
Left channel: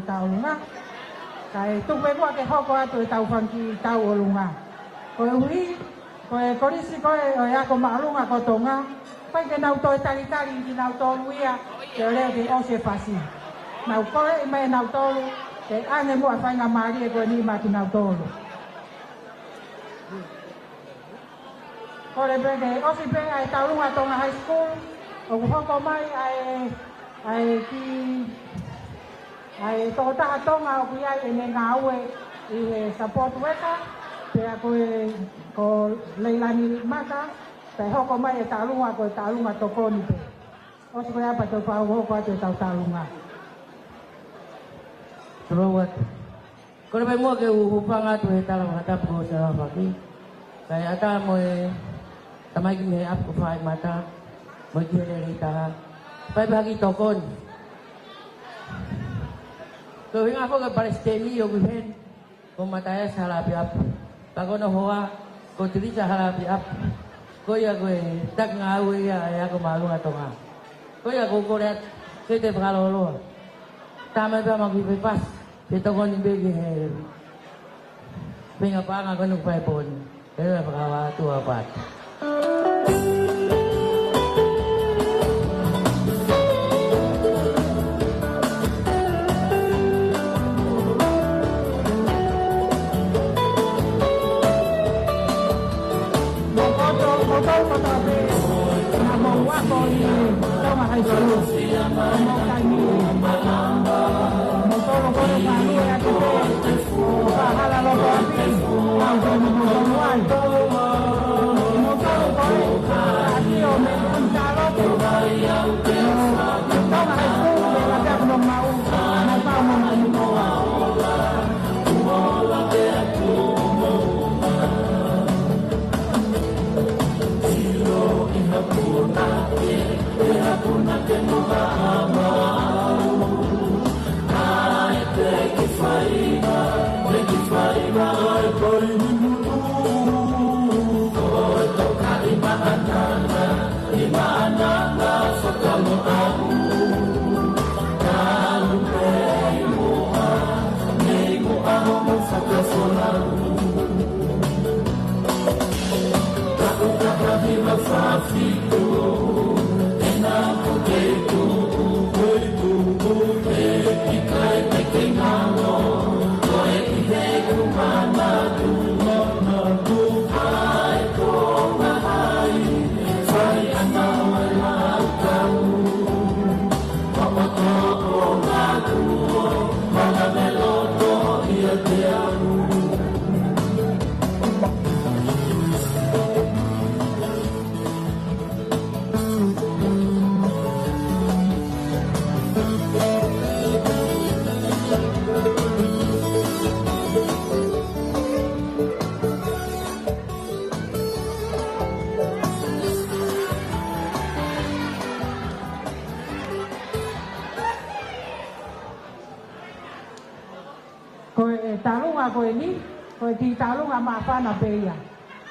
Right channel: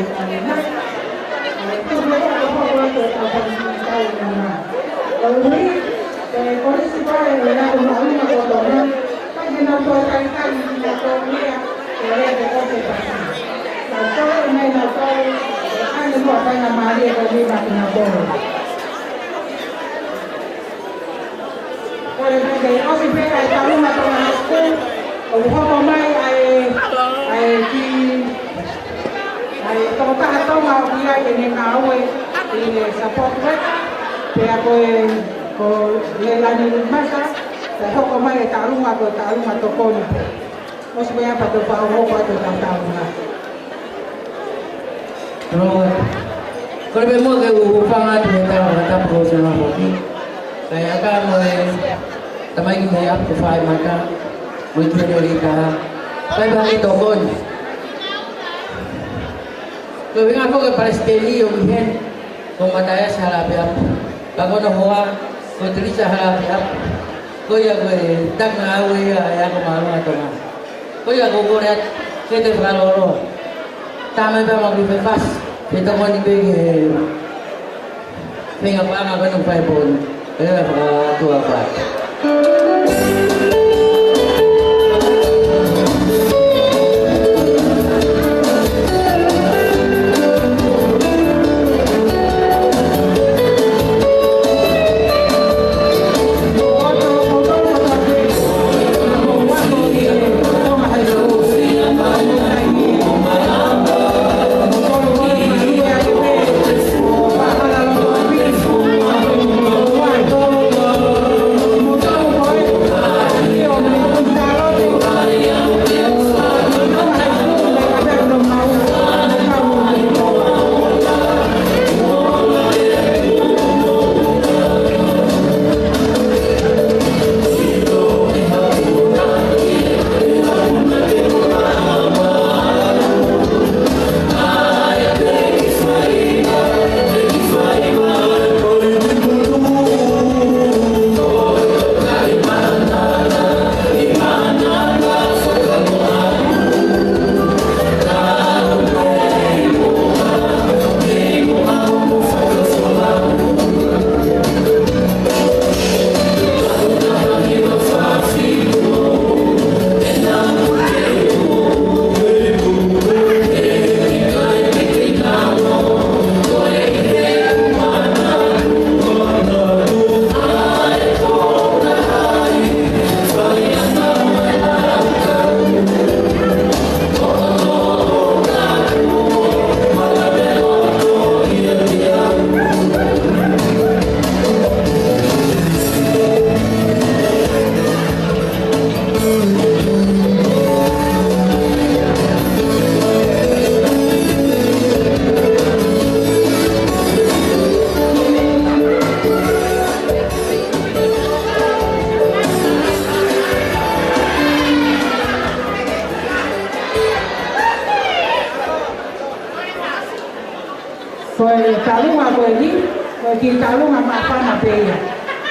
Esto fue para que no pueda estar con la Hoy, con ese padre, ya como una persona, pues no puedo tratar y no podría querer que no se pase. No puedo, no puedo, años no apenas María que viva con la torre. Oye, porque yo siempre he estado una toma de school, o como más, como para tomar un día en el agua y el support worker, que hago el año masa, pero como el taluma tocó, no se vea para tomar ropa de la taluma. Kalau memang ke upangan kita mata profesional hobi, saya akan tamai kita up to 5 maka menjadi kita. Saya bagi dokon. Kalau ingat aku ke Palestina yang mungkin pemataya salah biar, bagai orang kau terus salah biar, kau yang tak ngawe ya kau malu atau apa, kau yang kau lihat kita kalau taman bermain bebas, kita kau ni begi, pengen apa nak kau nak pun, kita tu apa.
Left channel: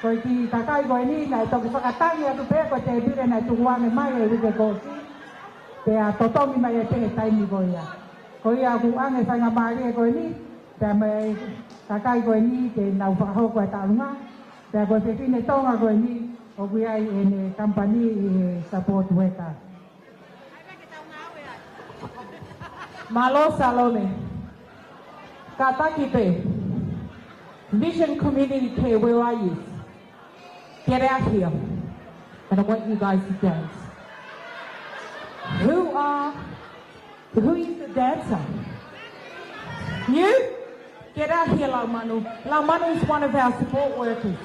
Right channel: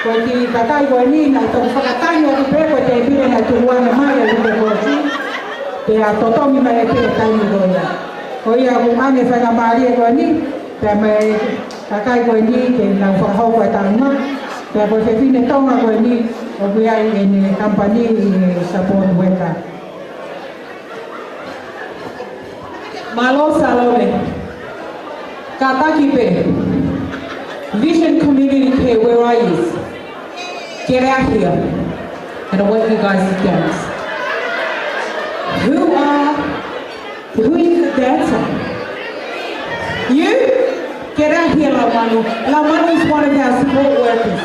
Porque katai ko ni na to katai ko pe ko te bi na to wa ma ya ni ko si te a to to mi ma e pe tai ko ya ko ya bu ma me fa na ma ri ko ni te me katai ko ni ke na fa ho ko ta no te ko te fi ne to ma ko ni o bi ai en company support worker Malo Salome Kataki pe Vision Community Care, where are you? Get out here. And I want you guys to dance. Who is the dancer? You? Get out here, Lamano. Lamano is one of our support workers.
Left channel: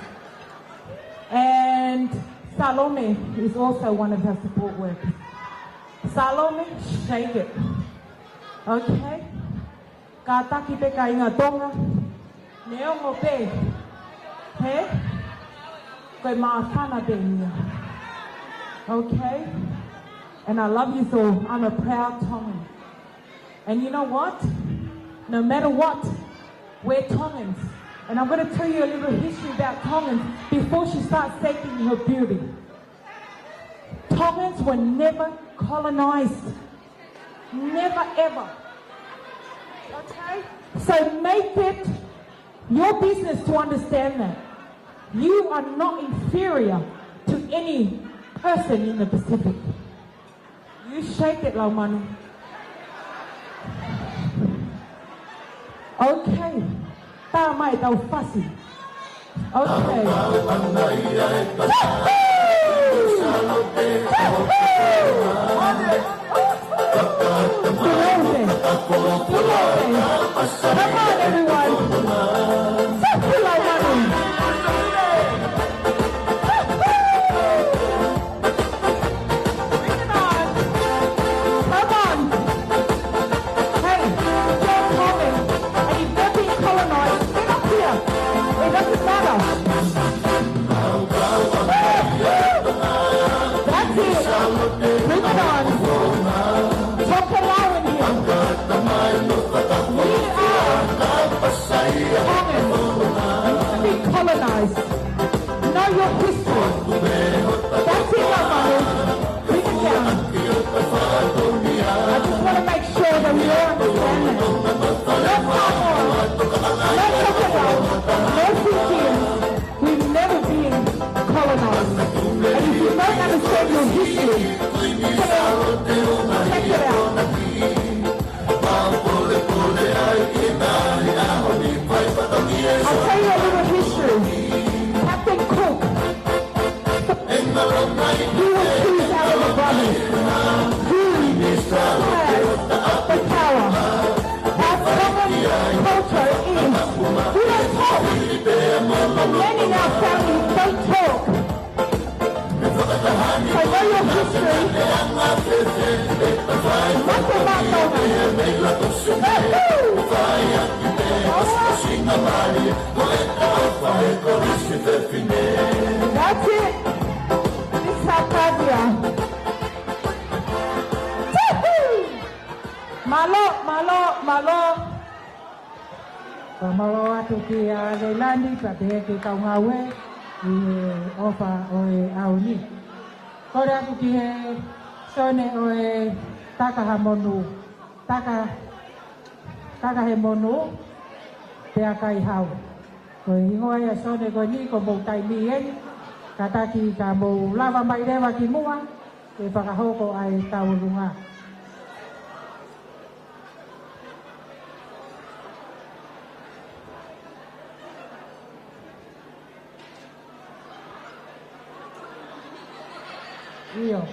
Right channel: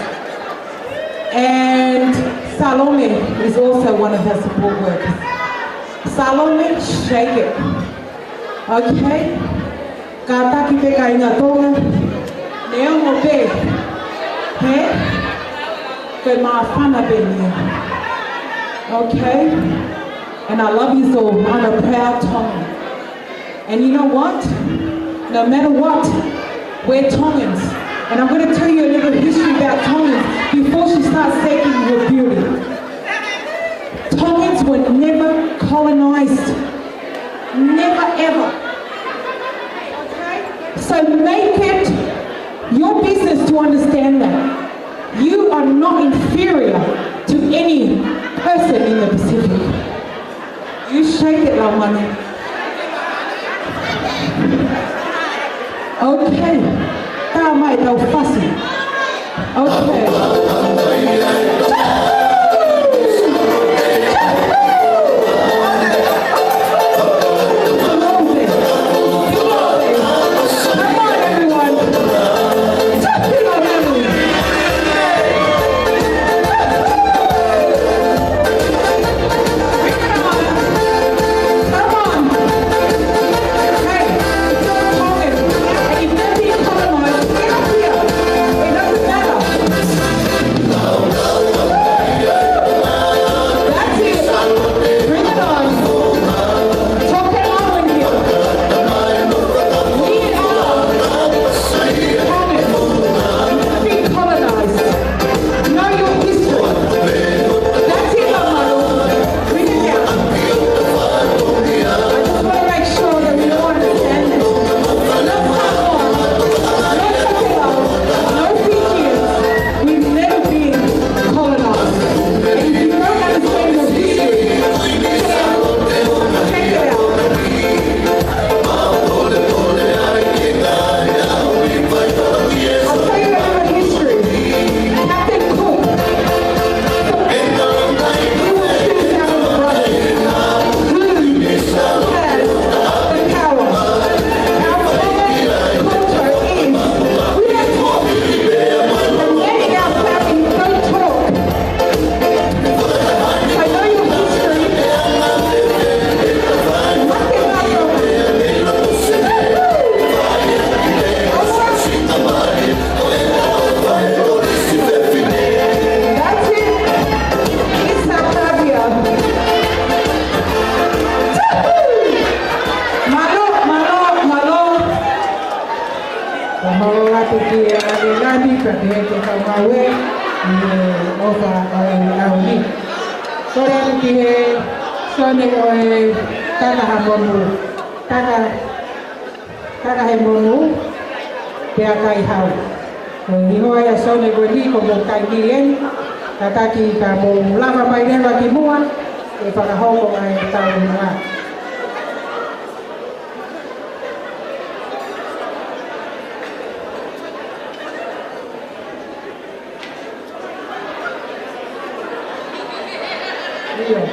And Salome is also one of our support workers. Salome, shake it. Okay? Kataki pe kainga tonga. Eu pe, with my family, okay? And I love you so. I'm a proud Tongan. And you know what? No matter what, we're Tongans. And I'm going to tell you a little history about Tongans before she starts taking your beauty. Tongans were never colonized. Never ever. So make it your business to understand that you are not inferior to any person in the Pacific. You shake it, Laumani. Okay. How am I now fussy? Okay.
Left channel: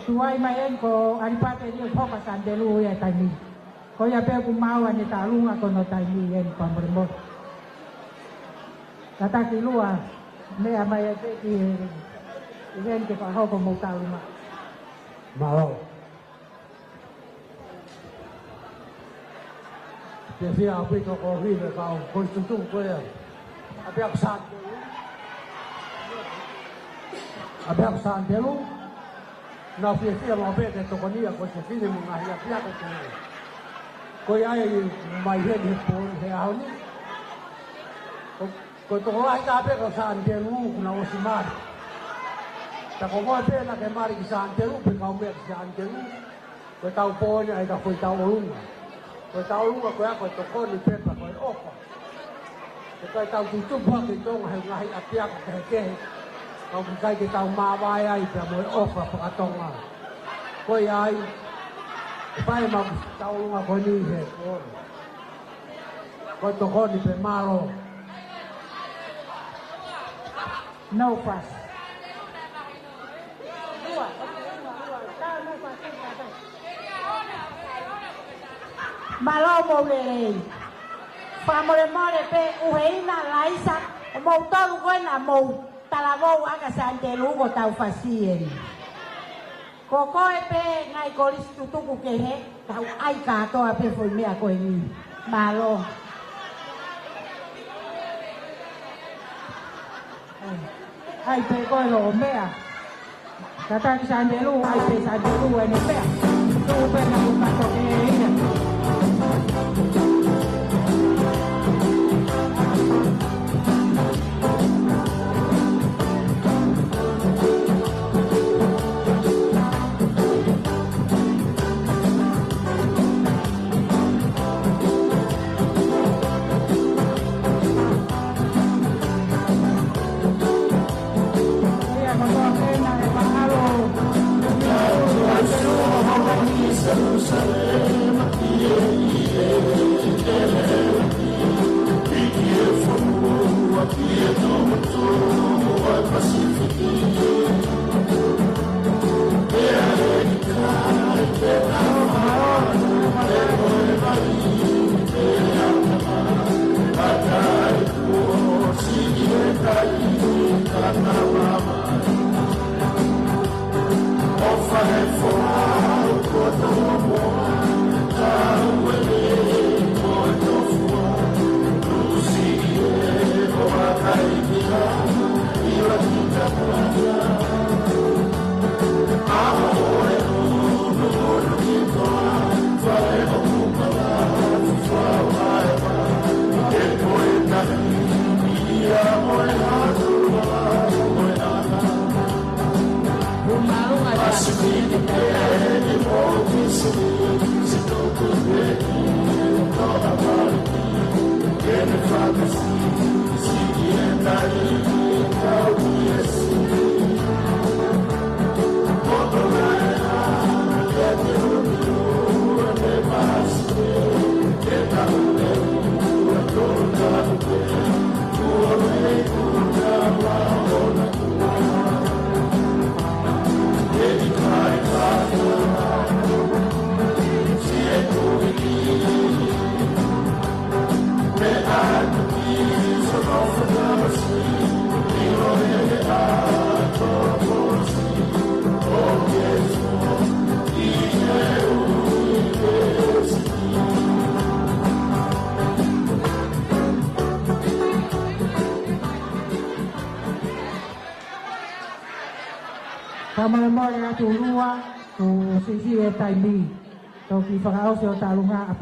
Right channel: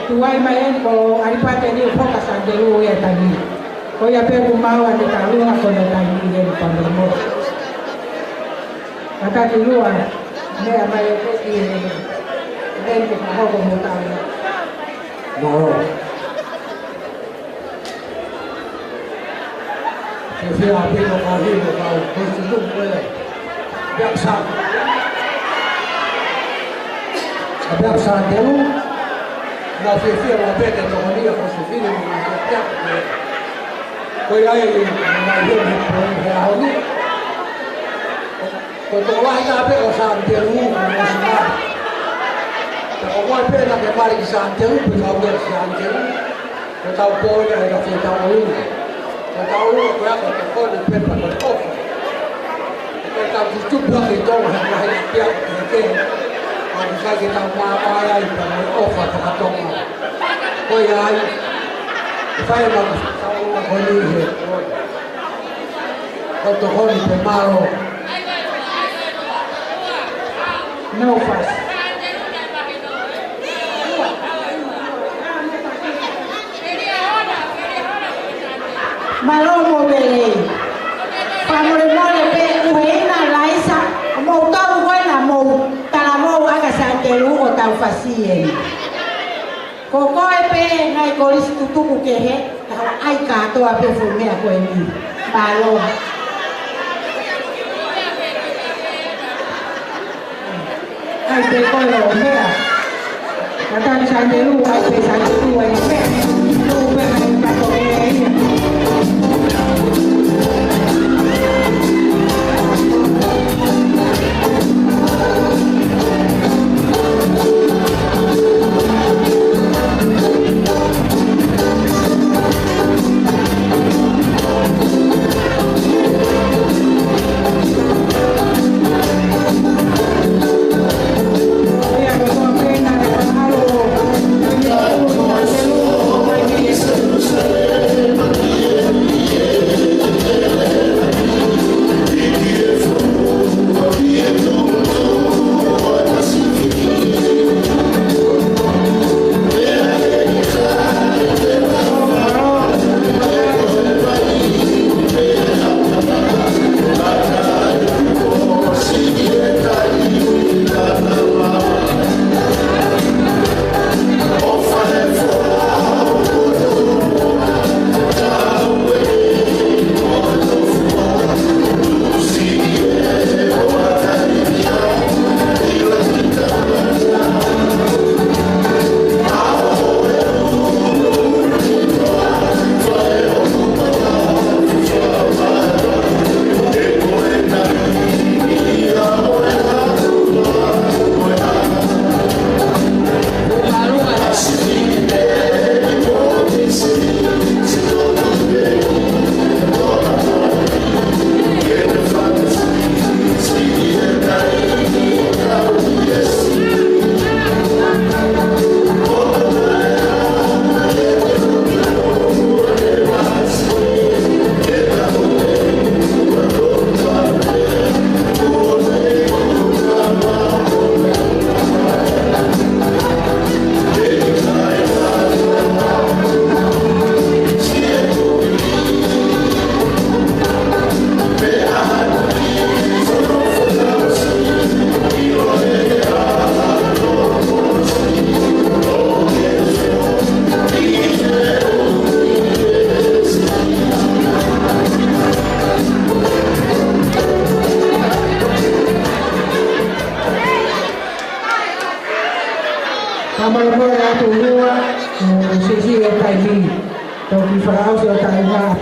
Tuai mai ko ari pate ni foka sa deru ya tadi. O ya pe mau ate tahu ngako na tadi ni pandemo. Kata di luar, dia apa yang tu ini, dia kita tahu kemudian. Mau. Jadi apa yang kau ini kau konstitusi boleh. Biasa. Biasa dulu. La sesione la vede domani a consigliare un piano. Poi hai una idea a oggi. Quando vai da per Sante Lu, però poi per la che fare di Sante Lu, per fare di Sante Lu, che poi hai da fare da Lu. Da Lu quella che poi per la cosa. E tanto tutto che dove hai il piano che sai che tamma mai per offa tra toma poi hai fai una collega quando vuoi per malo No fuss. Malomo bele. Famole mole pe uena laisa. Mo tau wena mo tala mo aga santelu o tau fasien. Ko koe pe ngai kolis tutuku ke he. Ai ka to ape fumea ko ni. Malomo. Ai pe ko lo mea. Kata santelu ai pe santelu ai pe. Tu pe ai ka to ke.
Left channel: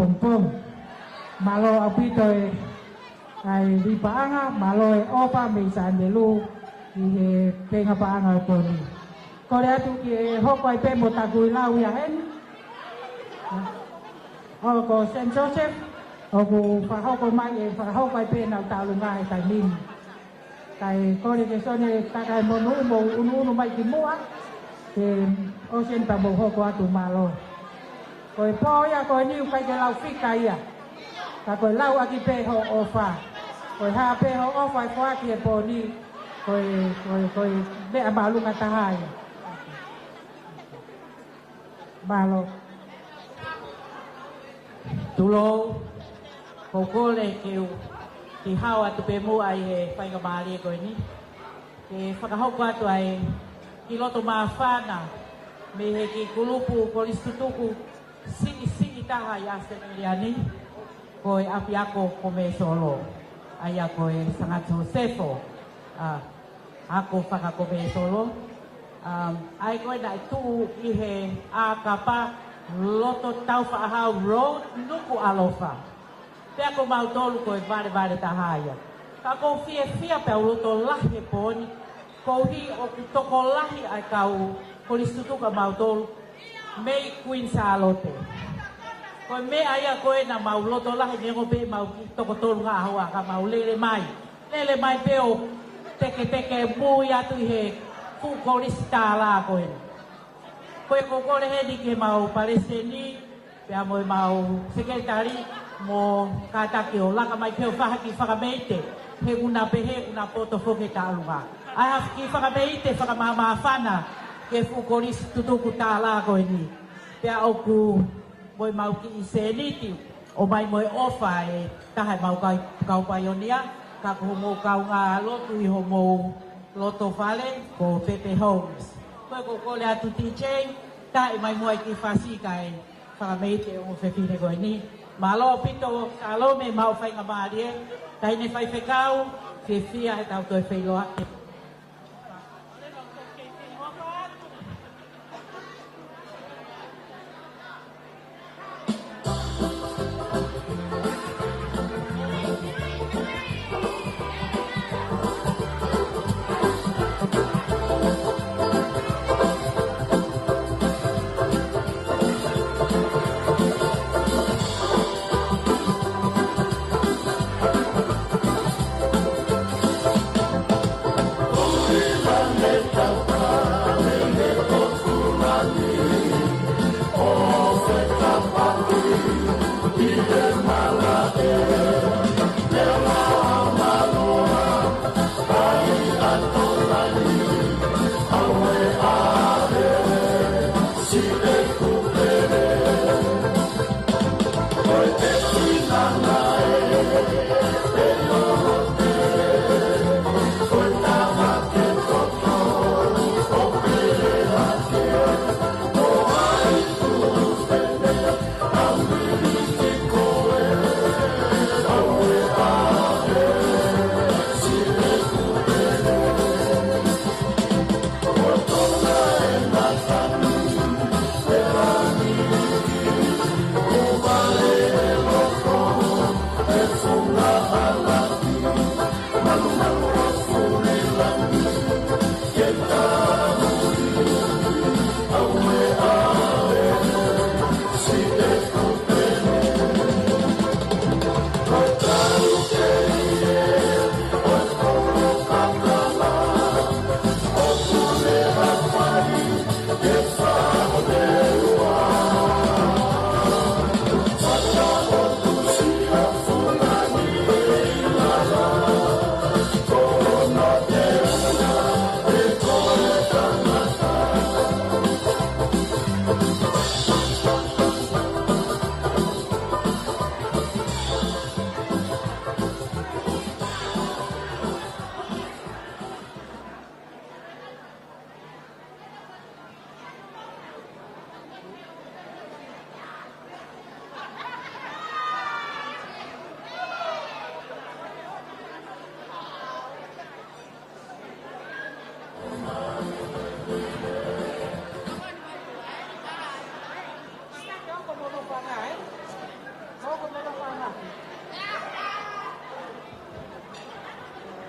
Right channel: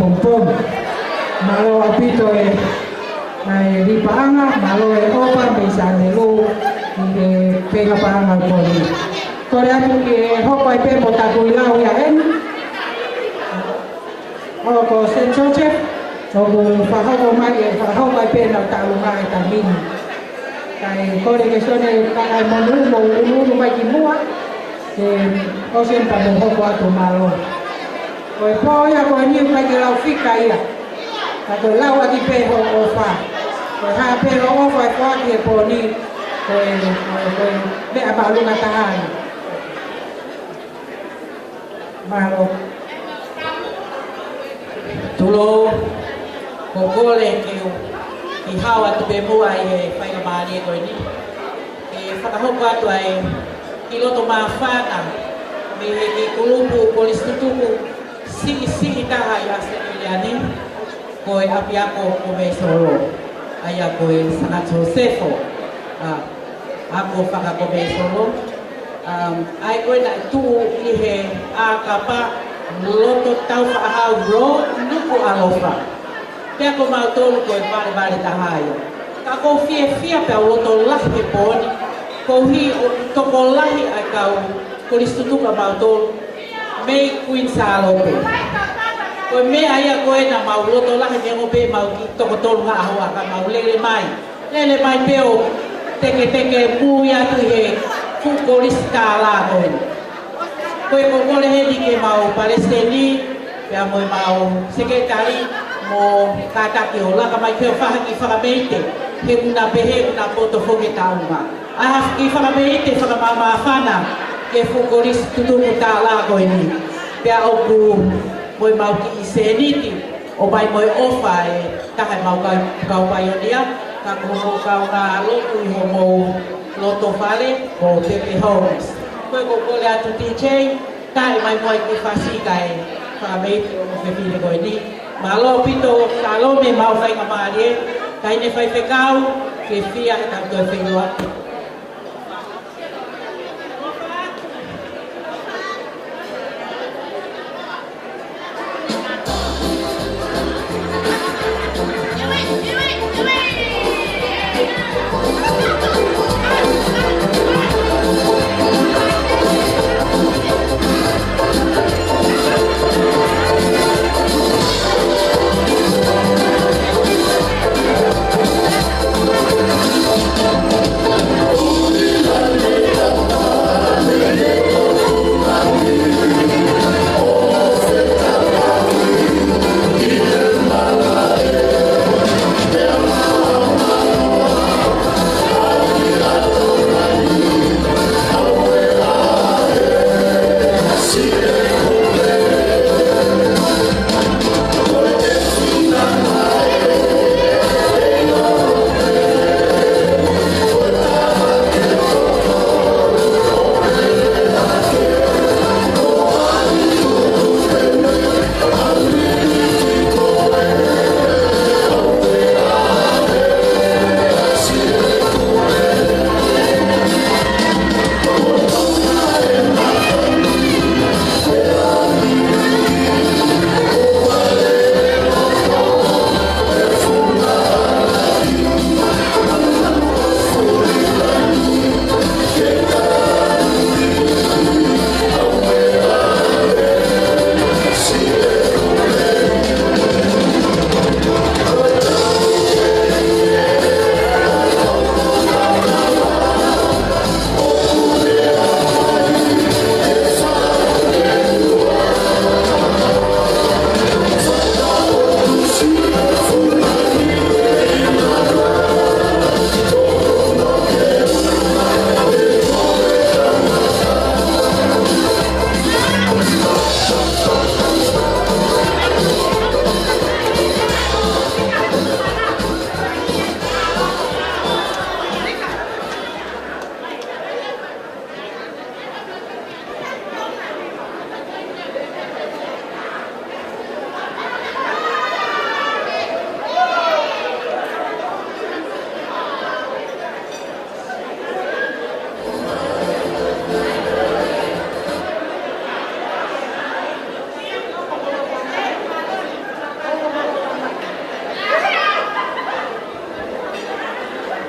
pompom. Malo apito ay di paanga, malo opa bisa delu di pega paanga poli. Korea ke hopai pe botakuilau ya en. Ko Saint Joseph, ko faho mai pe na talungai tamin. Kai kore ke sone kai monu mai kimua. Ko sen pa mo ho atu malo. Ko po ya ko ni mai ke lau fika ia. Ko lau ati pe ho ofa. Ko ha pe lo ofa ko ati po ni ko pe apa lu ngatahan. Malo. Tulo kokole ki hawa tu be mua e fai ka mani ko ni e whakahoku atu ai ki loto mawhana me e ki kulupu kolistutuku siki taha i Australiani ko e api ako ko me solo ai ako e San Josefo ako whakako me solo ai koe na tu i he a kapa loto tau whaahau ro nuku alofa. Pea ko mautolu ko e pare tahai. Ta ko fia pea loto lahi e poni. Ko hi o toko lahi ai kau ko listutuka mautolu. Mei kuin salope. Ko me aia ko e na mau loto lahi me ngope mau ki toko tolu haho aka mau lele mai. Lele mai peo teke mui atu he fuko lista la koe. Koe kokole hedi ke mau Palestini, pea moe mau sekretari mo kataki o laka mai keo whahaki whakameite, he kuna pehe kuna poto whoke taunga. Aha ki whakameite whakamama whana, ke whukoris tutuku tā la koe ni. Pea oku moe mau ki i seniti, o mai moe ofa e tahai mau kau paionia, ka kumo kau ngā lotu i homo loto whale, ko Pepe Holmes. Koe kokole atu DJ, tae mai moe ki whasika e whakameite o whiwhine koe ni. Malo pito salome mau whai ka maari e, kai ne whai whekau, whiwhia e tau koe whenua.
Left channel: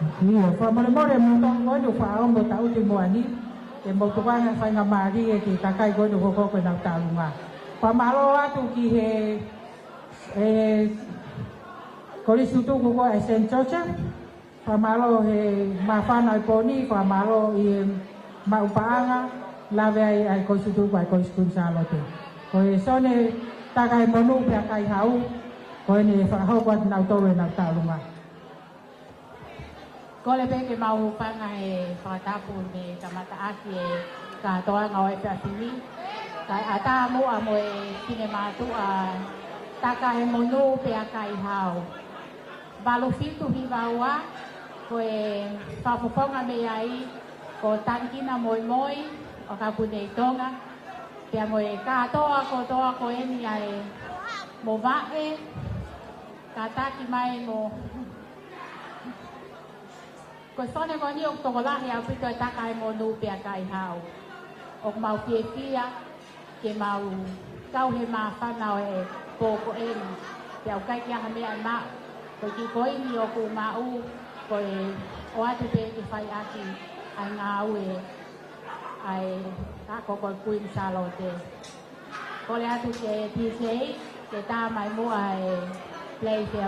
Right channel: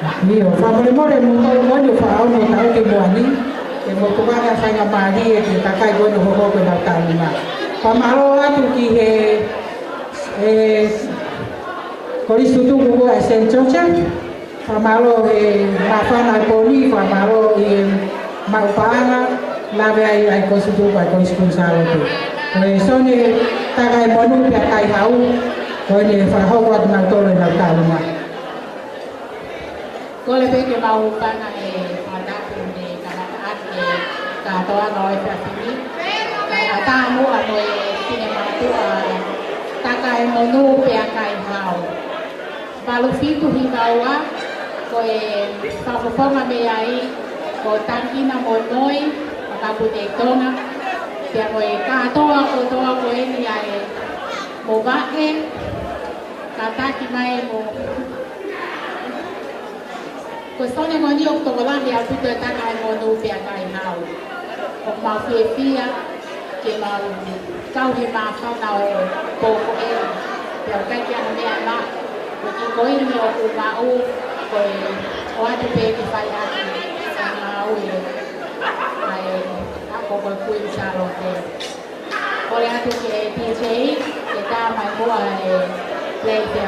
Io, favorevole non voglio fare un tao che buoni, che molto bene a fare la pari e che takai voglio poco da calma. Pamalo atu ki Koris tutu ko esen choche. Pamalo afana poni, pamalo maupana, lave ai kosutu ko koris kunsalo tu. Sone takai bonu pe kai hau, ko ni fa ho wat mantore da calma. Cô là biết cái bao ban này họ đang tìm gì cả các cả tôi nói là gì cái họ ta mua tôi khi mà tôi ta cái monu bia cái hào và lúc khi tôi đi vào á rồi sau khi phong mà bây ấy rồi tăng khi là một nơi và tôi để tôi nè thì rồi cả tôi rồi thì một bác em cả ta khi mai một Cô sau này mọi người tổ là điều thứ tôi ta ngày mọi người bèn ngày nào cũng màu phía phía cái màu sau thì mà sau nào cô của em điều cách cho mẹ nó rồi chỉ có nhiều cô mà u rồi qua thì về thì phải ăn thì mà u rồi cô còn quên sao rồi cô ăn thì chế người ta phải mua lại lấy tiền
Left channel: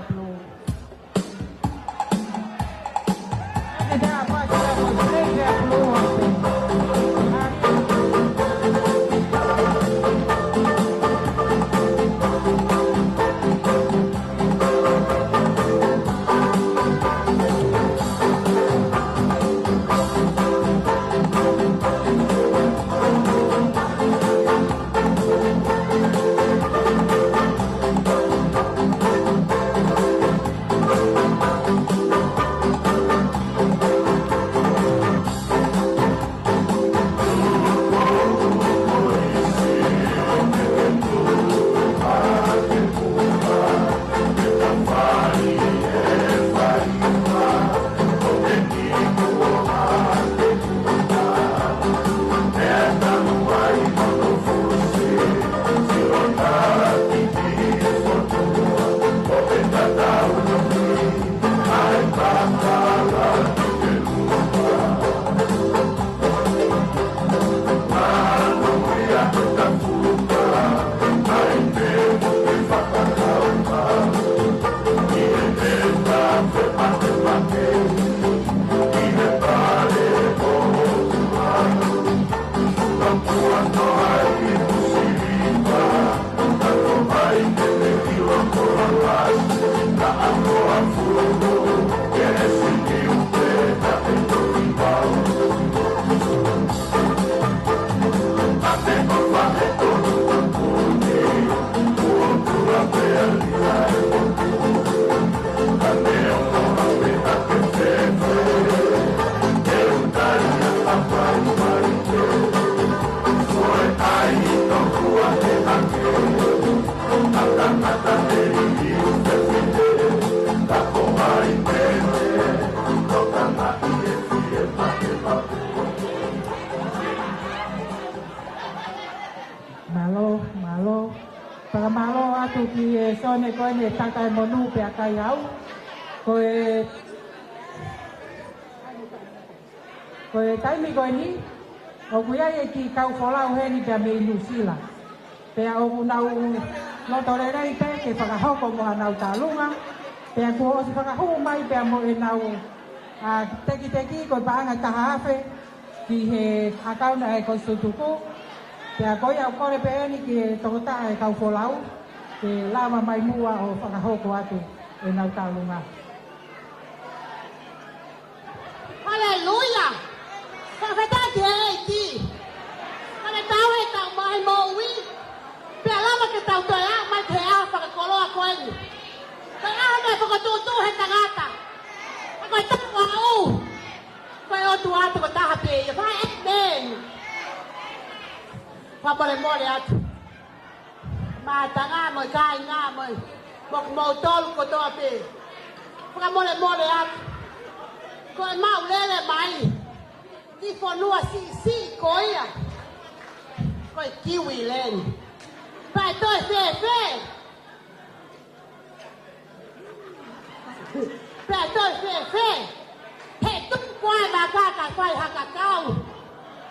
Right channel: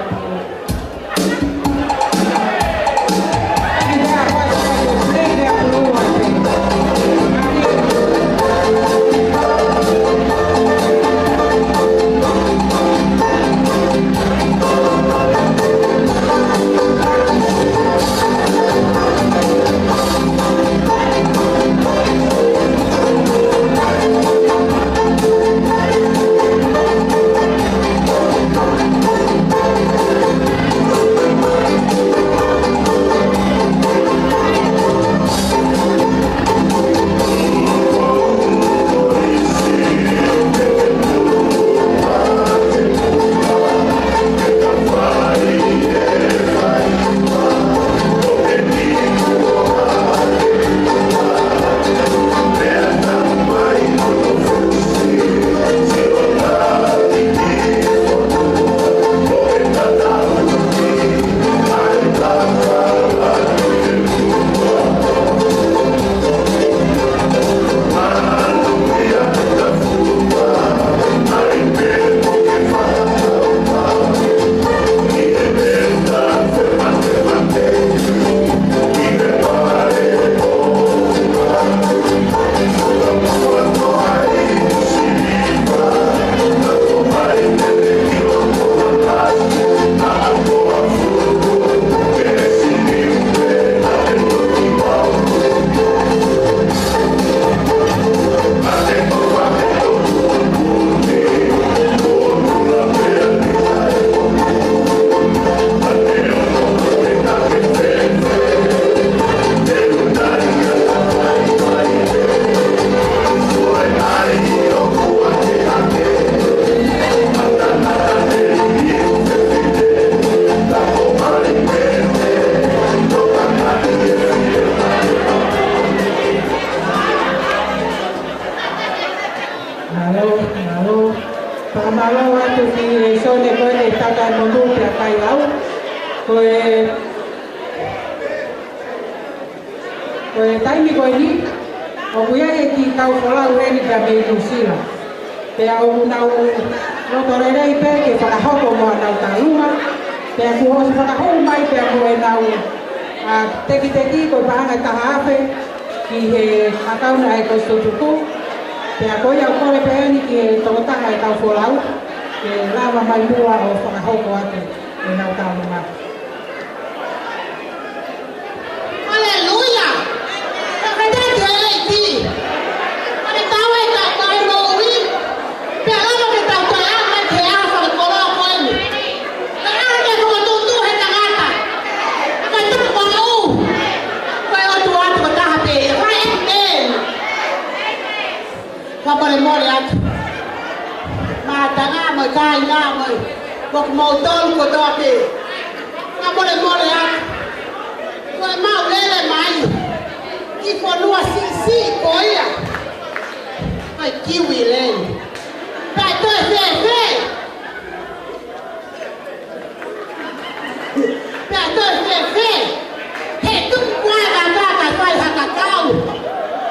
quay bà ca cả quay hàng cả cao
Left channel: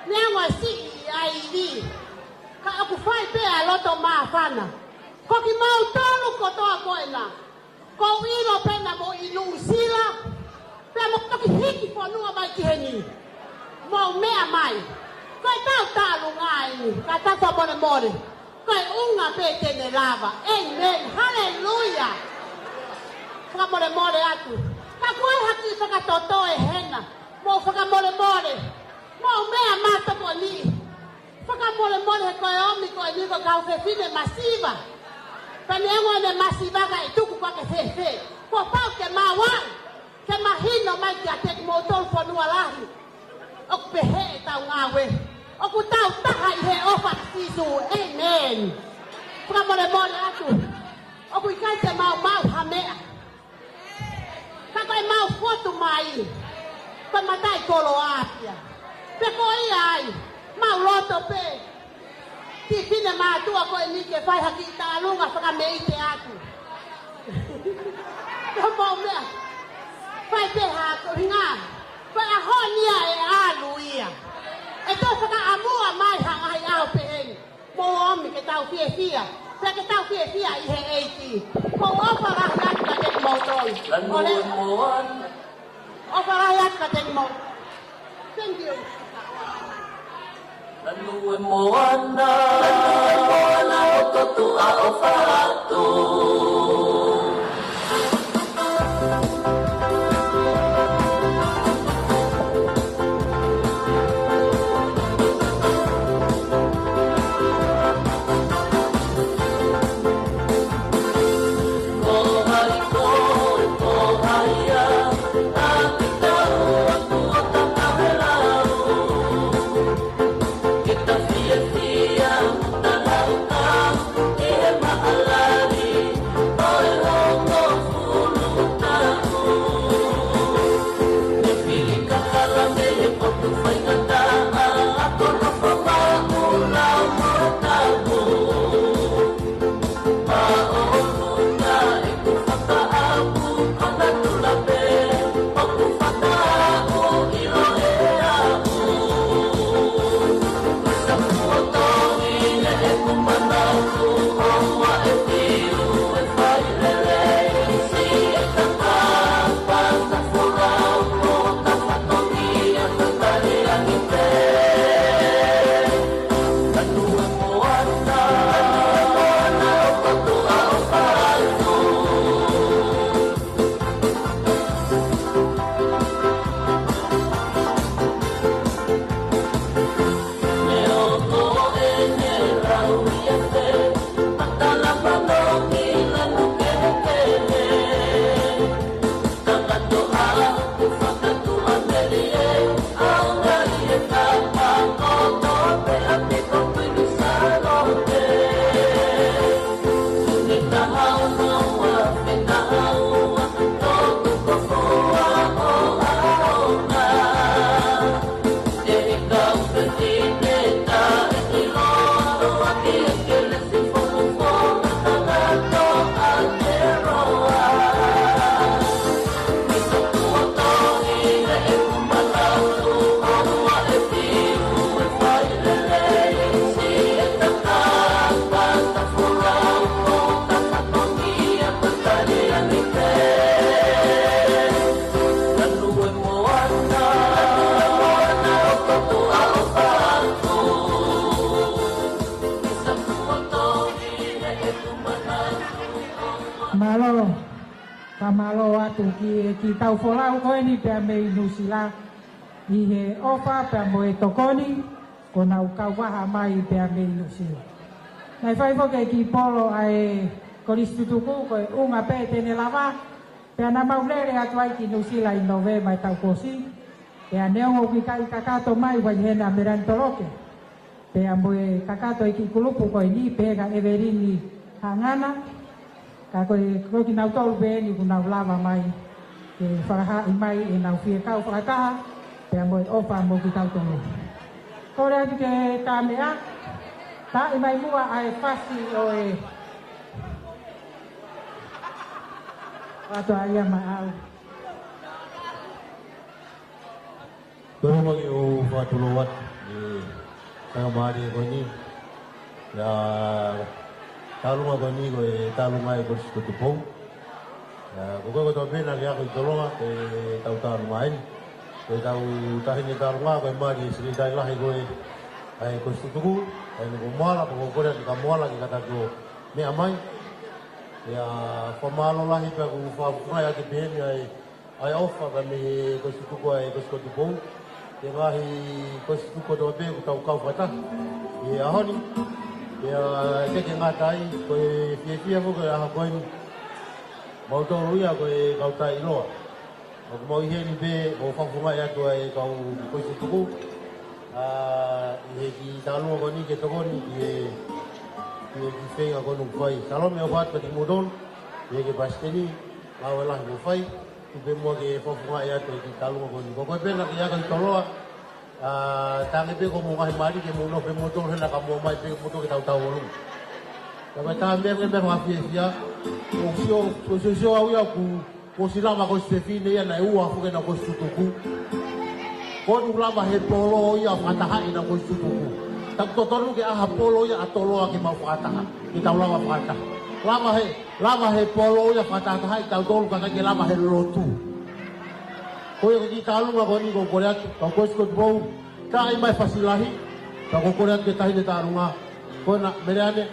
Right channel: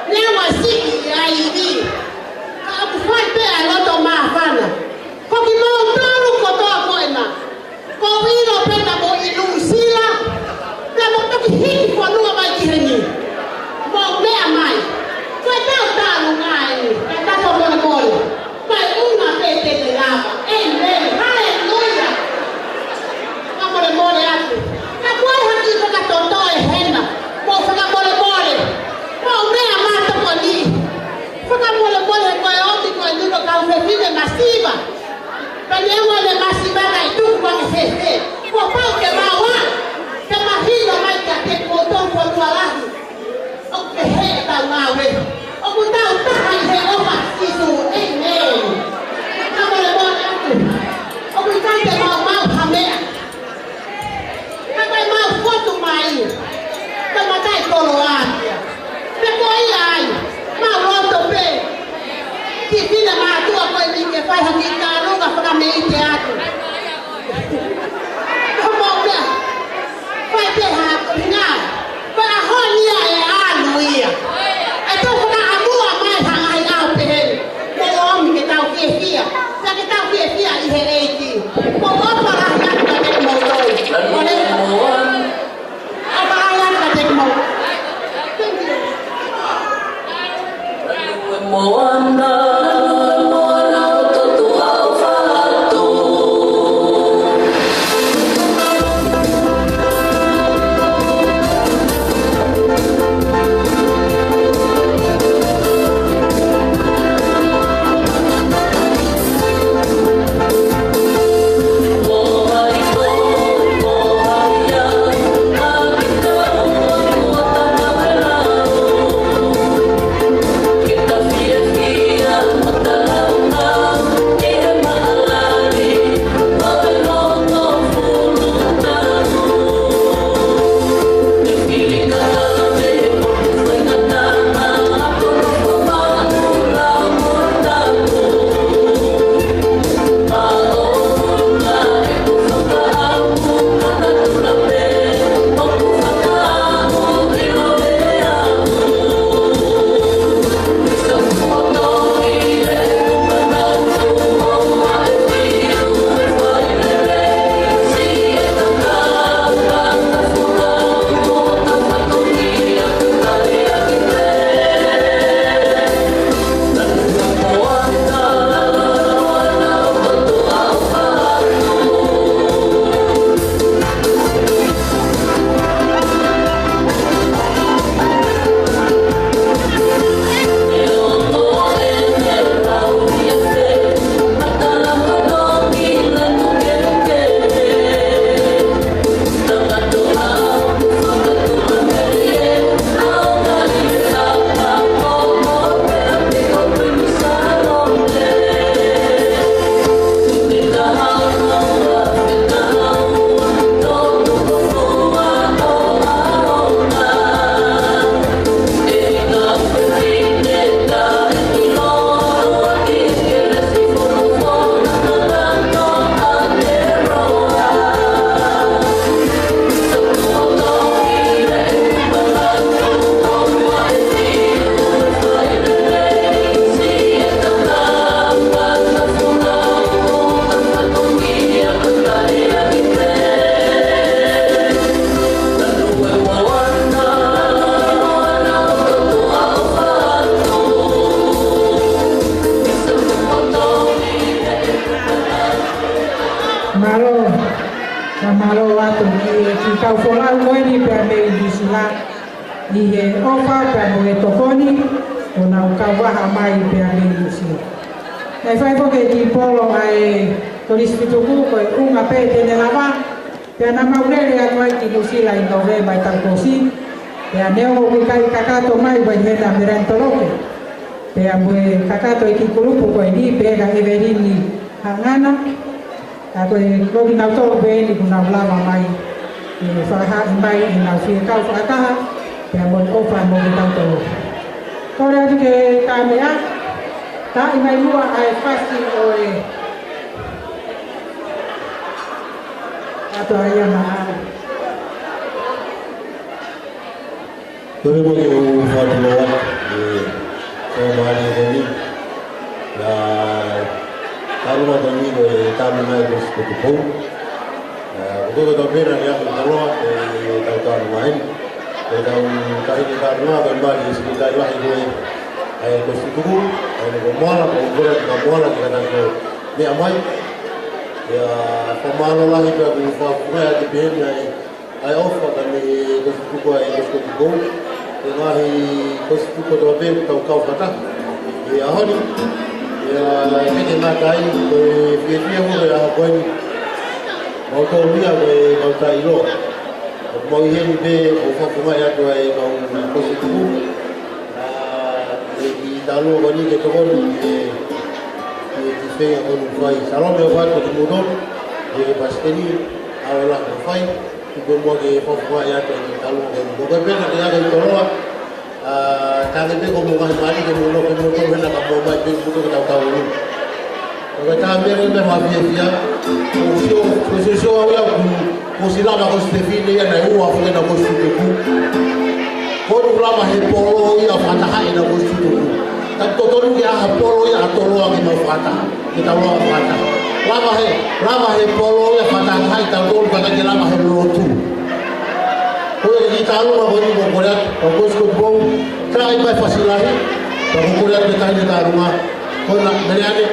nếu mà xích ai đi ông quay bé nó cho mà phan à có cái lông to lúc có to gọi mà có ý nó bên là bộ ý đủ xí la là một cái hít của nó mà chỉ hình một mẹ mày quay tao ta lúc này ta cho một ngồi mày una bê để làm amen hallelujah ma mole mole anche ma qual ha detto che tonto è henna mo fa mole mole mo me amata con lì fa mole mole con oggi con lì con causa fine massiva prendiamo le massiva dai tu come se po pau che va wa che ma hiyo mai che ko ton ko tua la o che he ta ma we o ko ta ta hai he o ma si su amen ma mole mole anche o ko ta che ma ha me Cái mau của tụi mày tao mà tay cô lo à cái coi lại mau lo tụi mày chỉ khi là mà tụi coi mình cái phải hành nghề cả luôn là phải làm nghề teatro không mong nè phải cái hạt cái nào phải là hơn như này ăn nuôi à ai tôi không ăn mua mai thằng ai ao về đây để ôm cái tàu kia kia là cái tàu kia kia đi về đây chị không có mà ăn ăn là cái mồm rồi malo atu ni ki kau fola ngoi ni pe me ni sila ni he ofa pe mo e tokoni ona ka wa mai pe me ni sila e fai ko ke ki polo ai ko distrito ku ko unga pe te ne lava pe na ma ure ya ko ki kusila in nove mai ta kosi pe aneo mi kai kakato mai vai he na merento loke pe amo kakato ki kulupu ko ni pe ga everini hangana ako ko na to be ni kuna lama mai fa ha mai na fi ka fa ka ya mo o fa mo ta to ko ra ke ka me a ta i mai mo ai fasting oi ato ya na Kami mo yung fatuluan sa bali kami na taruma kami kami may gusto ko. Ito ko pera niya kung taruma tayo main. Kaya kahit taruma kami sekitar lahi ko ay gusto ko. Ay gumala kung kulat kamala kita ko ni amay. Ya pemalo lahi ko kung fa di ben ay offer kami gusto ko ay gusto ko. Lahi gusto ko to be kau kata. Ya hari ya ini nak kai ko fiye mo ya ko mau to ni ko ta ilo. Mau yen be o fa fuma ya to ai ko gusto ko. Lagi talu ni ke to ni saya ko fai salom ya fa to mudon ni pasti ni Allah fai ibu mau ke fuma ya to talu ko be na ya ke to tangan dia kau mau mari ke mulo hena kamu mai ke buku ke tahu ni. Kalau kami memang mafia posisi awak posisi lama kau Stefani ya na uang kau na kau suku. Kau lama hepolo ya fatah ya na kau suku. Tak total ya hepolo ya atolo yang mau fatah kita mau fatah. Lama hepolo ya fatah kita kau bukan lama helotu. Kau kita lama kau ni bukan kau suku. Kaya may fasilahi, pagkukulat kita hindi tarunga. Kung nangyari,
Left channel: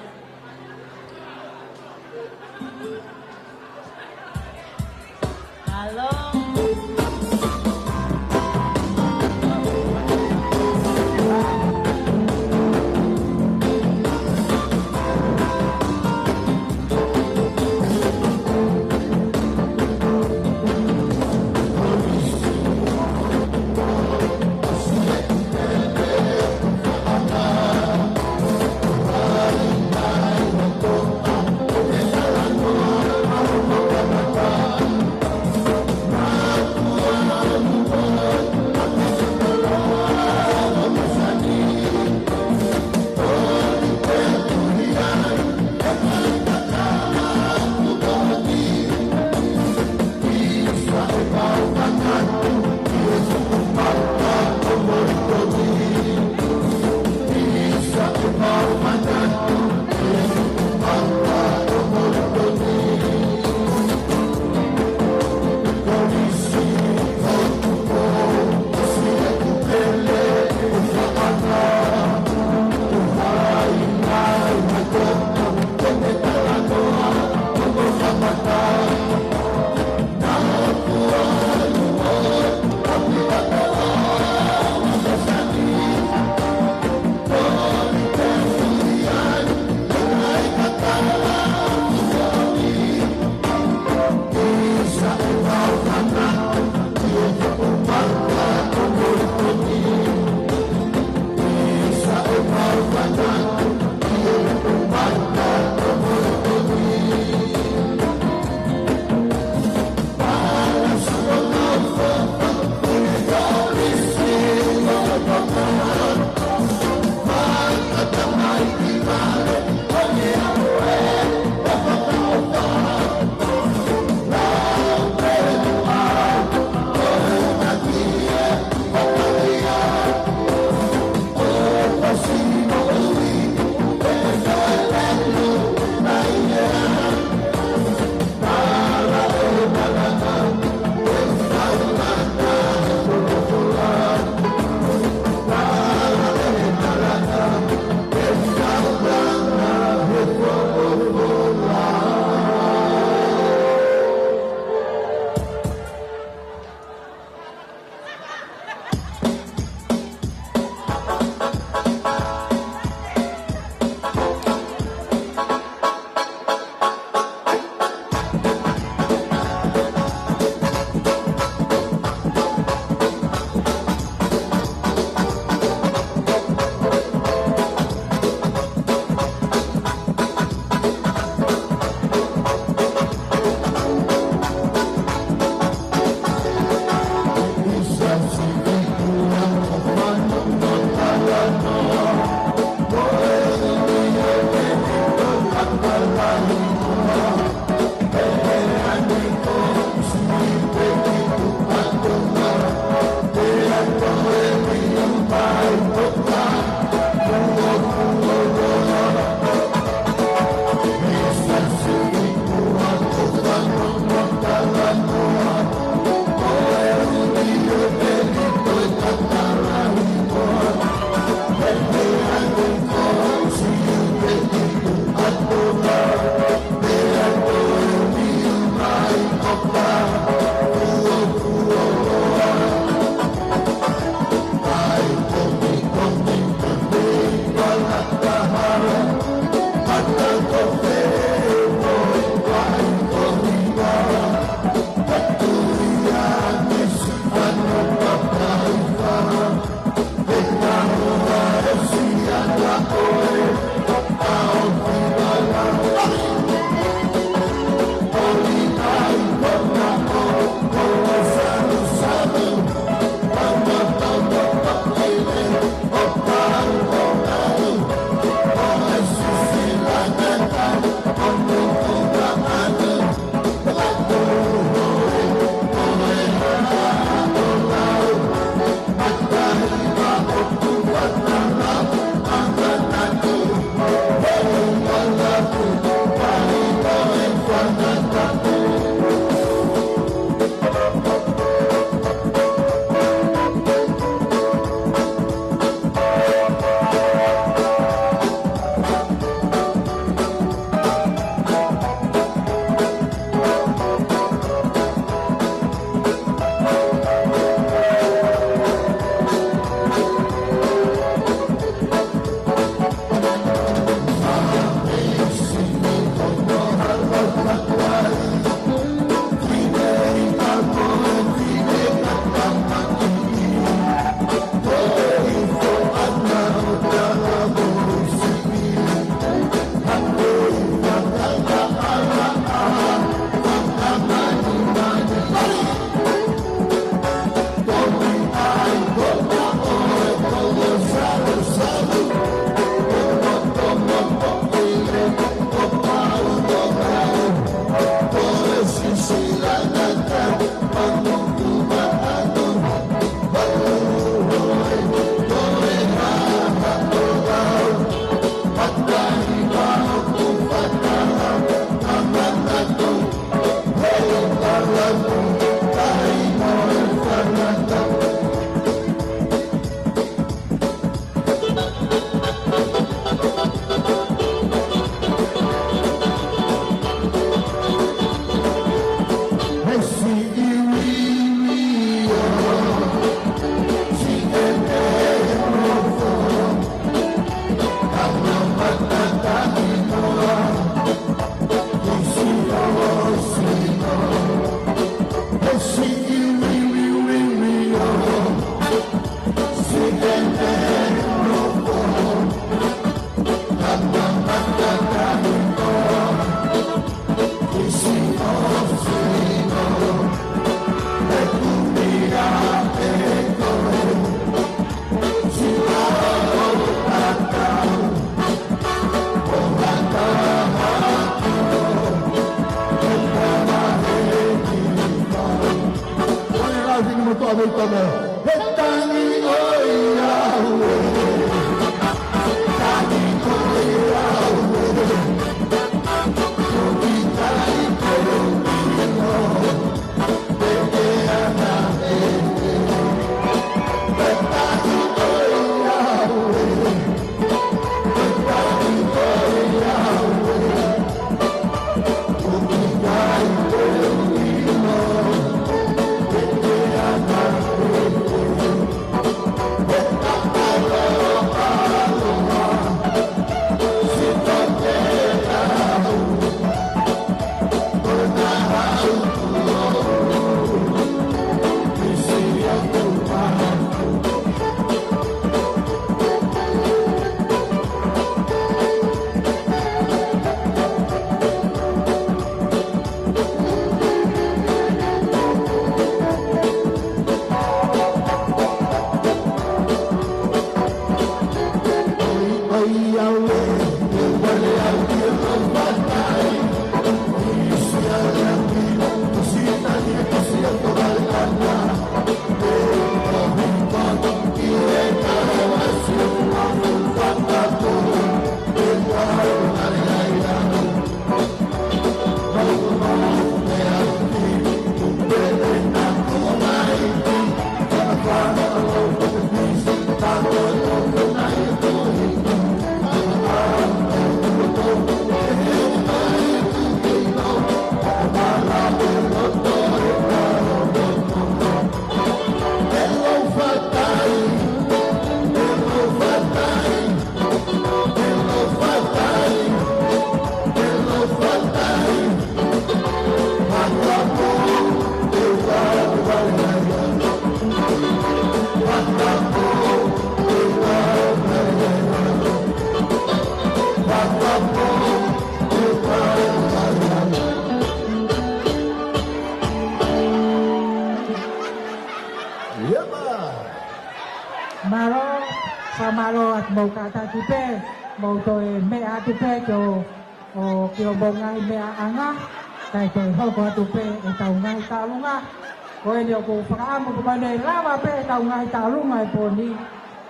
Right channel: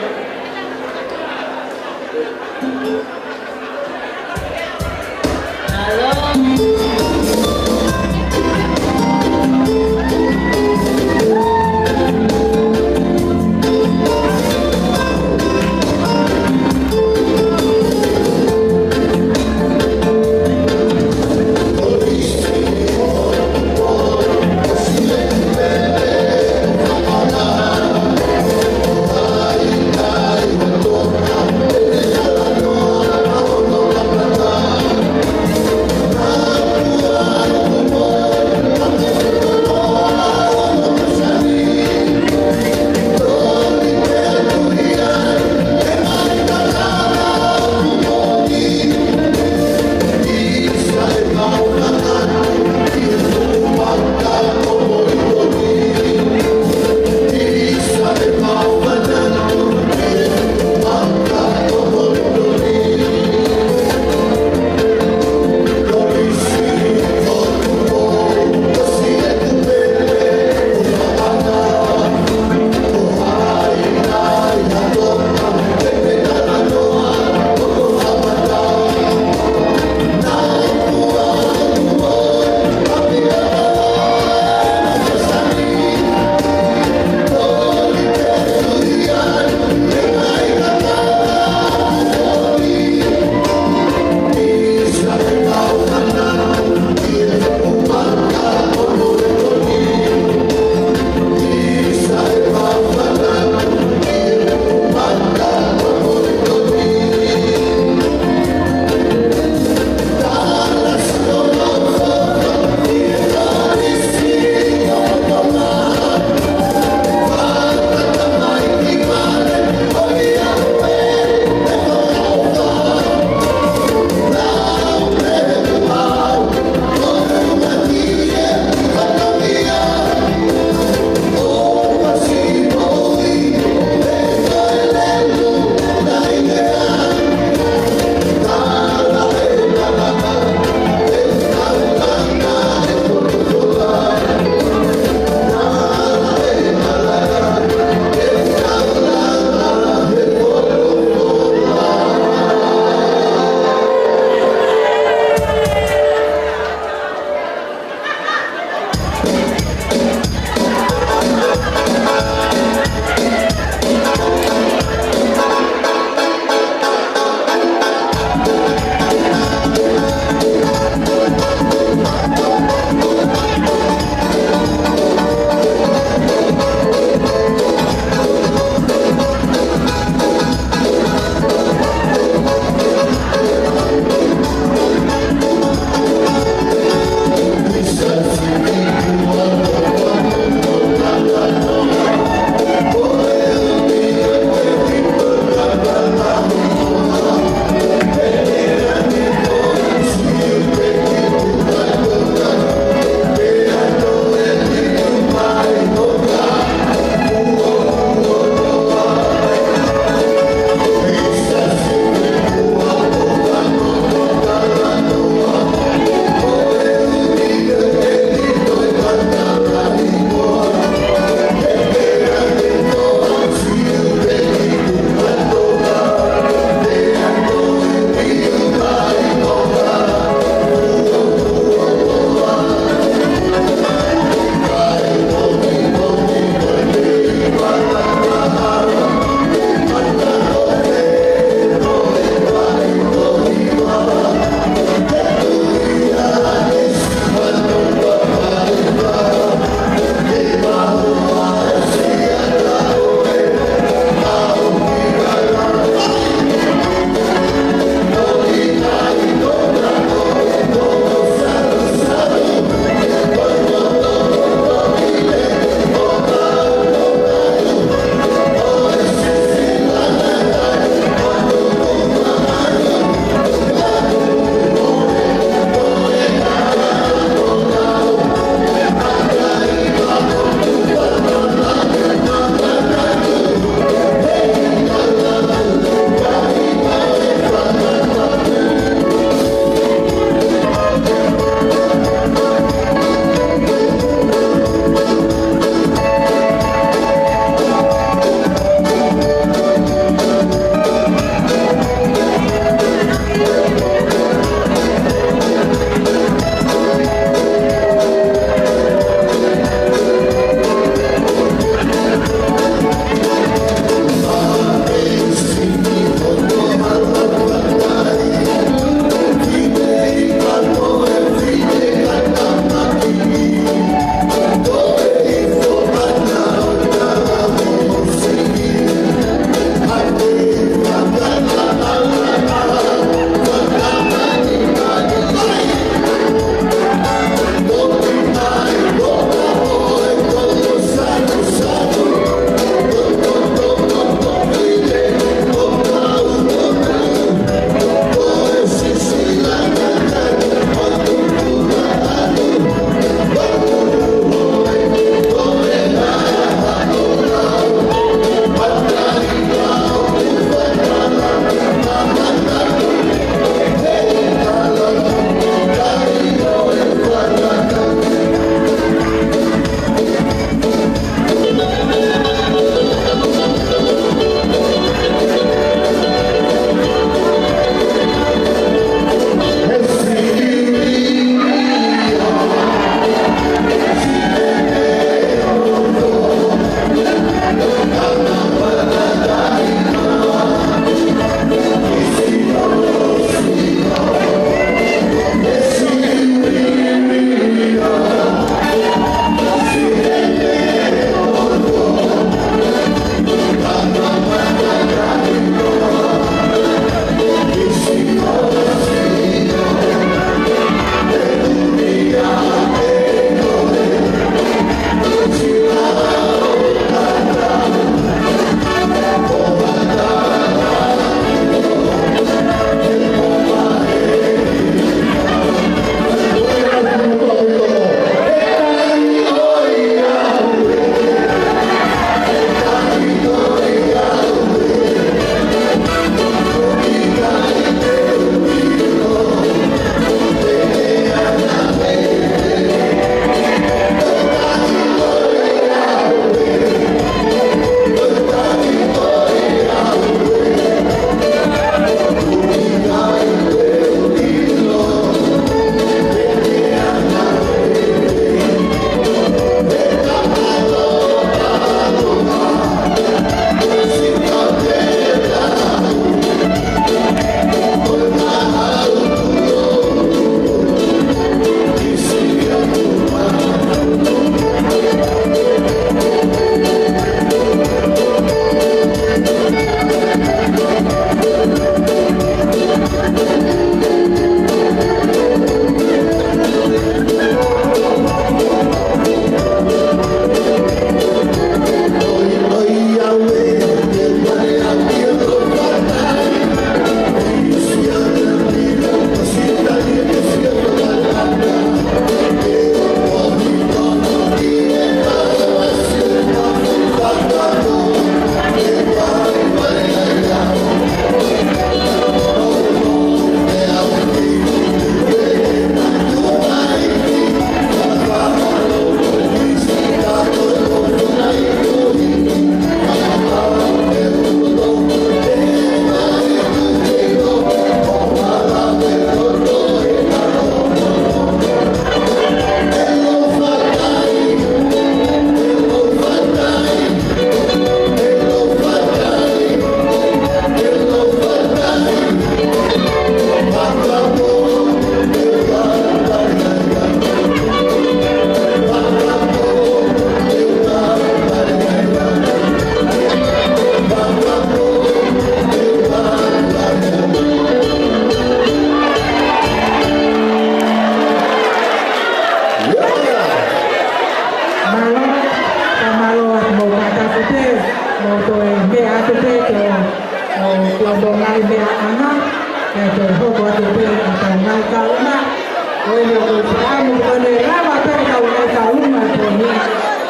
Oye, vamos con el lava perca una caluma por mí.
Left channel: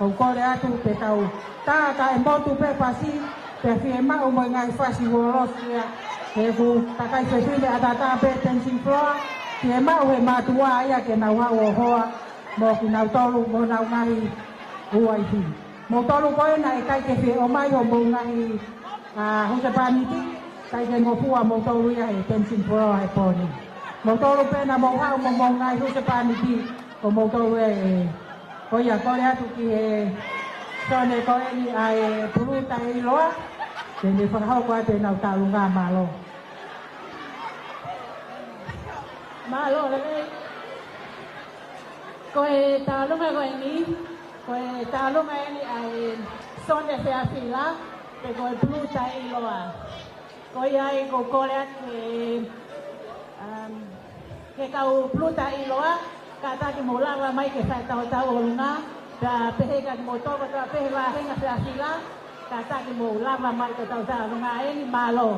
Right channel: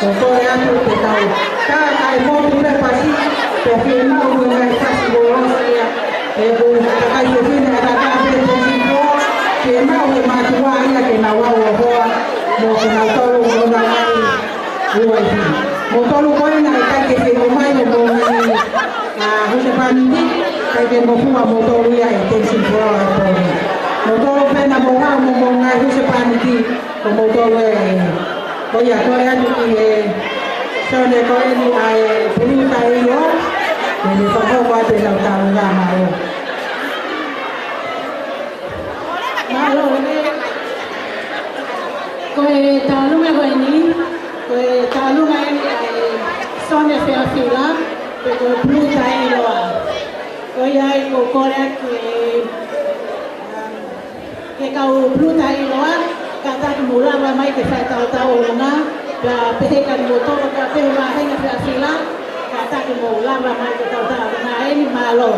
O por ya tu te cau. Cada caimón tu pe pasi. Te firma como en el pasi bolosia. Bu kai tu fin ada ka pe tu siko. Que mau e matua ya que na wa o hoa. No que na tolu ko na ai. Ruai. Mo tolu ko na kai que se o mai mo ni. Ah, o se pa ni kai que mo fua mo tolu ya e te siko ai por mí. Motor pena boga mo ngai hu se paniti o motor o ya ko ya ni so de ko ni ai puru tai lo ni ko ko wa te ta ta ga ma lo ko ta lu me ko ni ko ta lu me ai so de fe afila ko puru tai lo ko ya ko ko ya que kau bruta iloa kata mula mai ke sai tau lunga ka pehe kan motor ka pehe ma henga fra sila kata ke mula mai ke tau lunga ini malo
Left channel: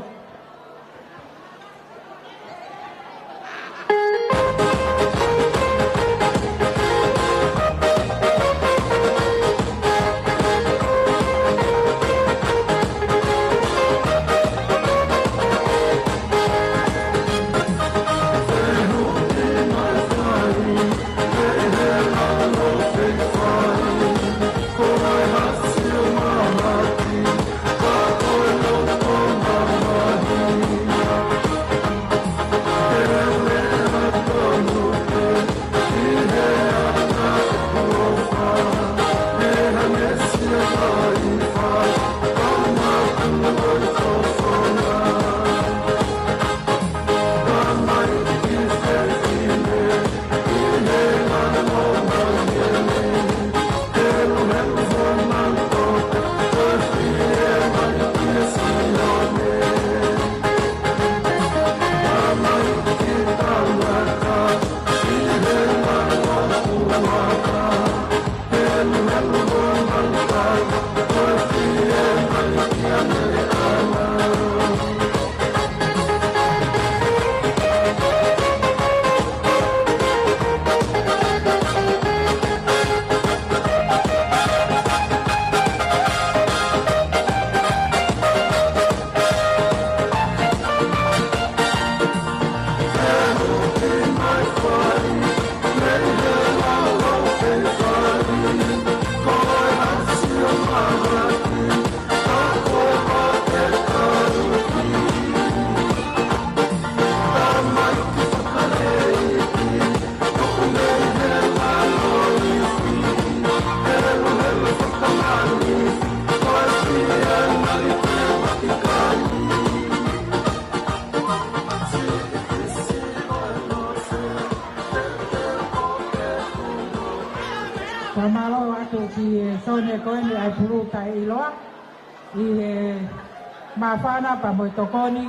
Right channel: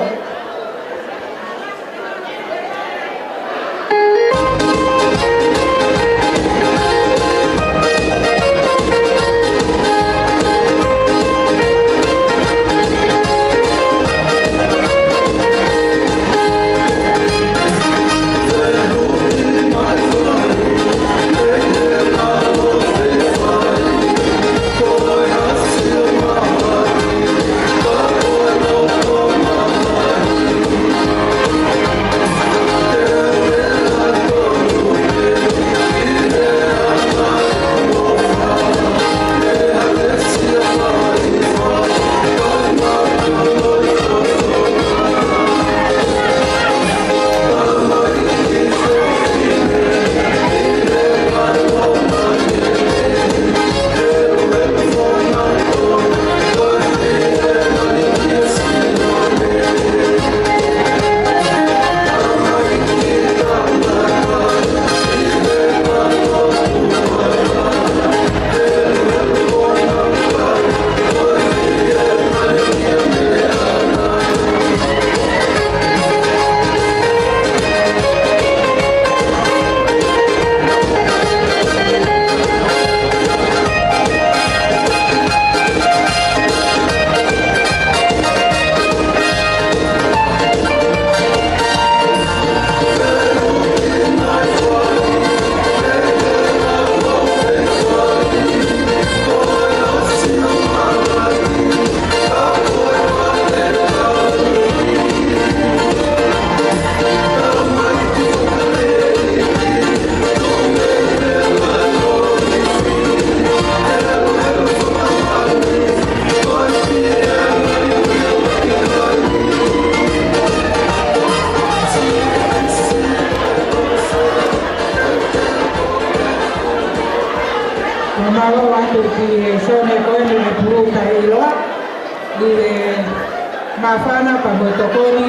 Mafana pa botokoni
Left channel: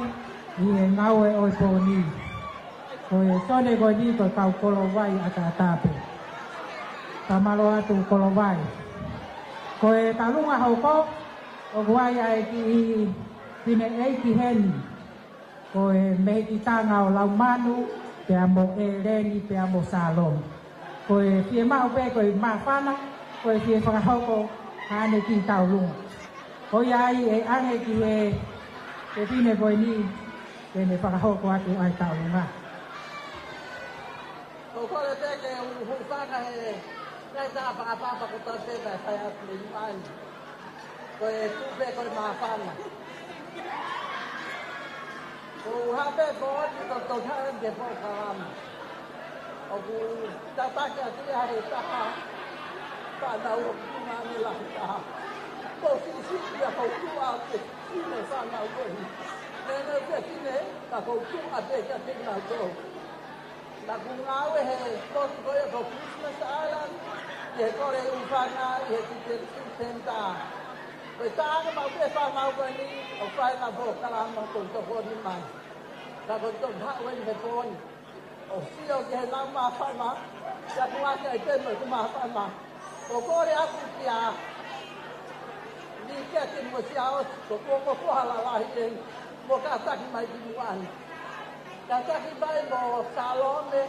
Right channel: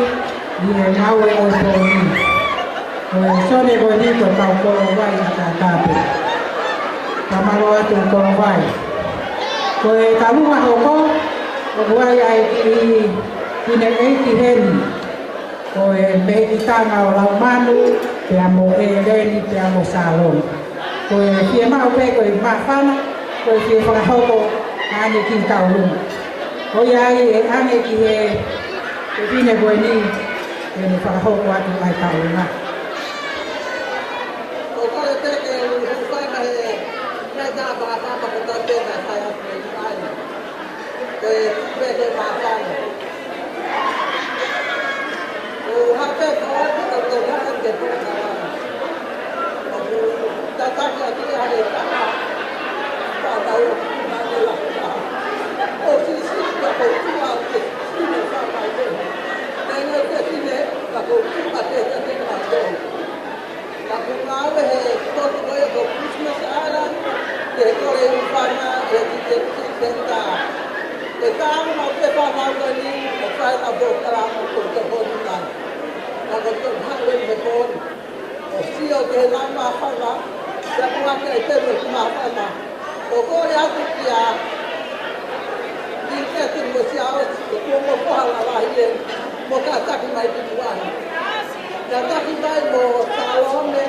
ni mawe oponi. Sone goni ko pa ko vai atatape. Kamaro atu ko vai. Ko kaluma hoko o vai ai ni nei heni. Ko be tanga o la manu pe amo eleni pe amo salon. Ko fie ma pe ko mafana ko fie fa hoko ani ki taulum. Oya ane ki vine boni ni para ho kwa tu ai ka una o ka te ke u fa ka na ja pa pa pa ko te na sa ya pe ai pe de ma fa o ha pe ko to na te ko ka o ta ta ka ti ha de pa pa ta o na de la o si si ka ko tu a te si me fa mai de na no te ti ne ka ko a te te ka do aku mau ko ko Christmas ara te ko le fana e te tenta e ka mau te pa mau ni o fai ta bo kala mo ko ko ta ako to hangwe me ko o si o te la ma fa ma ya ku ma te te ma fa ma ko ya ku ya ni te te mo si a o ko mo ko la la ile mo ka ta ki mai ti wa ya ta ki mai mo ta lo me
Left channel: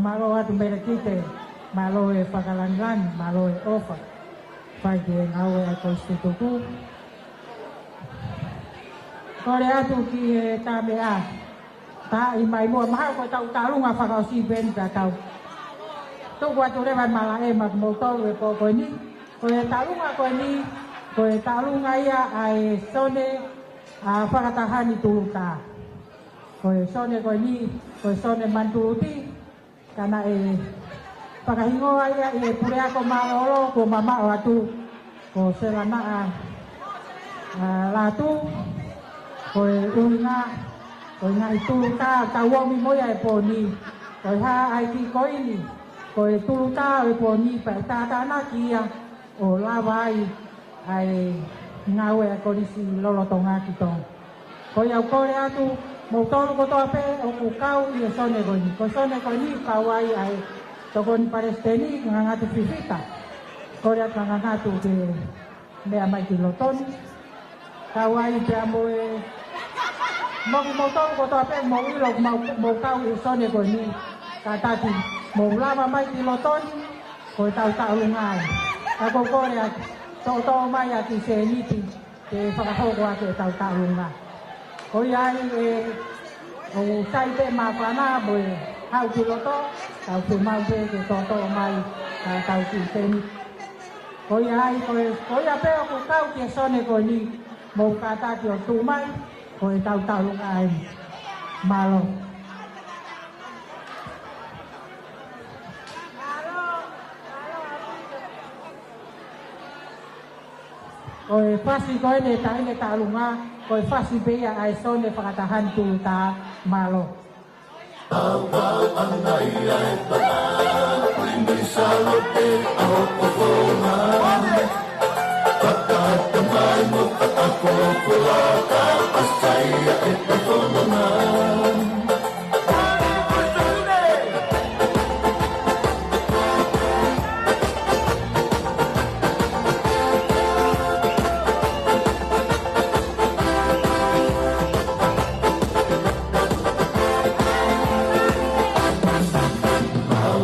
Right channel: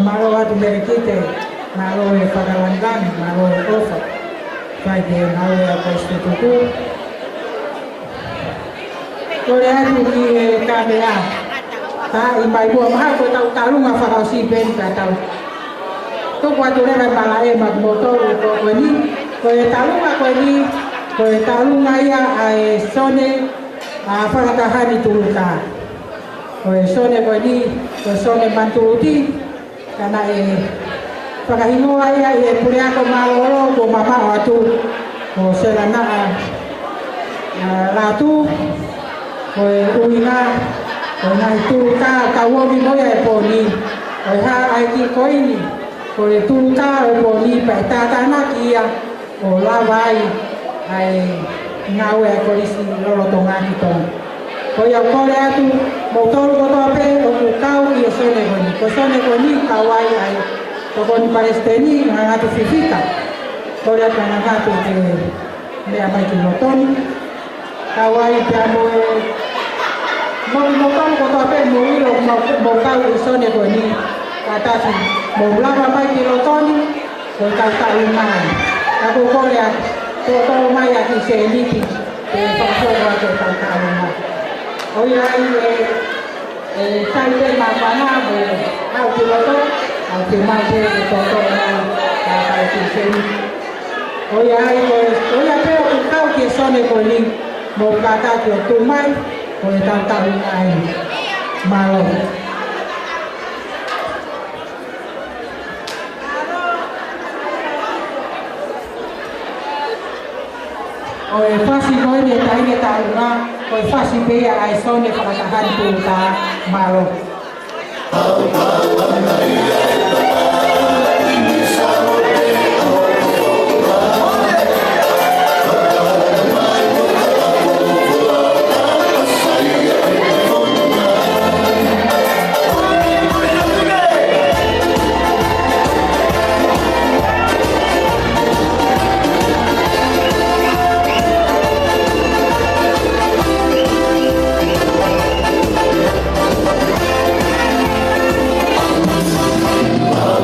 Malo atu berekite, malo e pagalangan, malo e ofa. Pai de malo e apostuku. Kore atu ki kamera. Ta ibai buah mahal ko tau talung afakau si ben ka tau. Tu kuatu le kan malae mak motor ko ni. Ko talung ako ni, ko talung ngaya ai sone afakatahani tuluka. Ko sone ko ni, ko sone mantuti. Karena pagahingo aya punya ko malolo ko papa watu ko serana ratu ko uina ko na itu ka kawo mi mo ya poni ko ha ai ki ko ini ko itu ka poni pa tatana kia ko lavai ai ngawe ko isi lo tonga kita ko ya ko atu motor ko pe ko kau ia sone goni kawai ai to goni palestini ngatu fifita ko ya kana ngatu de apa ki motor kawai jamo motor ko pe mo kau sone goni kata si mo lava pa ki motor ko ta rumah aku ko ya to mai ya ki seni ki ko ko ta rumah oh ya sai pe ma bana bo au ki loto au ki mai ke toto mai ka ka ki sen oh ya pe o kau ki sone ko ni mo ka ta ko tu mai ko ta ai malo o fasi ko ni tai ke ta una ko fasi pe ai sone ka ta han tu ta malo Wow.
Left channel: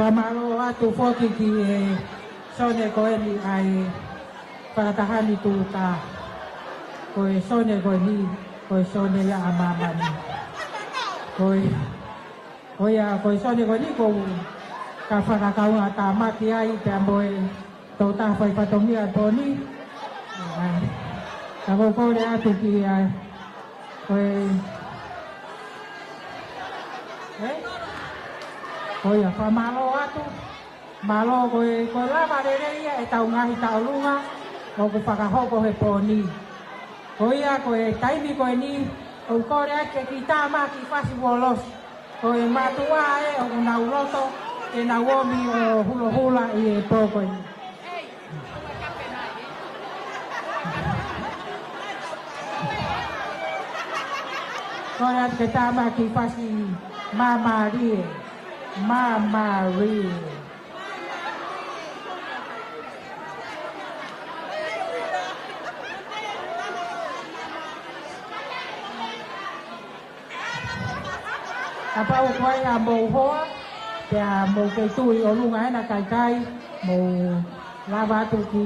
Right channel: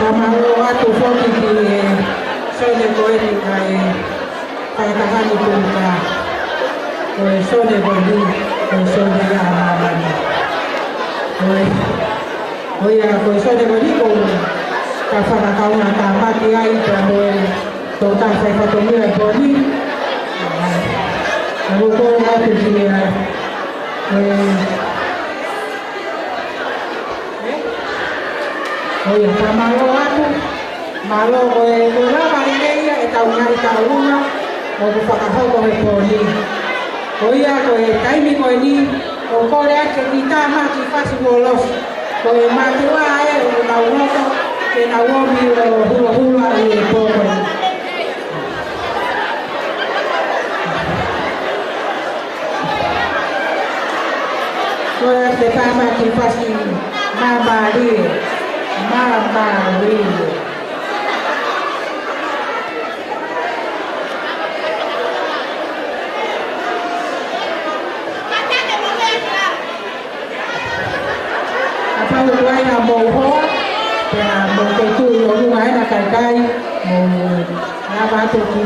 Kamau atu foki ki sone koeni kai tahani kuka koe sone koeni koe sone ya amani koe sone koeni koe ka whakataunga ka mati ai ka koe tō tāwhai whatongia koeni ako koe atu ki koe kamau atu malo koe rama nereia e tau ngai tau unga o ku whakahoko e koeni koia koe kaimi koeni o kore ake ki tāma ki whasi mo losi koe mati wā e o nau roto ke nau omi o hula hula e koe koe ake tāma ki whasi mamari mamari Pano luai na mo ho, ya mo ke tu o luai na kai kai, mo na ba to ki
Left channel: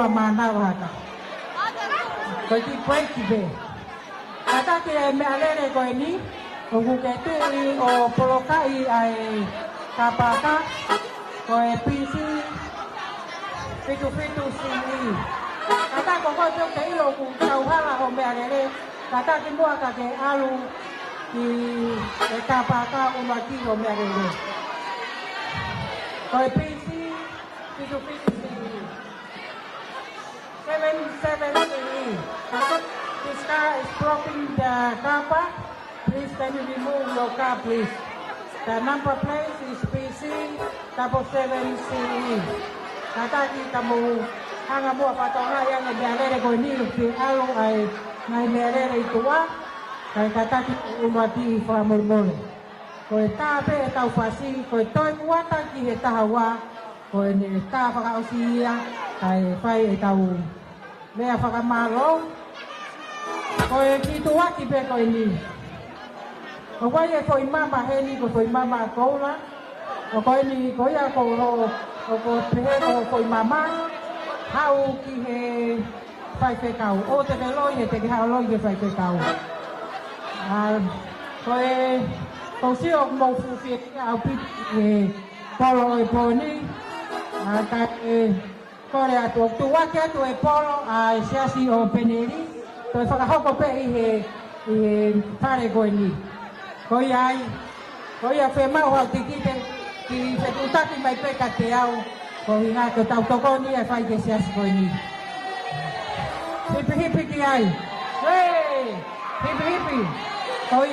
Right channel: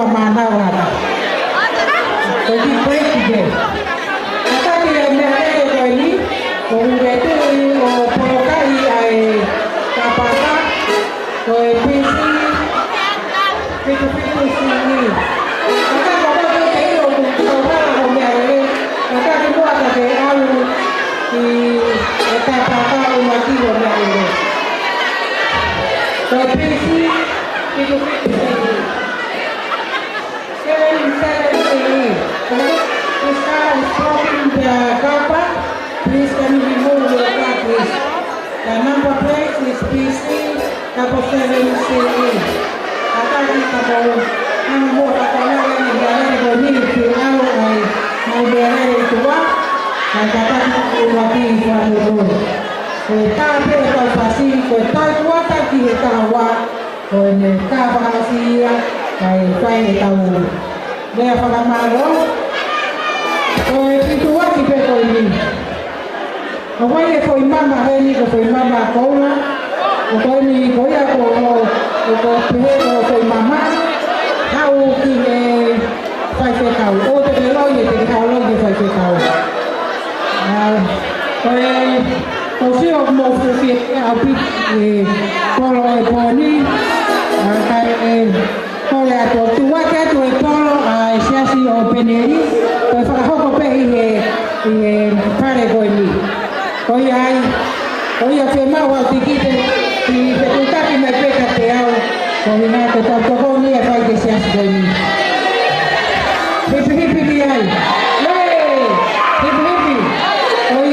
wa manawara. Jadi presiden. Kata dia mereka ko ini, itu polokai ai kapaka ko pisi itu sini. Kata bawa tu kau tahu mereka. Kata dia buat ke alu di kapaka umati mereka. Ko pisi itu sini. This car is blocking the car park. Please can you remove your car, please? The number plate is PC 7CE. Kata ni kamu hanya buat kata lain yang ada di bawah ni kalau mau berada itu dan kata itu mati suatu. Tapi kalau pasti kita kuat lagi kita awak. Kalau ni kapal sia, saya tahu. Dia pakai malu. Kau itu wajib betul ini. Kau ini kau mama ini kau mama kau lah. Kau ini kau ya kau mama. Kau kini saya tahu. Oh tapi lo saya tahu. Kau siapa mau fikir apa? Kalau ni kau ya tu wajib tu kalau siasi opini. Tôi phải học một cái gì pha để gọi đi, tôi phải mau vào thì chúng ta thì mới biết cái theo, còn mình là tôi tao có như là phải cái xe gọi đi, hippie đi ai, hippie, tôi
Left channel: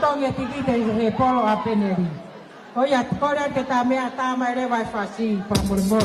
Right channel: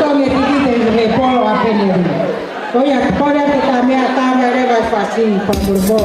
tôi nghe thì về polo apa ni, tôi có ra thì ta mới để vào phát sinh phong polo.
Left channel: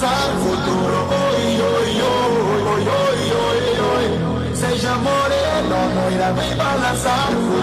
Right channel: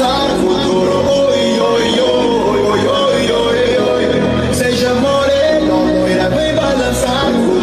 lanzar futuro. Seja morena, loira, vem balançar futuro.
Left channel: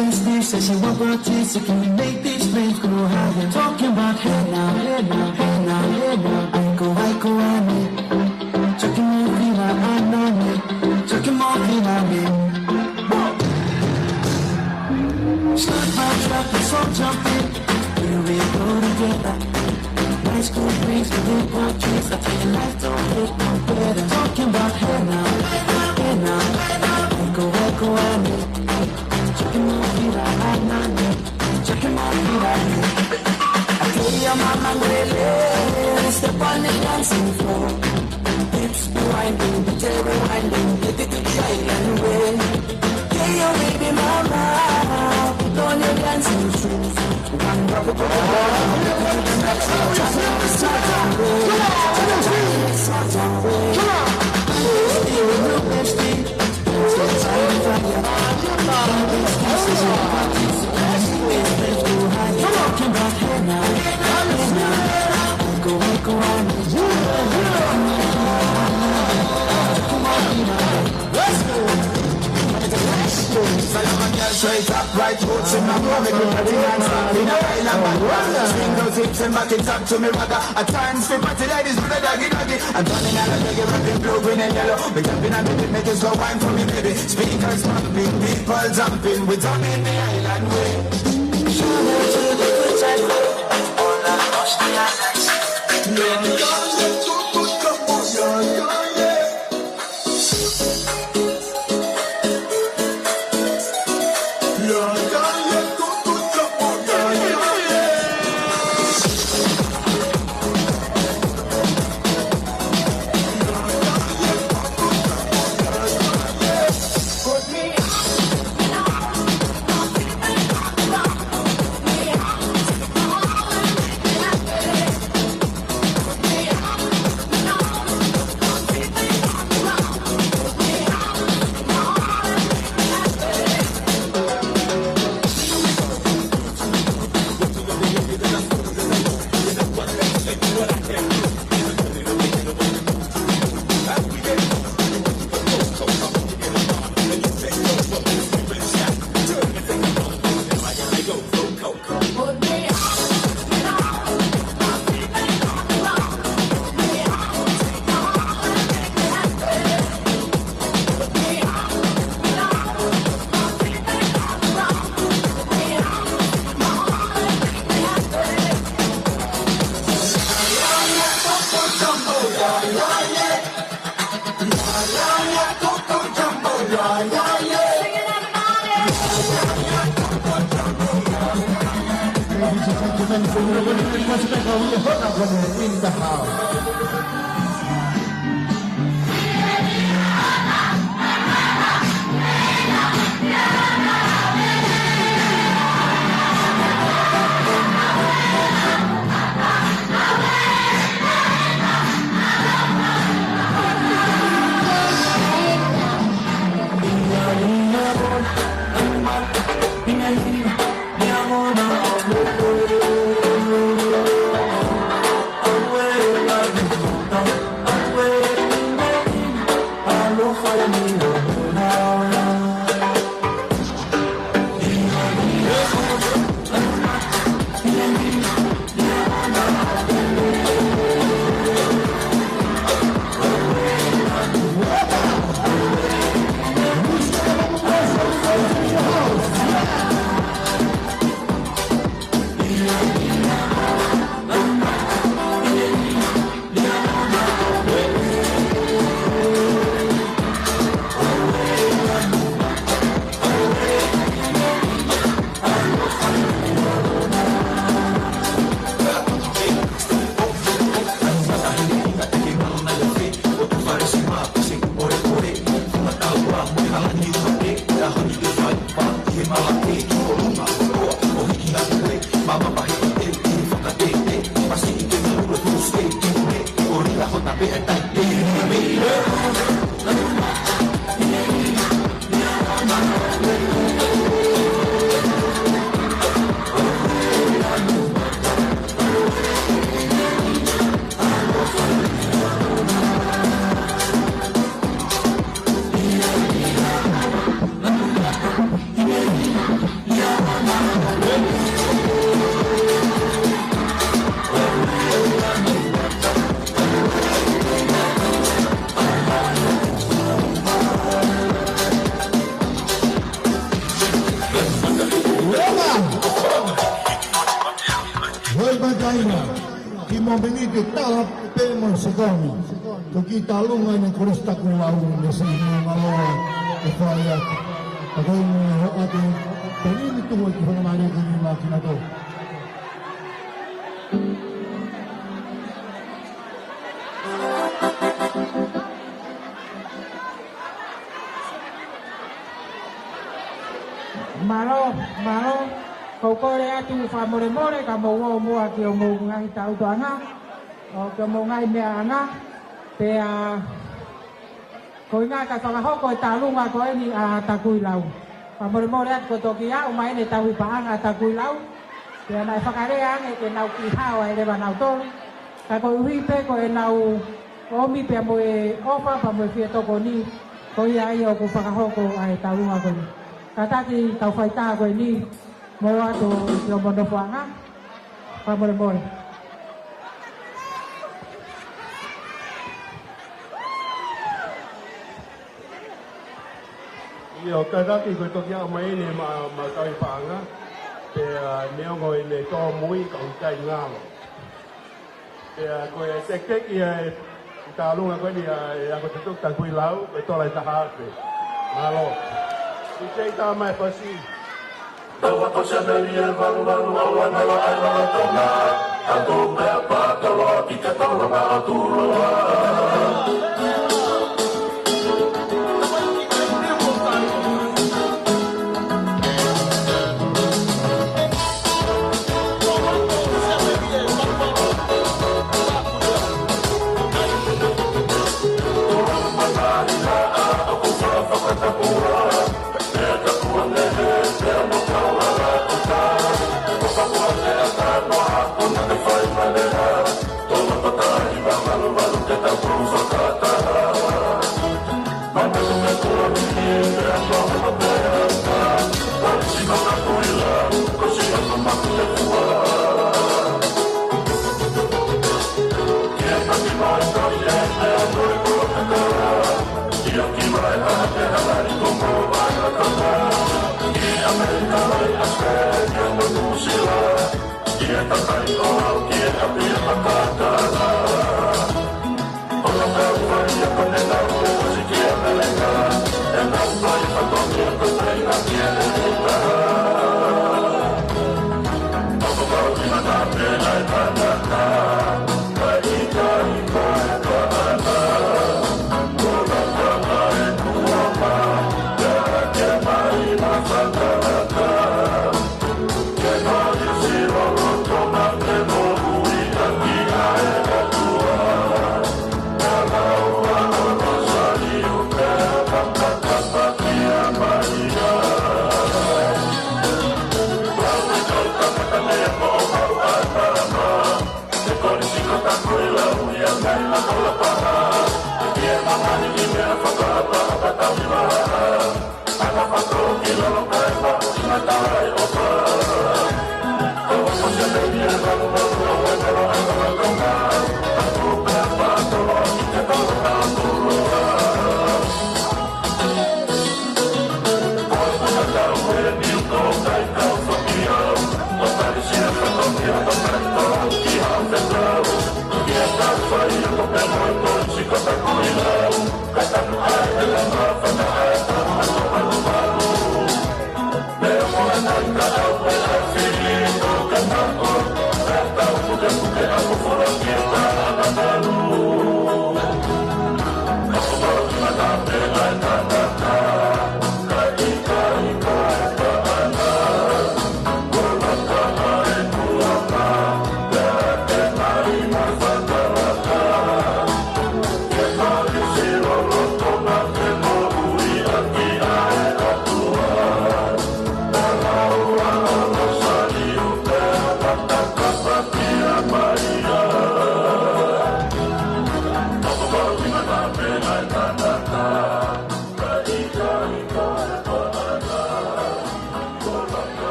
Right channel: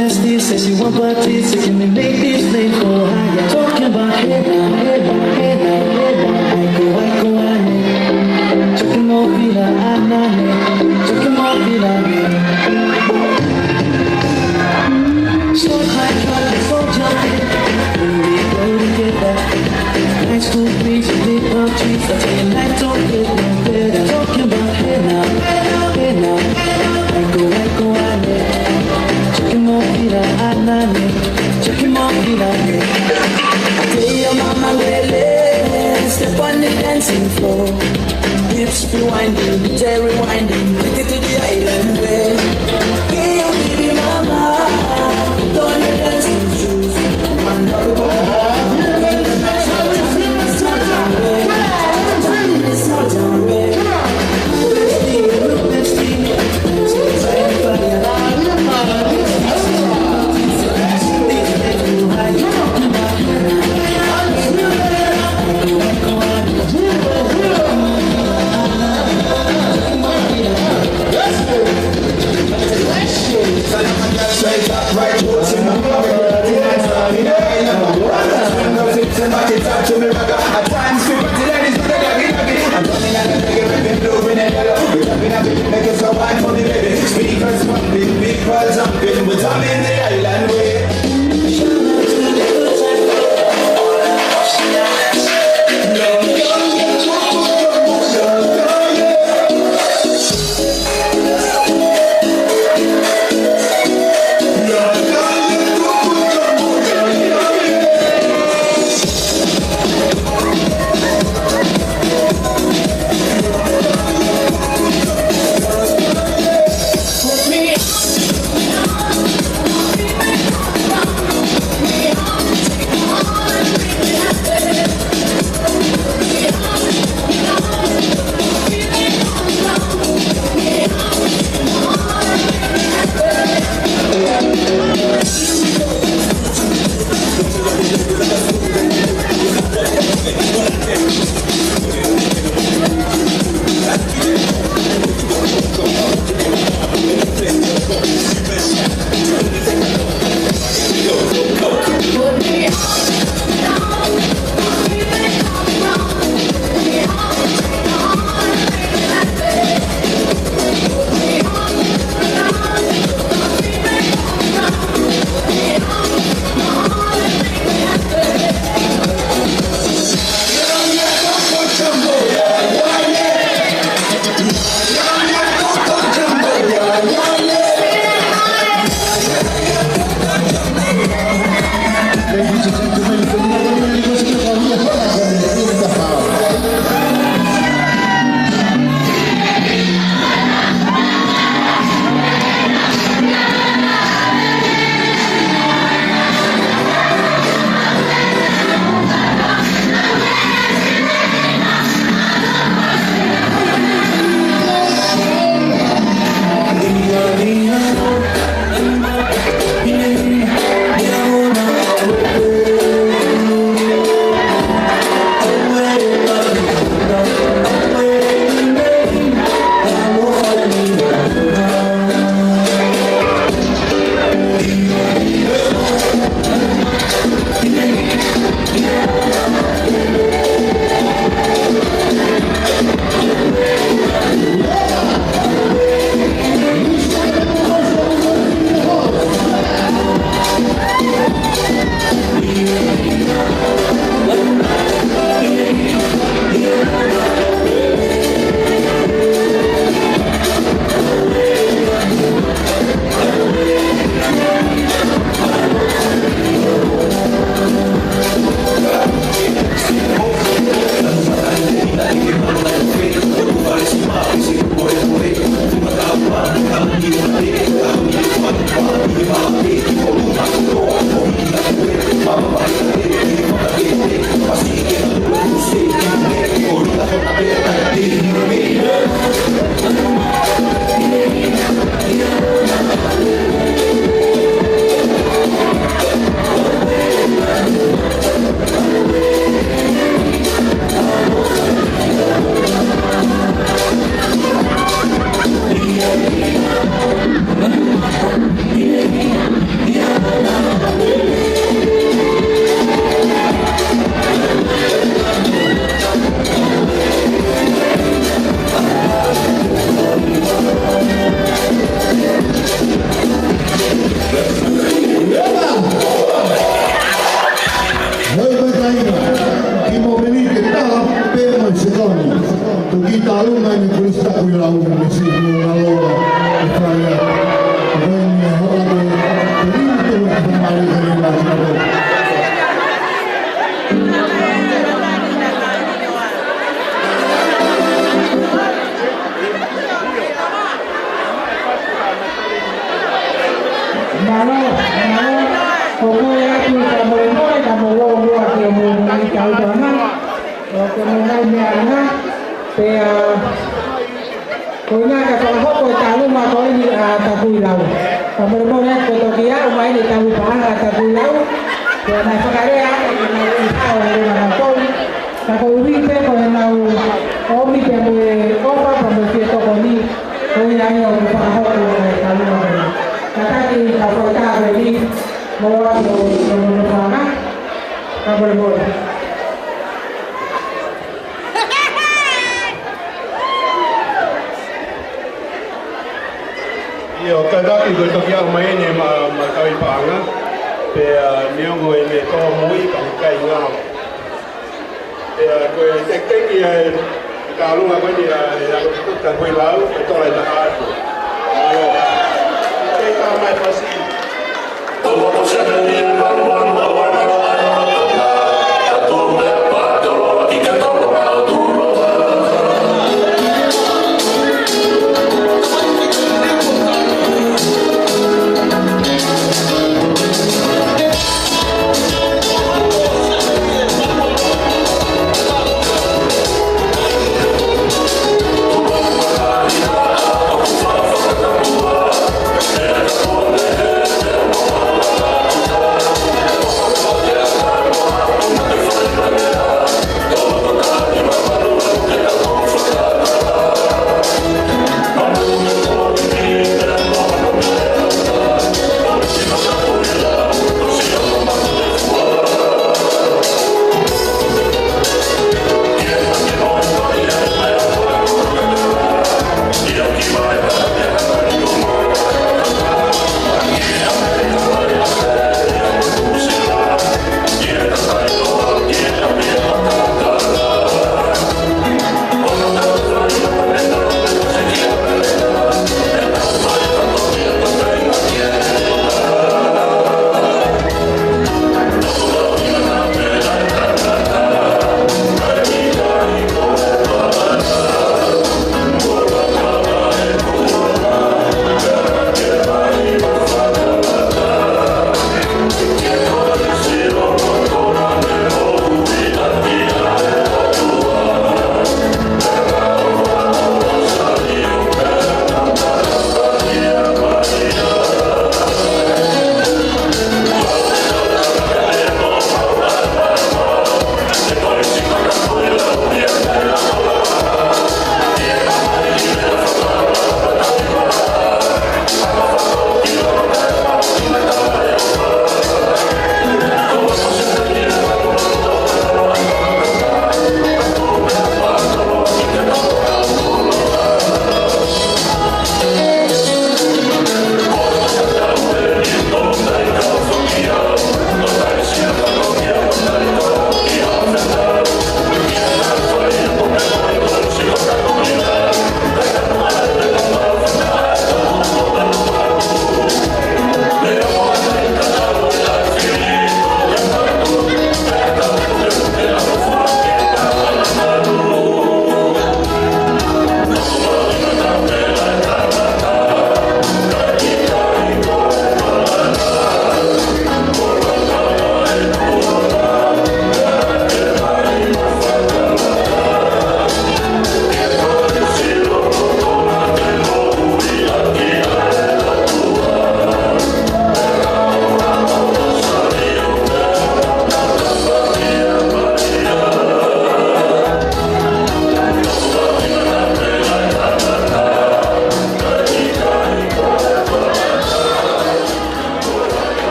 bestie says she want parties, so can we make this flame go higher? Talking about hey now, hey now, hey now, hey now. I go, I. Chucking more vida, anane. Chucking more vida, Short my truck, so jumping. We go together. High school breeze, big palm trees. I tell you, life don't get no better. Talking about hey now, hey now, hey now, hey now. I go, I. Chucking more vida, anane. Chucking more vida, Tell your mama lele, step on the dancing floor. Hips be winding, DJ rewinding, take it to the island way. Hey, your baby mama, put on your dancing shoes. Right roots in my blood, nights out in the island. Swing those hips and back it up to me, ragga. At times, people till that is good, I'm coming out of the ribbon, blue, and yellow. We're jumping up, making some wine for the lady. Speakers pumping, people jumping, we're jumping the island way. talunga ni kulis tak bilang mesti mengelola upaya ini orang itu kembali ke dalam. Malo, pokoknya aku kamu gua mengenai kau dana, mengenai anak, kau nak kau tahu mah kau ini takui lau, kamu kau tokia rumah ini tahu pahang takui lau, karena sekarang kau insau dengan kau, kau wipe kau ni apa promosi kau ni, kau yang aku faham kau tahu lau. Kakak kalau kita ini mau mana kabel bola. Yo kada ki go to yang mai ne ma kai pa nga pe neo go ne to mui ka kai nga pe go tek tek ya ka lu nga ni la ko ta ko la to la ta ha alo kita mai pasi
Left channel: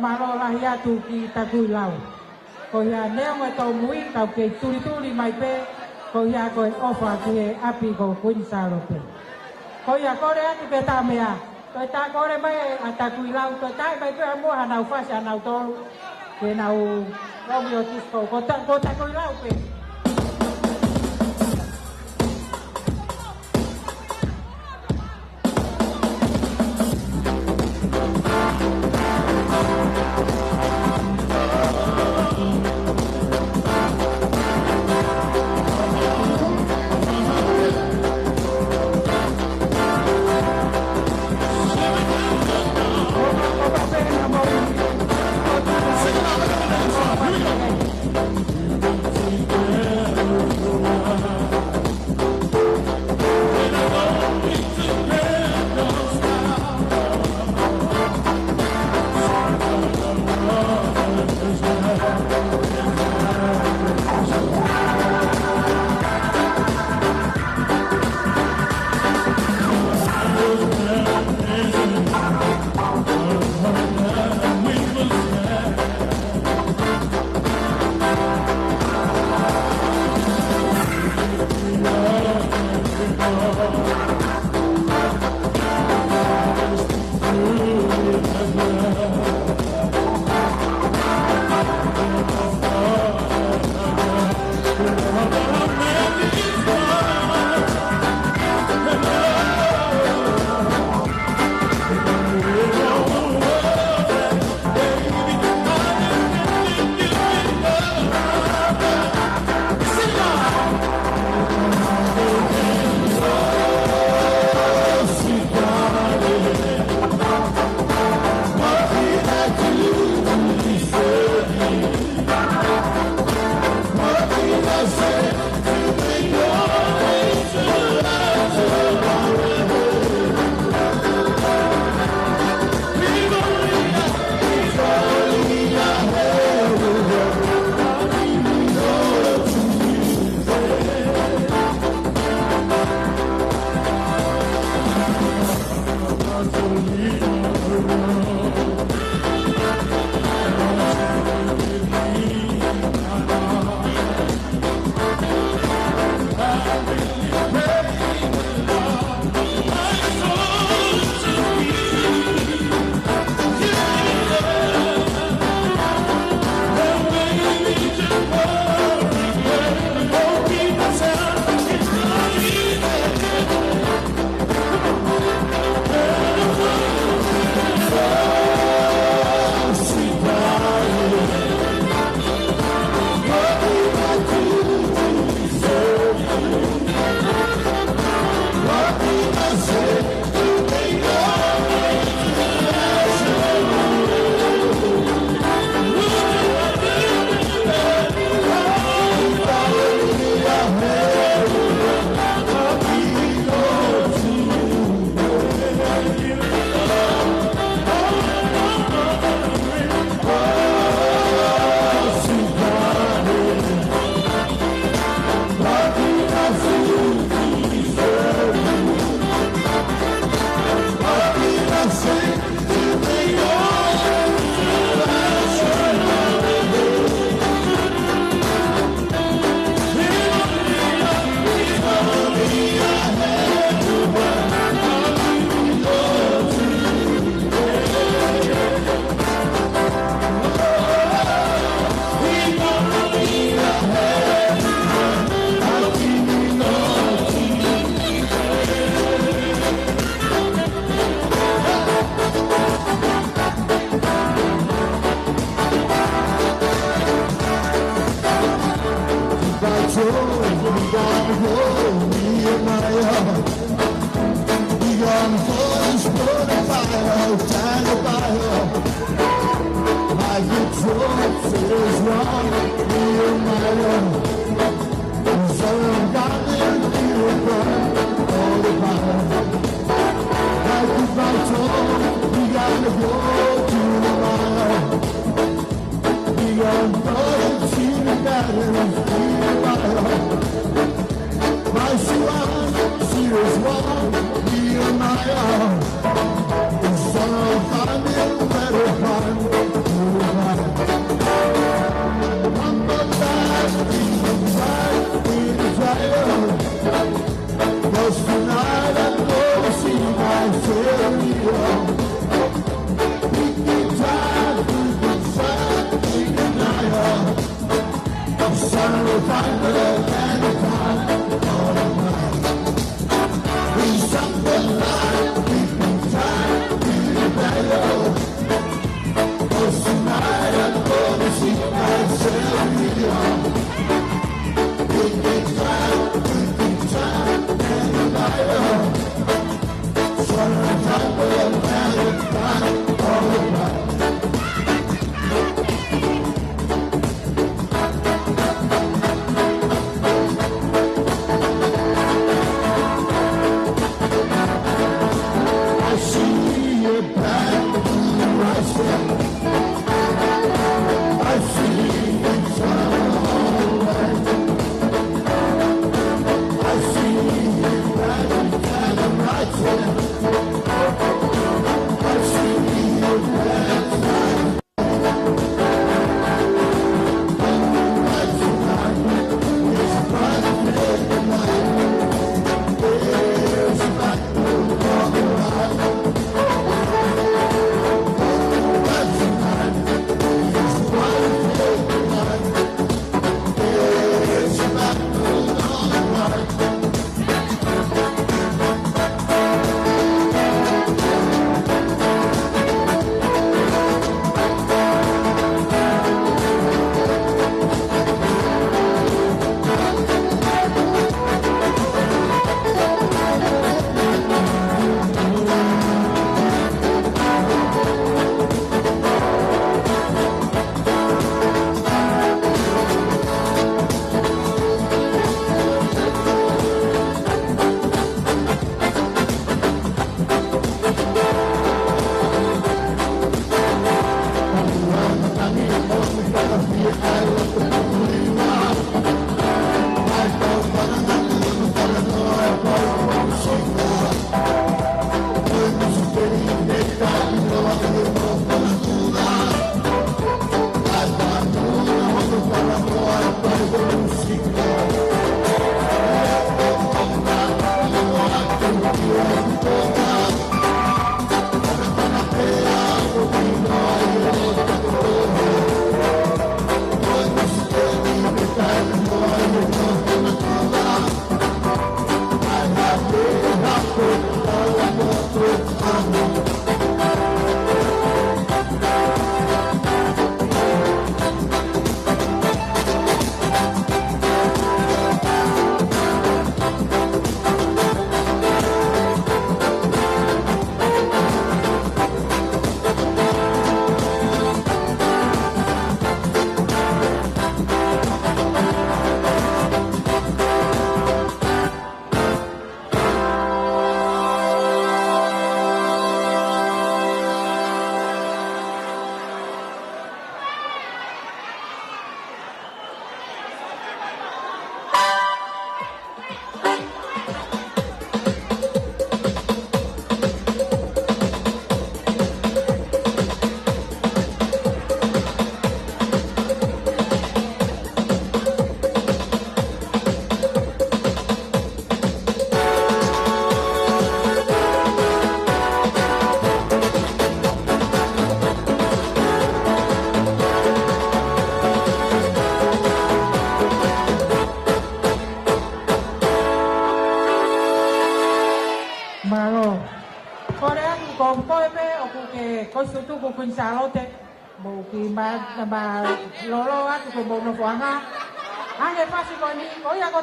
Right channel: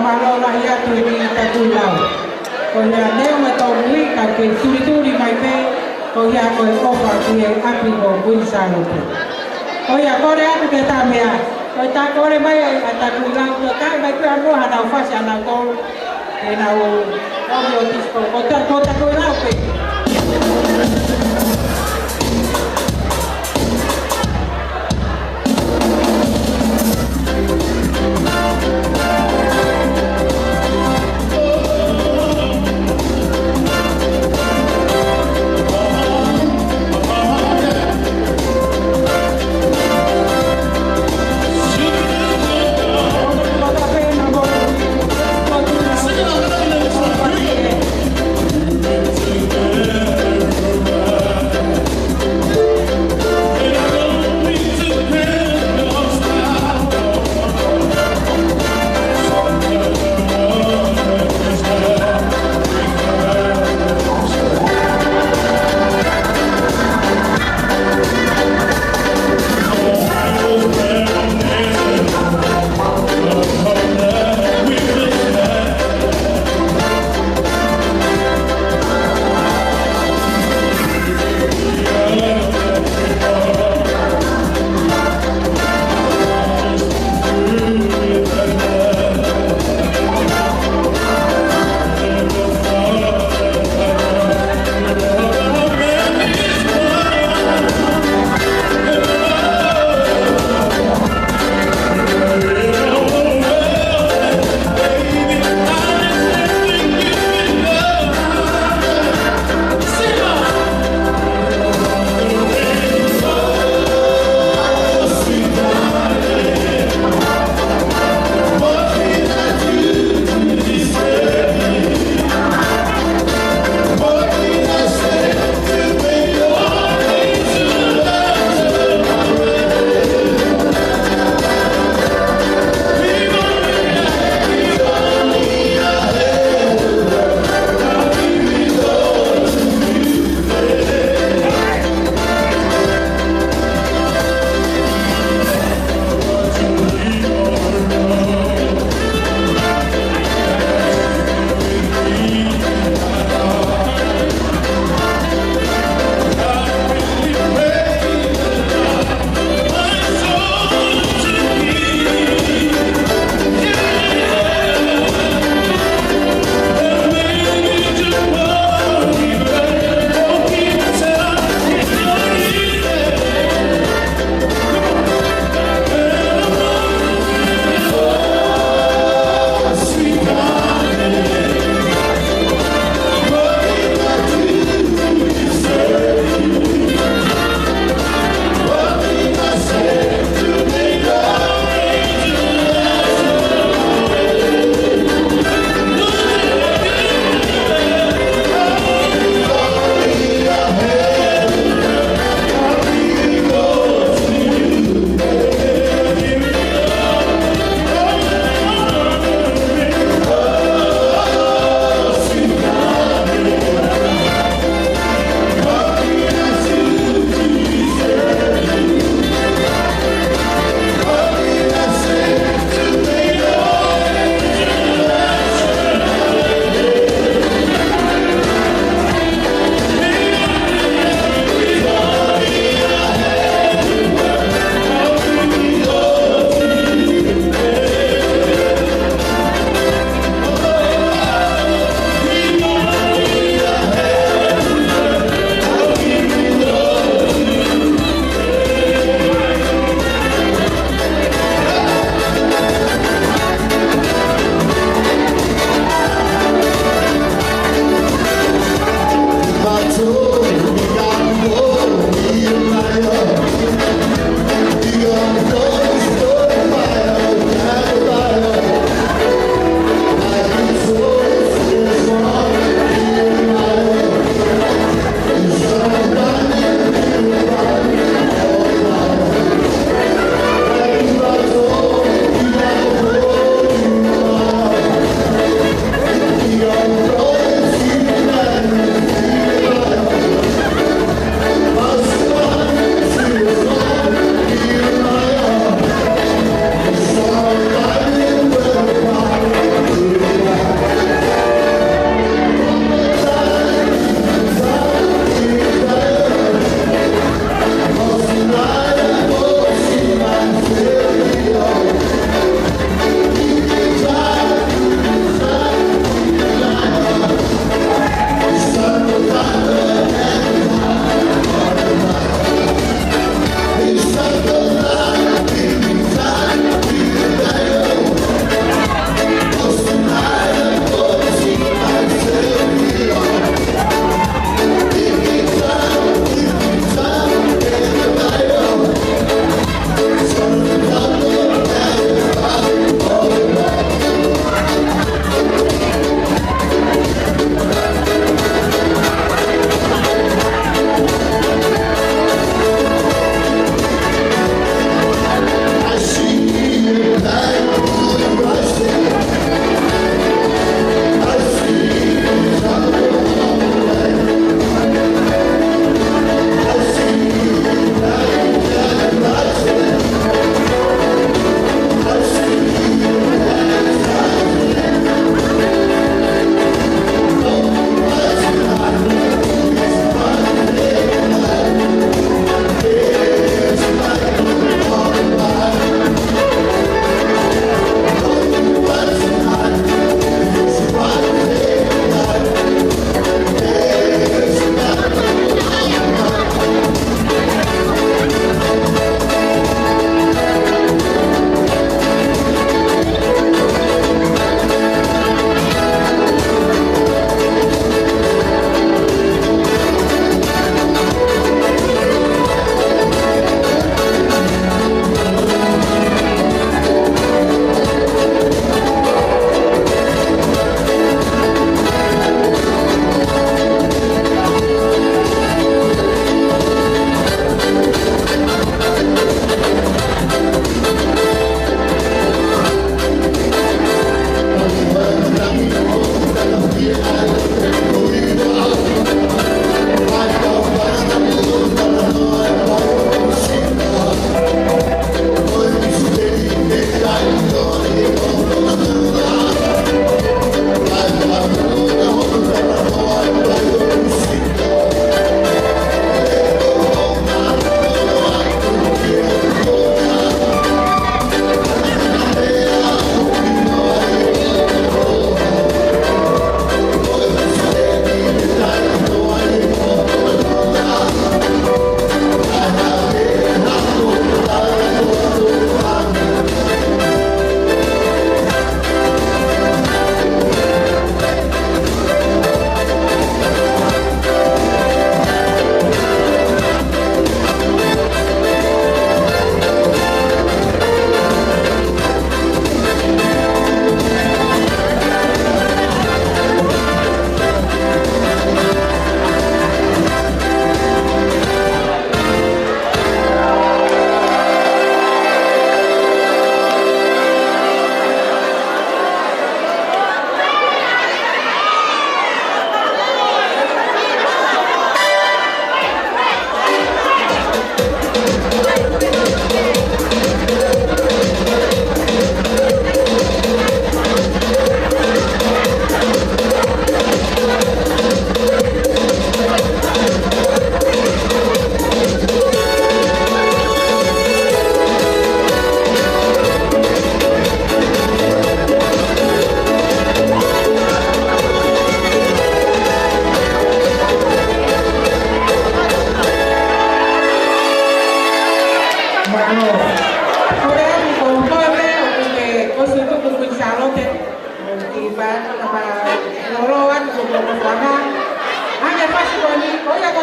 Malo rakyat ini takui lau. o ia leo me tau nui ka ke turi mai pe o ia ko e ofa ki e api ko kuin salo pe. O ia kore atu ke ta mea. O ta kore mai a ta kuilang ko kai mai pe anu hanau fasi hanau tol. Ke nau o yo disko. O ta kuilang pe. Sing it out,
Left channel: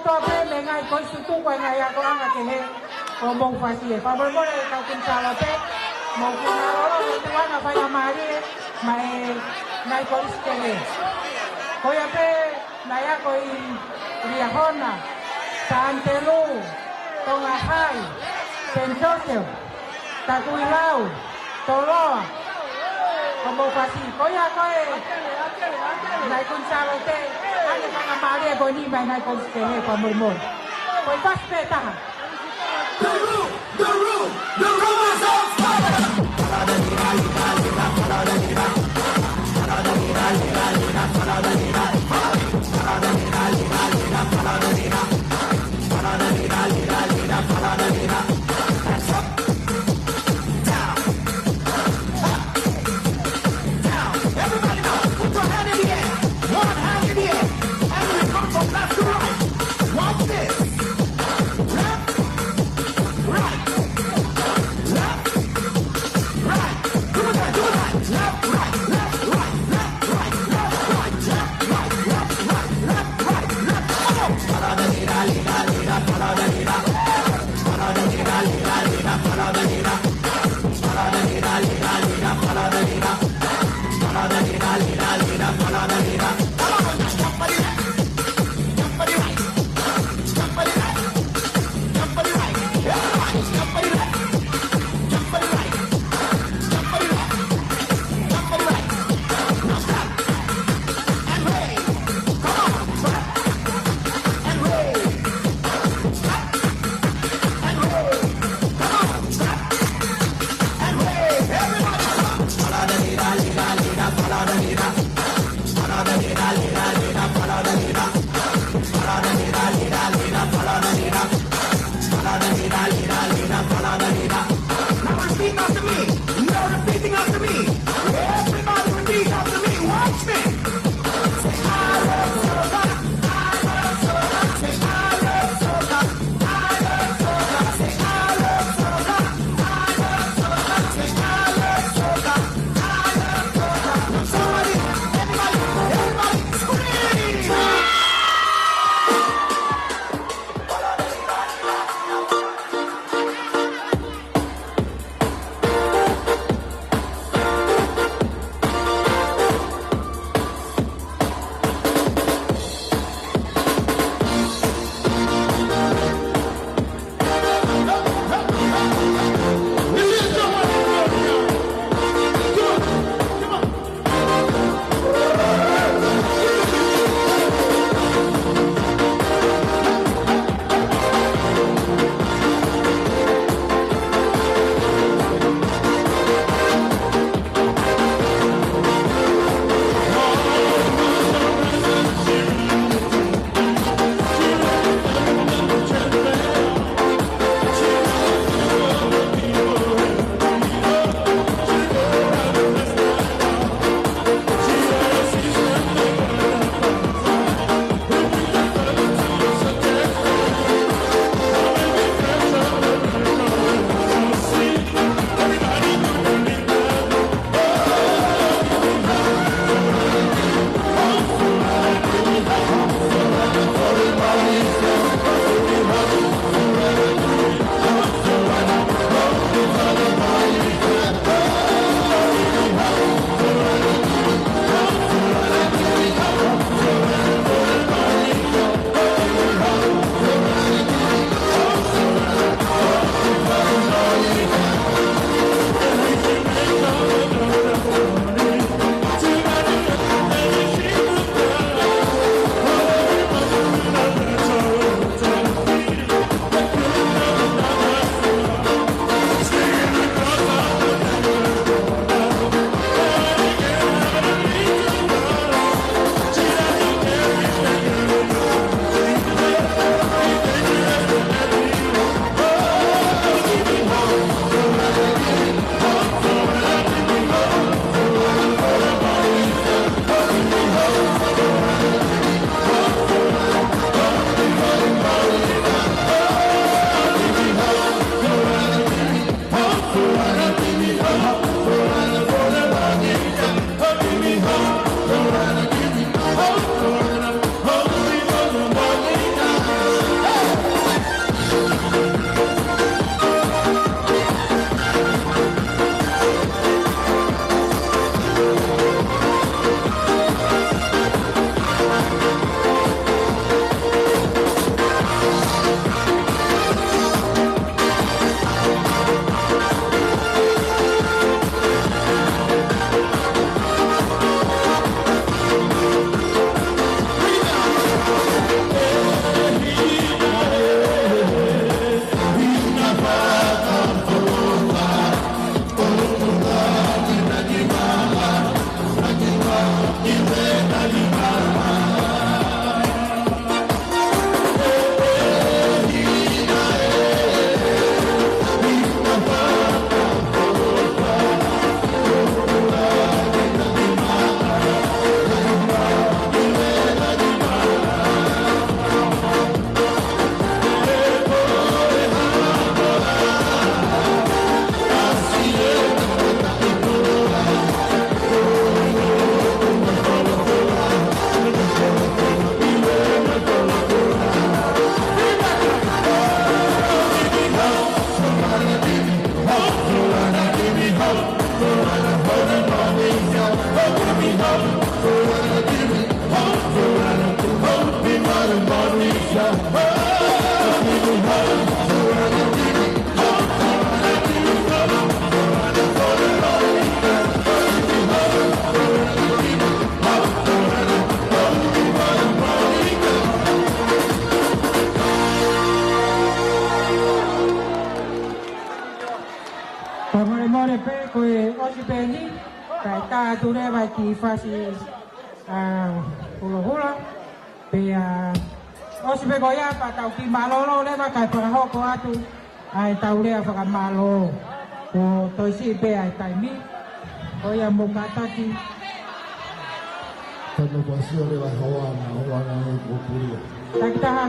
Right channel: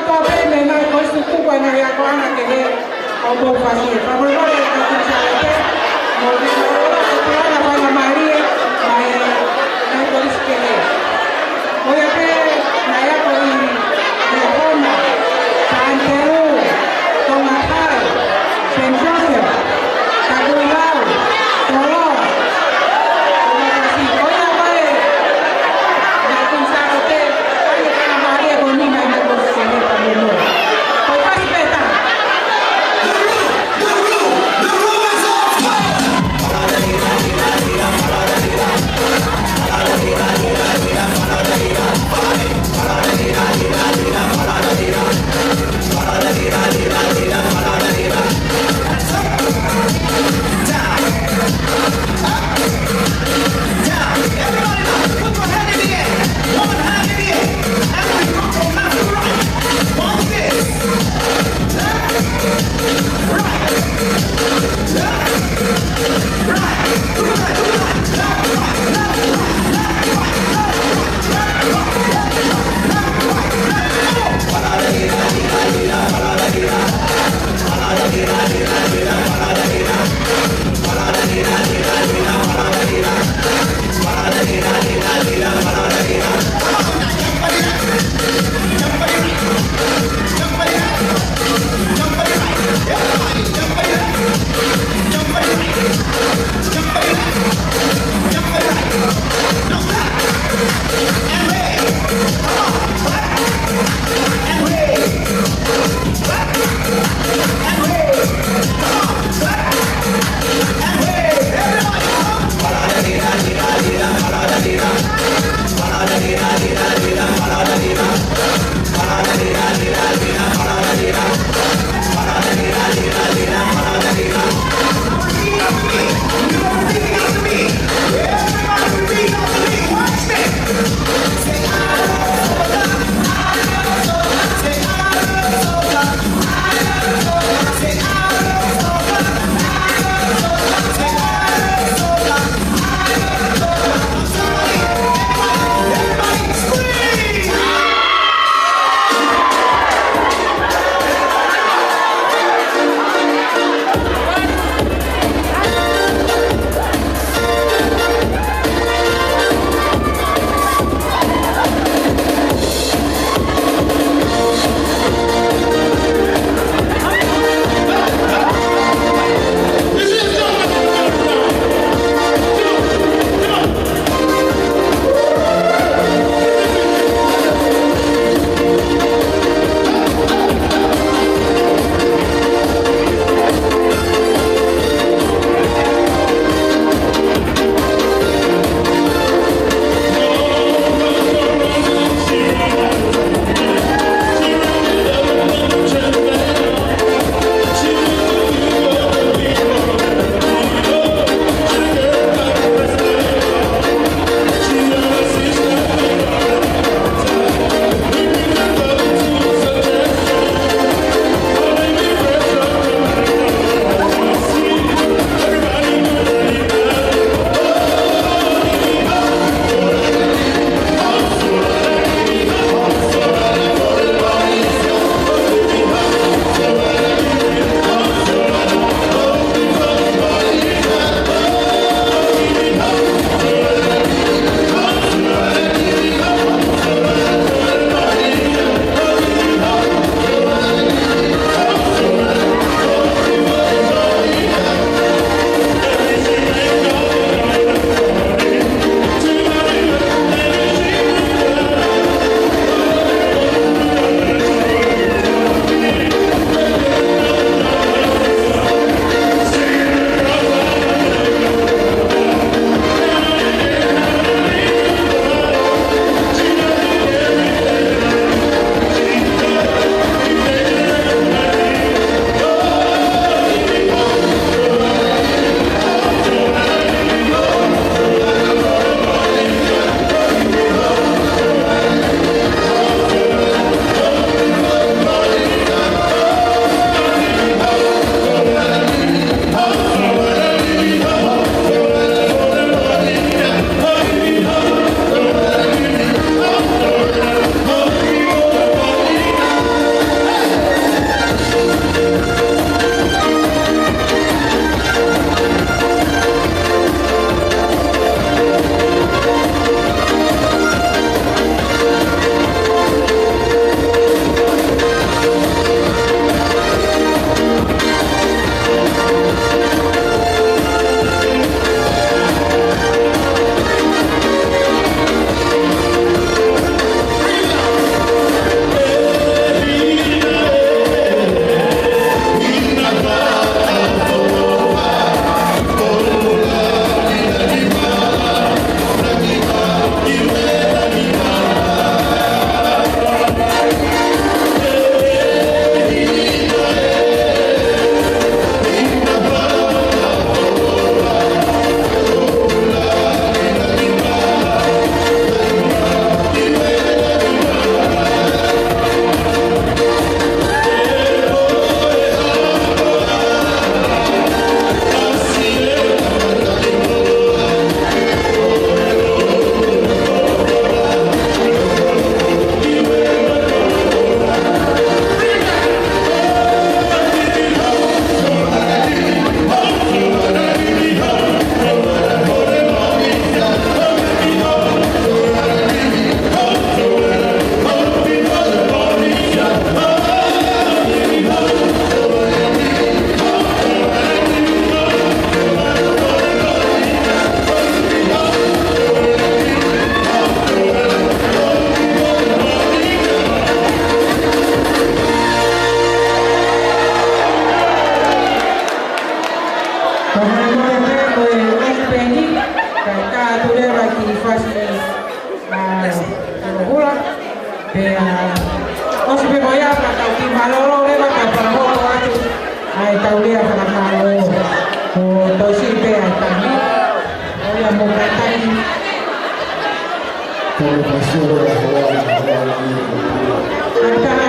tua pelle mai questo tu poi non ya guana che è un po' facile ma voi volete che ci avete non è una cosa poi la Maria ma è la cosa che è voglio che la ya con il Roma Santero Tomatai Sensasia Taguilao Toro Everybody, Antara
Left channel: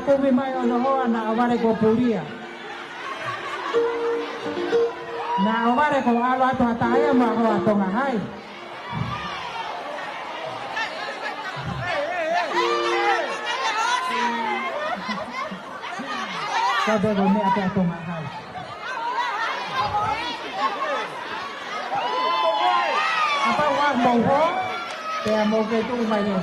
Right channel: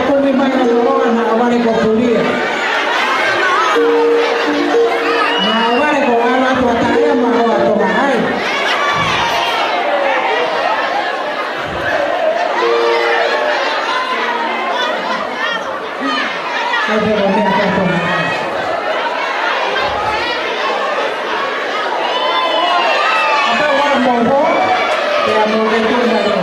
aku lima yang orang awal yang kuliah. Awal yang awal tu tanya mau atau mahal. Kalau ni apa tu mahal? Apa orang mau? Ya mau betul lagi.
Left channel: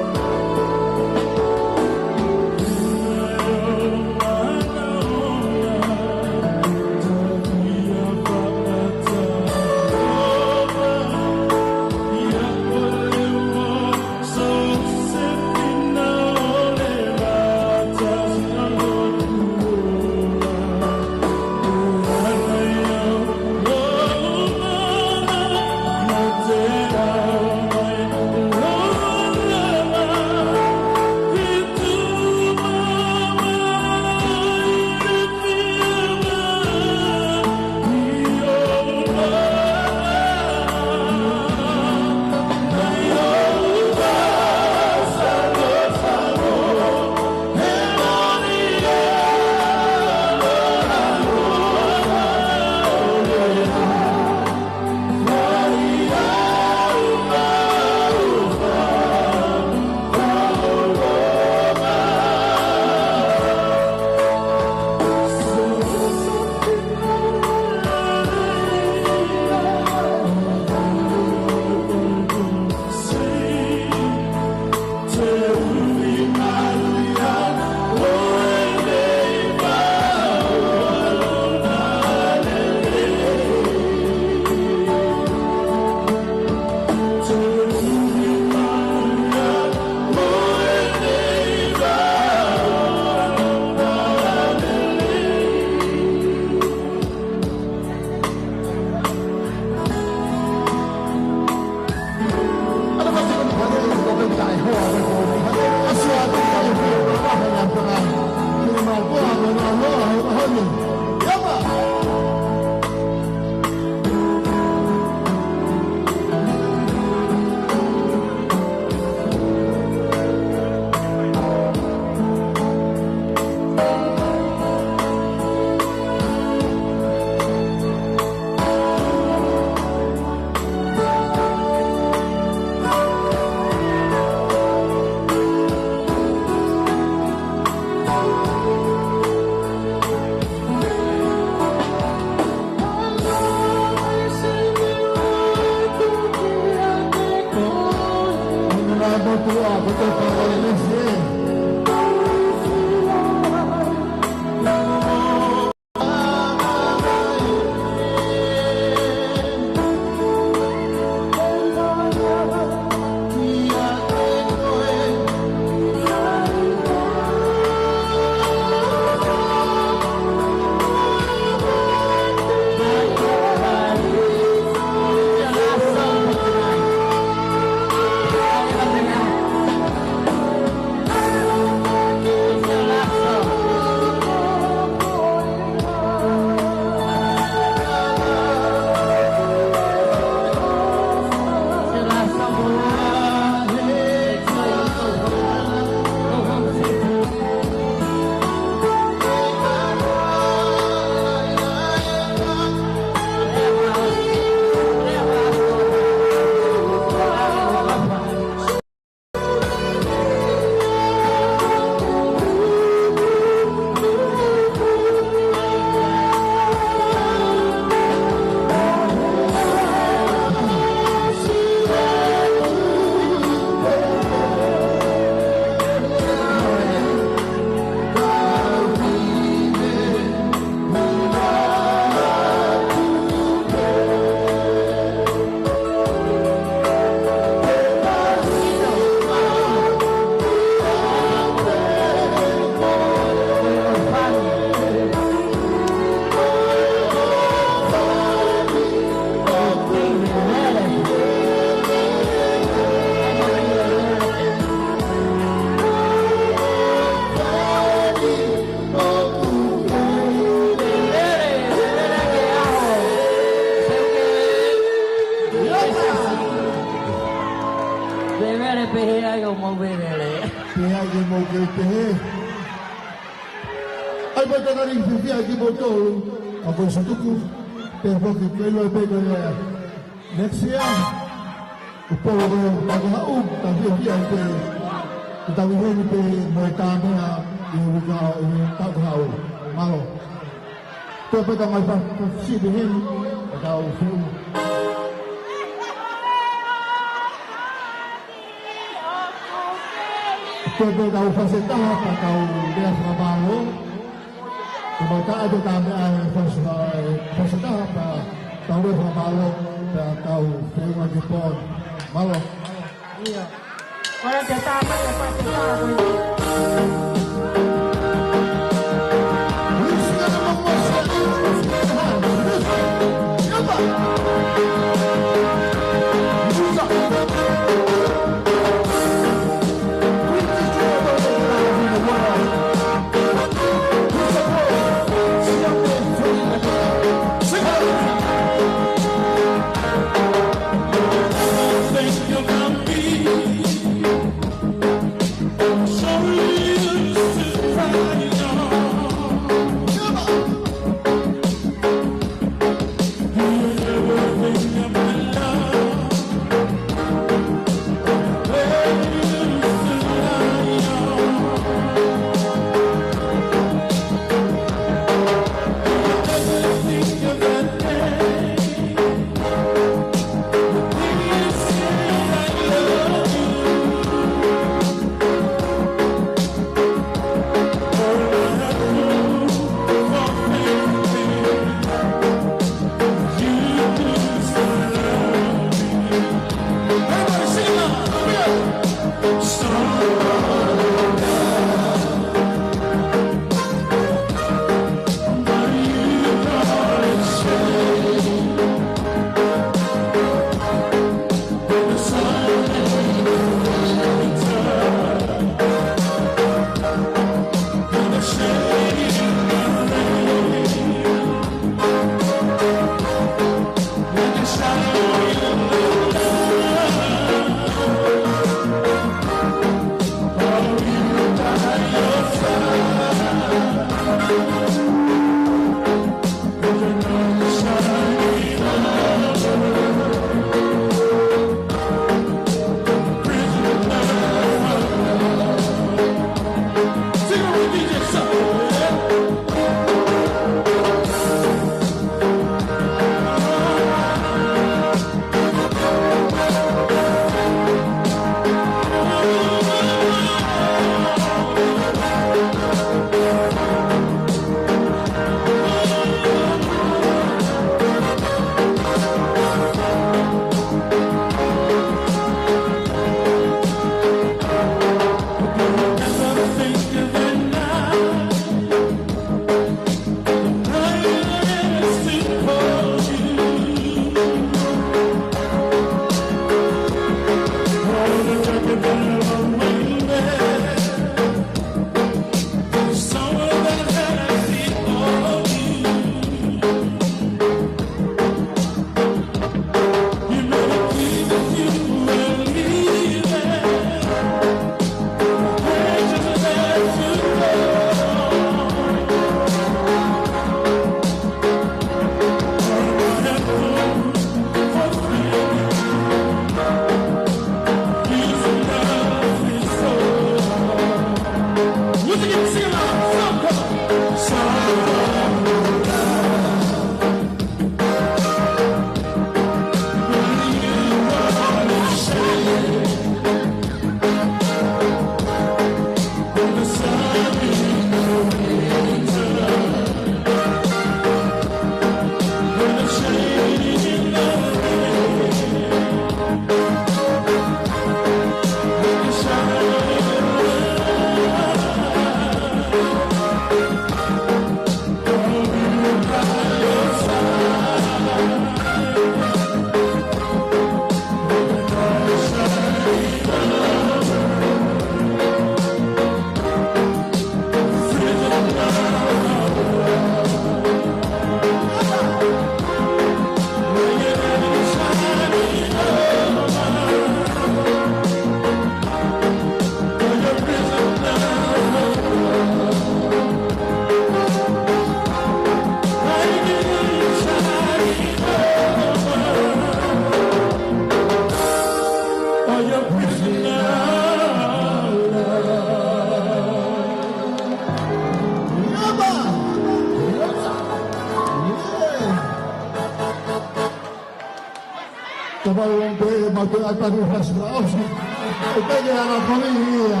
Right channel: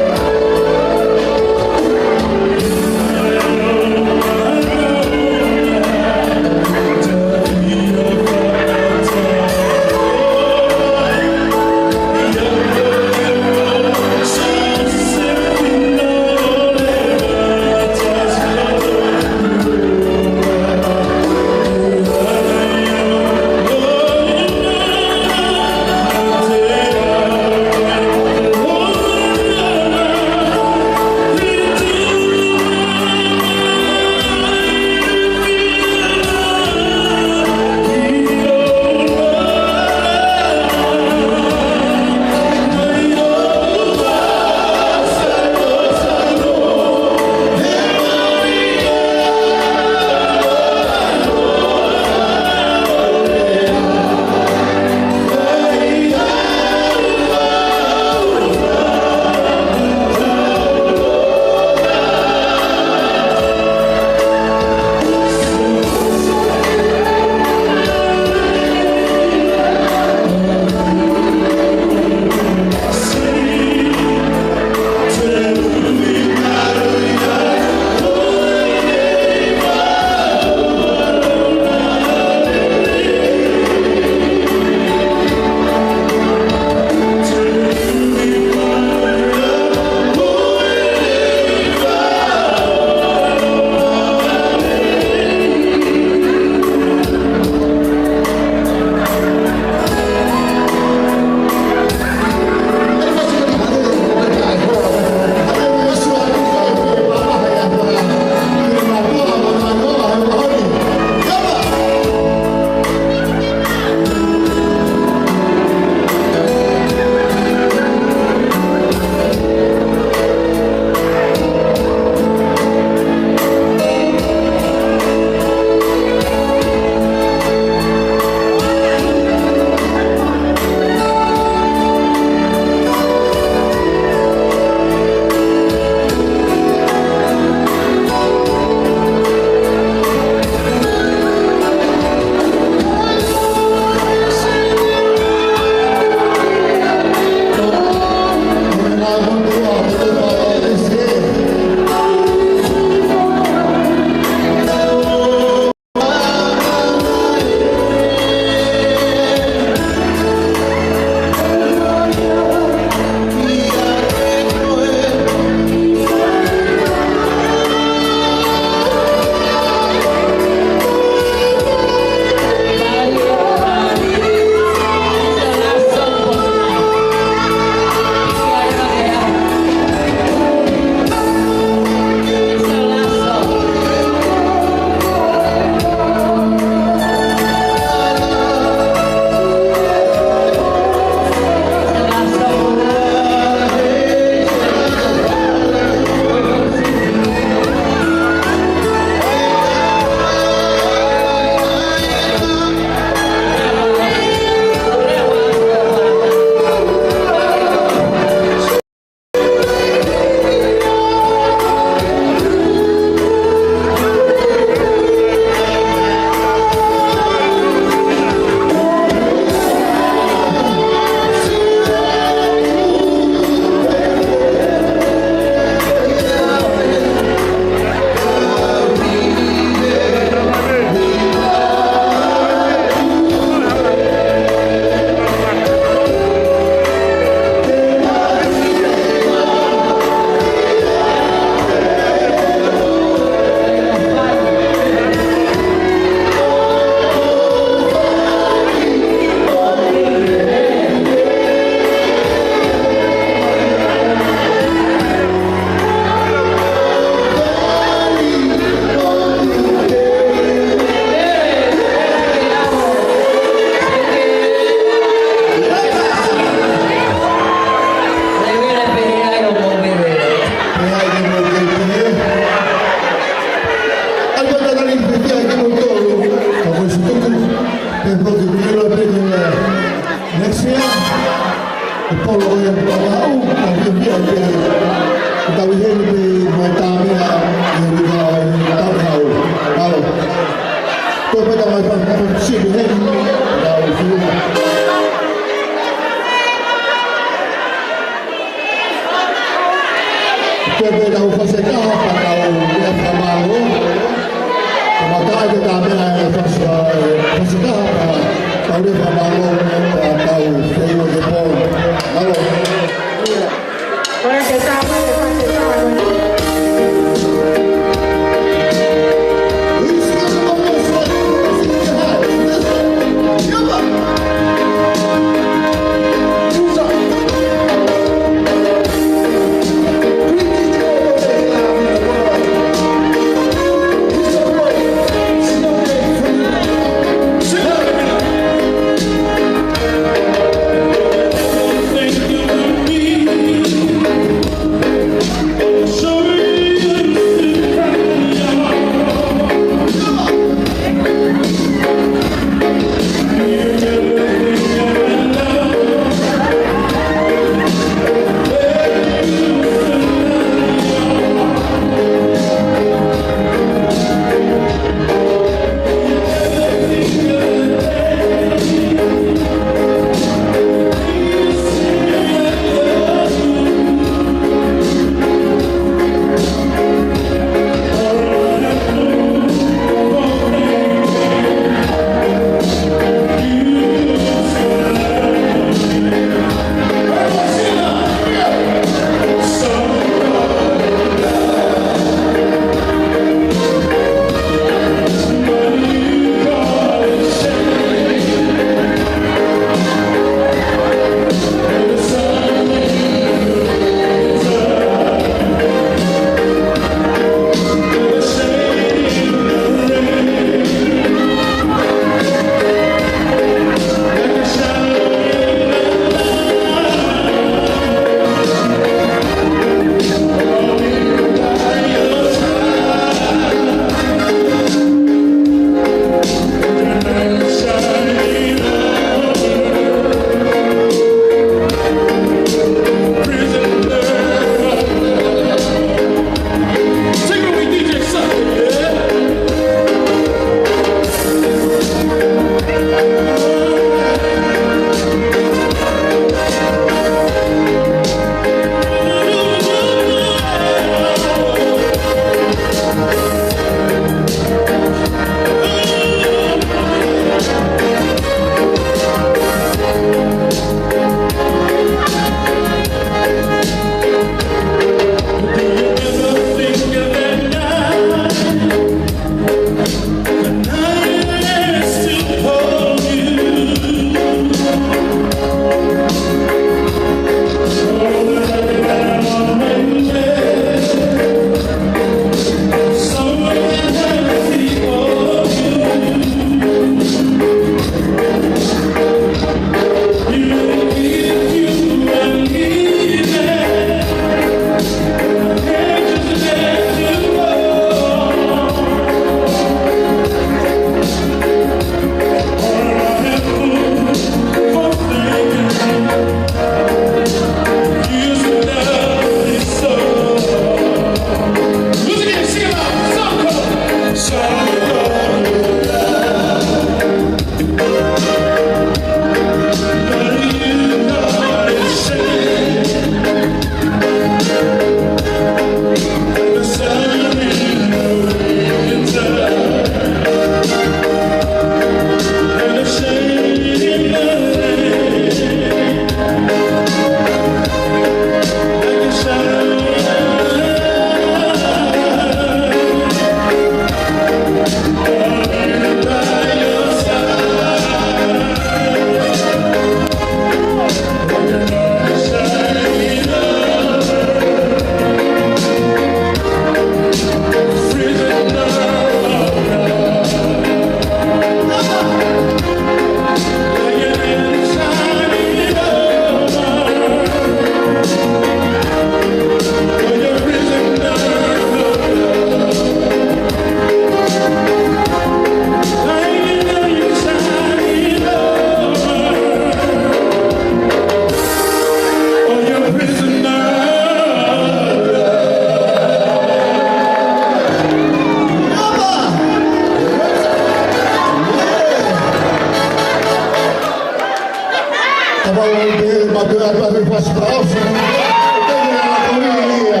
para mi pastor. Usted me la familia.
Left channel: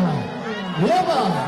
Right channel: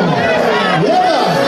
¡Lleva!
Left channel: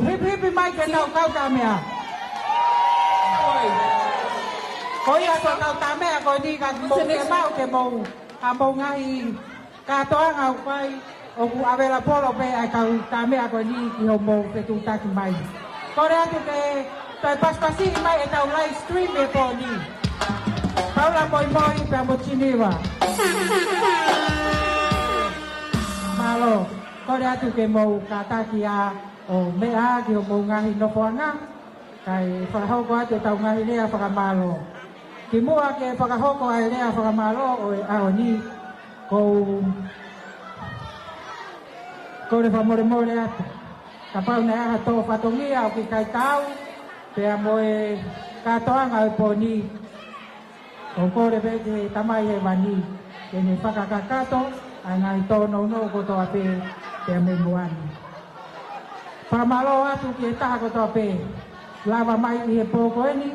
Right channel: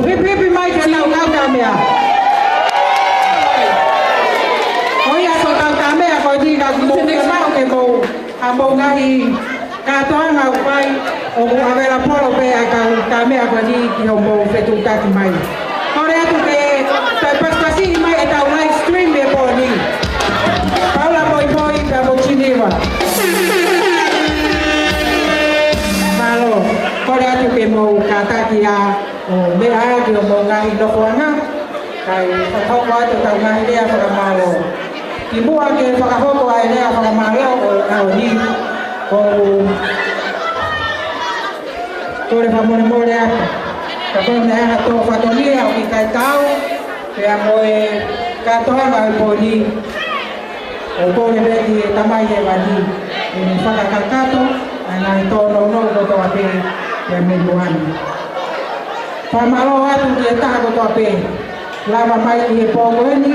hipi mai ke tau kau mea. Oia ko tau mea ko di ka mo ke mau ke mo a mo ngahi ka toa ngau pai o avera polo pe a ka mea ko di ki o mo fetu ka ki mai. Kore atu ke tai paspasi mai e tau live stream me po ni. Paula poi ka mo chiniwa. Malo, kore atu ke mo ka takia o me ai ki o mo ngahi no koanga. Kai whakau atu tau ngahi lea whakamalo. Ki mua ke whakahoko ai lea whakamalo o au ni. O kore whamore more atu. Ka whange aha tō whatolia o ki kai tau. Pea moe katoanga o pōni. O kore reki e tamai e wani. E ni whakakakato. Ai ngai tō no ko tō ape. Pea me muhani. Whamalo atu ki e taha ko tō ape. Lava mai i e pōkoeni,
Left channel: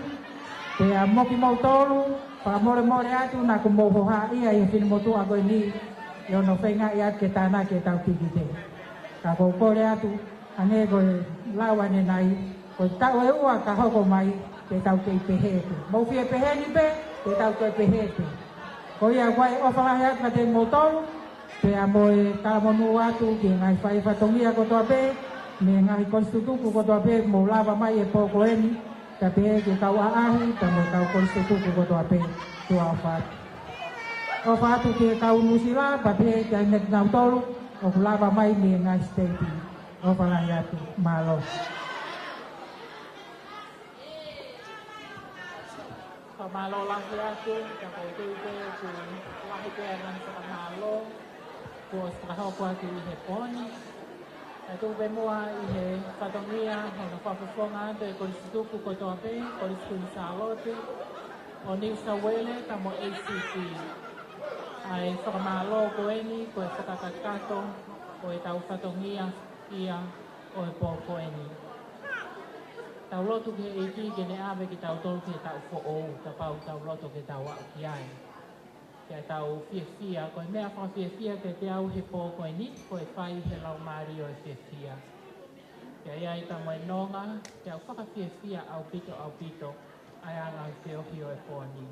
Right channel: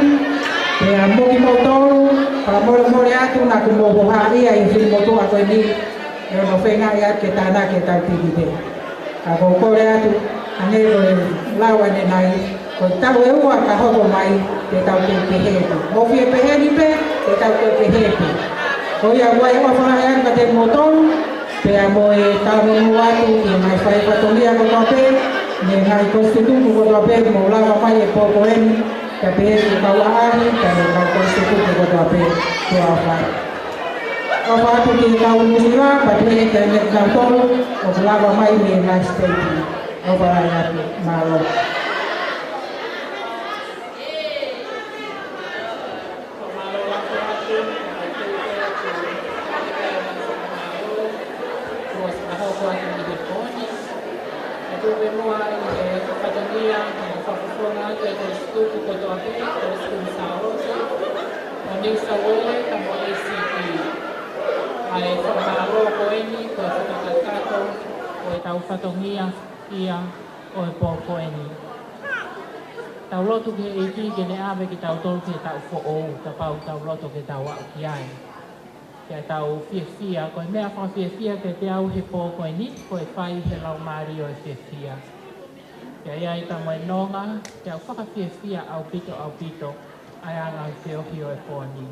e a moki mautoru, para more atu na kumoho haria i whiri motu a koe ni, e ono whenga i ake tāna ke tau tiki te. Ka kore atu, anero e lawa ne nai, ko tau e ua ka hoko mai, te tau te pehepe. Ofi e peheni pe, te tau te pehepe. Ko ia wai o whakai aka te motoru, pe a moe tau inu atu, i mai whai whatomia ko tope, ne ngai konstitutu ko tope mo lava mai e pōkoeni, ka pehe kau ahari, ka ne kau konstitutu ko tope tua whai. O whatu ki kau musira, pa pehe ka ne kau tolu, o lava mai me ngai steti. O wharai atu, malo. Tau whatongia ia o e pōkoeni. Tau lotu ke e ki ke ne awe ki tau tolu ke tau who'ou, ta pau tau lotu ke tau au ki ai. Kia tau whiawhia, ko e mea whawhiawhia ke te au he pōkoeni, ko e whai he lau maari o e whiawhia. Kia iai ta moe nonga, kia au whakawhiawhia au pito, ai anga au whiawhi o e pōni.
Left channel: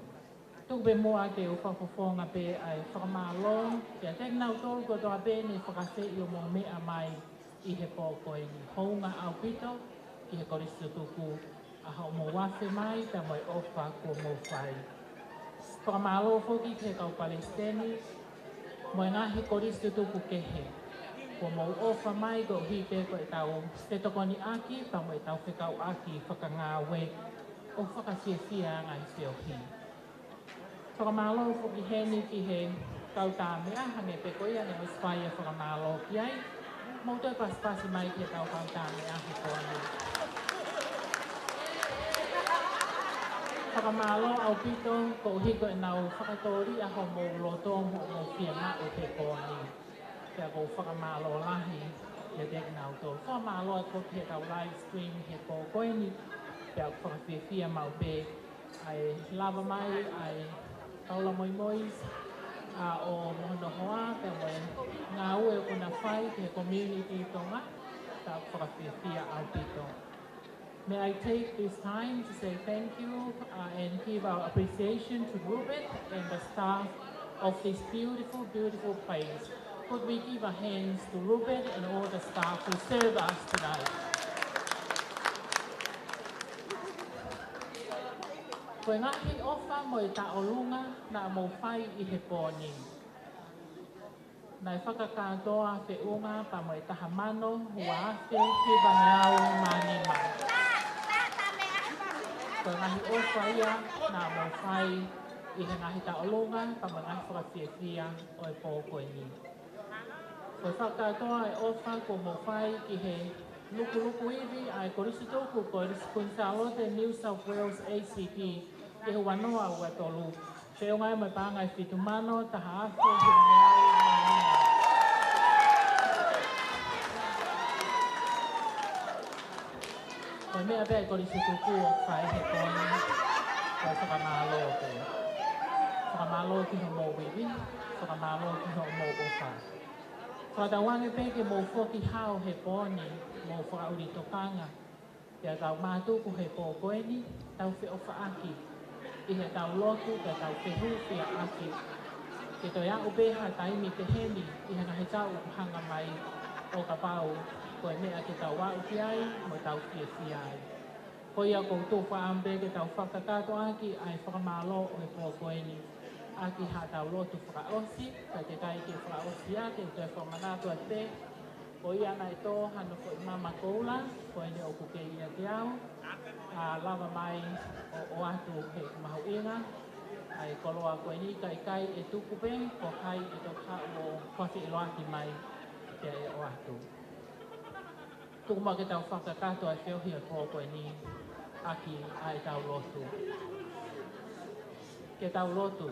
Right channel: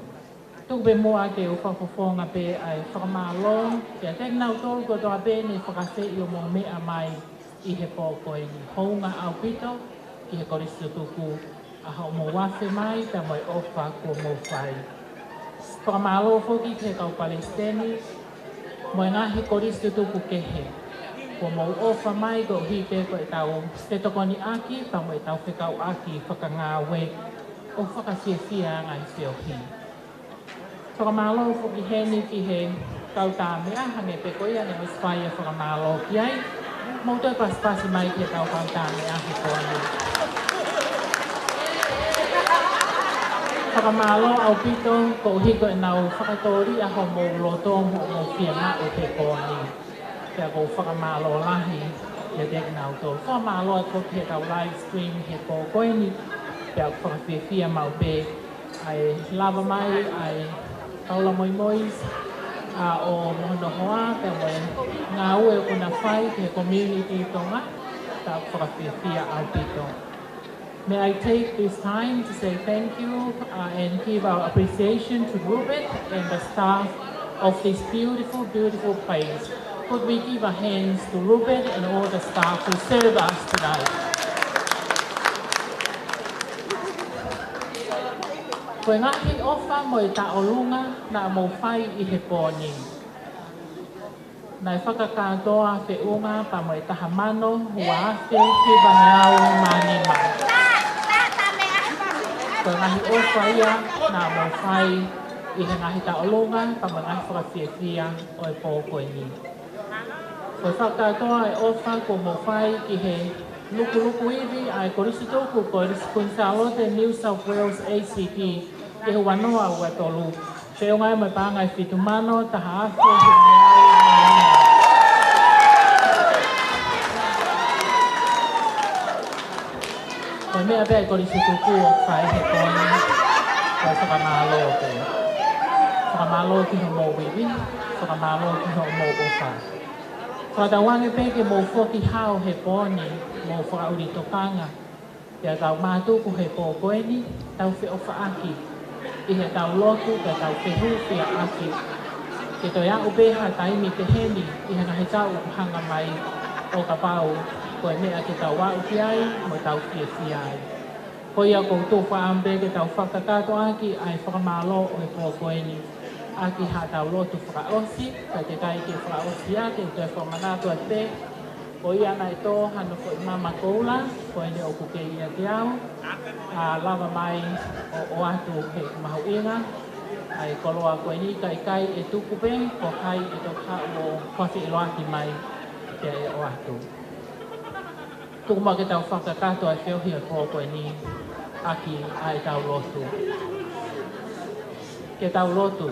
Tuk be moa ke o whakawhonga pe ai whakamalo, kia tek nau tolu ko toa pe ne whakase i o mō mea mai i he pōkoeni. Hounga au pito, ki he korisu tuku, a hau mō wafe mai, ta moe ofa ko mō whai. Whakamalo whoki ke kau Palestini, moe ngahi korisu tuku kehe. Ko mō ofa mai ko hike ko e tau stetokoni aki, ta moe tau whekau aki whakangāwe o whakawhiawhia ngai whiawhi. Whakamalo whoki heni ki he kau tā mea, hange pe koia ne o spaya whakamalo ki ai. Mauto e paspasi mai ki kau kau tā mea he koa ni. Whakamalo au pito ko hiko e nau whakatori a ho mō loto mō whianga o pe koa ni. Kia ko whakamalo lahi e dek nau tō. Whakamalo e ko ki he kau live stream he ko koe ni. Kia whakawhiawhia mau pe ai lava mai, ai kaula moi mois, o mohono hoa, te moe ngā ue kuna whai, te community tonga, ta whakawhiawhia au pito. May I take this time to say thank you and give our appreciation to Ruben and the staff of this beautiful, beautiful place. Could we give our hands to Ruben and all the staff who serve us tonight? Koe ngahi ofa mo e taolunga na mo whai i he pōni. Nai whakakātoa te unga pa mo e tahamano hua ate ki bangeau mani mai. Koe ngahi ofa ia na mo whai i he ngahi taolunga pa mo ngahi whakawhiawhia o e pōkoeni. Koe whakakātoa e ofa ko mo whai ki he luku iwi ai korisi tōku ko Riskunsaalote New South Wales ACT ke he wanoa ua tolu. Te o ngai mai pāngai whitumano taha awhi he ngai. Koe mea pēi korisi tōku o whai he kōni koe whakamālo te. Whakamālo ki ho mō wiwi, whakamālo ki ho mō ofa. Katawangi pe ke mo foki hao he poni mo whakauri tokanga. Pea tau mātuku he pō koeni, tau whi o whaaki. I he tau lotu pe tau whehu whia aki. Ke toi a upeha taimi te heni i he ngahe tau hanga mai o ka pau. Koe mea ke tau wau ki ai mo tau whia whia ai. Ko ia koutou whaambe ke tau whakakato aki ai whakamalo o he pō koeni. Aki ha tau lotu whakaosi, ka te kai ke whakaosi ake, toi whamanato a te. Ko ia nai tō hana ko i mama koula, ko ene o kuke ia te au. Lava mai o atu he mahu inga. Ai koloa ko eni kai e tukupe, ko kai e to ka o kofi i loaki mai te o atu. Tukuma ke tau whakakato ai whiohi a ko eni aki ai tau lotu. Ke tau lotu.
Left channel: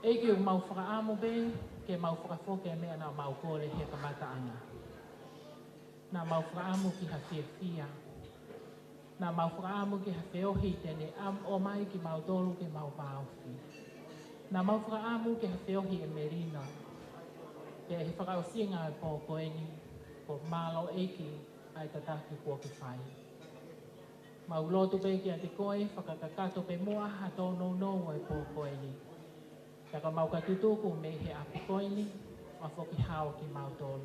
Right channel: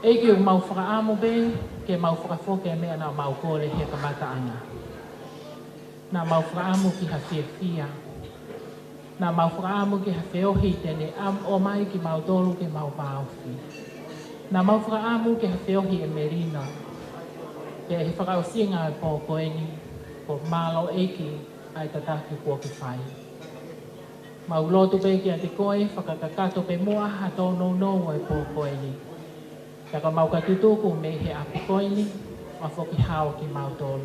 E ke o mau whakaamu be, ke mau whakafoke mea na mau kore he kamataanga. Nā mau whakaamu ki ha whia. Nā mau whakaamu ki ha whiohi tene am o mai ki mau tolu ke mau paofi. Nā mau whakaamu ki ha whiohi e merino. Pea he whakaosinga e pō koeni, ko malo eiki ai tataki kua ki whai. Mau lotu pe ki a te koe, whakakakato pe mua ha tō nou e pō koeni. Taka mau ka tutuku me he api koini, ma whoki hao ki mau tolu.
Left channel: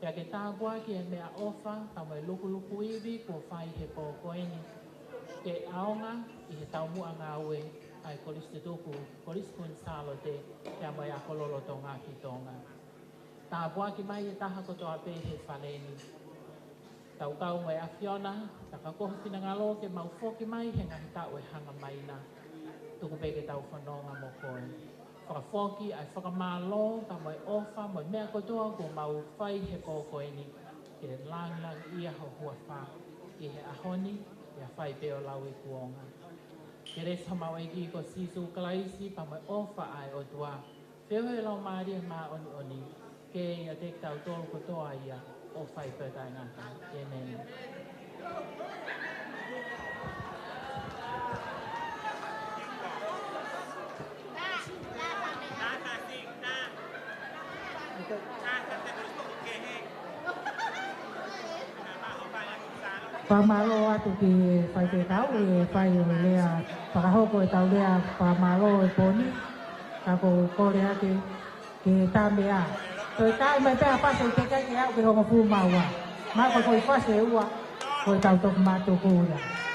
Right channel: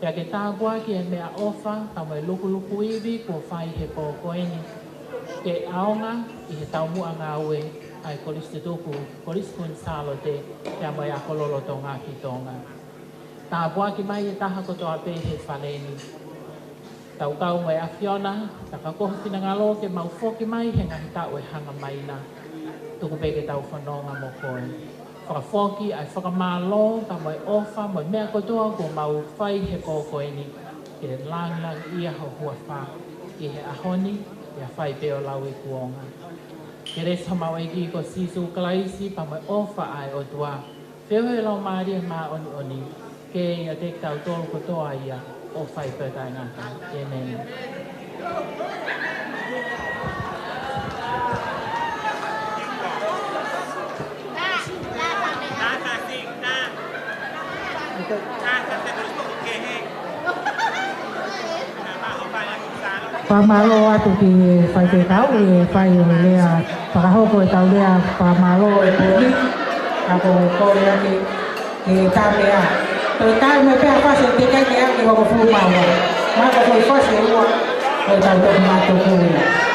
Pea ke tāgua ki e mea ofa, ka mai luku iwi kua whai he pō koini. Ke aonga i he taumua ngā ue, ai koris tutuku, koris kun salo te, pea mai a kololo tō ngā ki tōnga. Tāgua ki mai e taha kotoa pe he whaneni. Tau kau mai a Fiona, taka koha tina ngalo ke mau whoki mai he ngahi tau e hanga mai na. Tuku peke tau whanonga mo koe. Whakawhoki ai whakamālo, ka mai ofa, mai mea kotoa ko mau whai he pō koeni. Ke lang ia ho hua wha. I he ahoni, ia whai peo lau e kuonga. Ke resa mau e ki ko sisu kalaisi, pa mai ofa ai o tua. Wheo he lau maaria mā oni. Ke ia te tau tolu kotoa ia, o whai pētai ngata. Ke nene. Pamalo atu ki whai te tau e whai o lea whakahoko e tau lea pamalo e puki ako kore ake ke tāpea. Toi tāi me pēha whase te kai ke ake wako whūmaua. Mako koi whase ua o tau toku mātou kouia.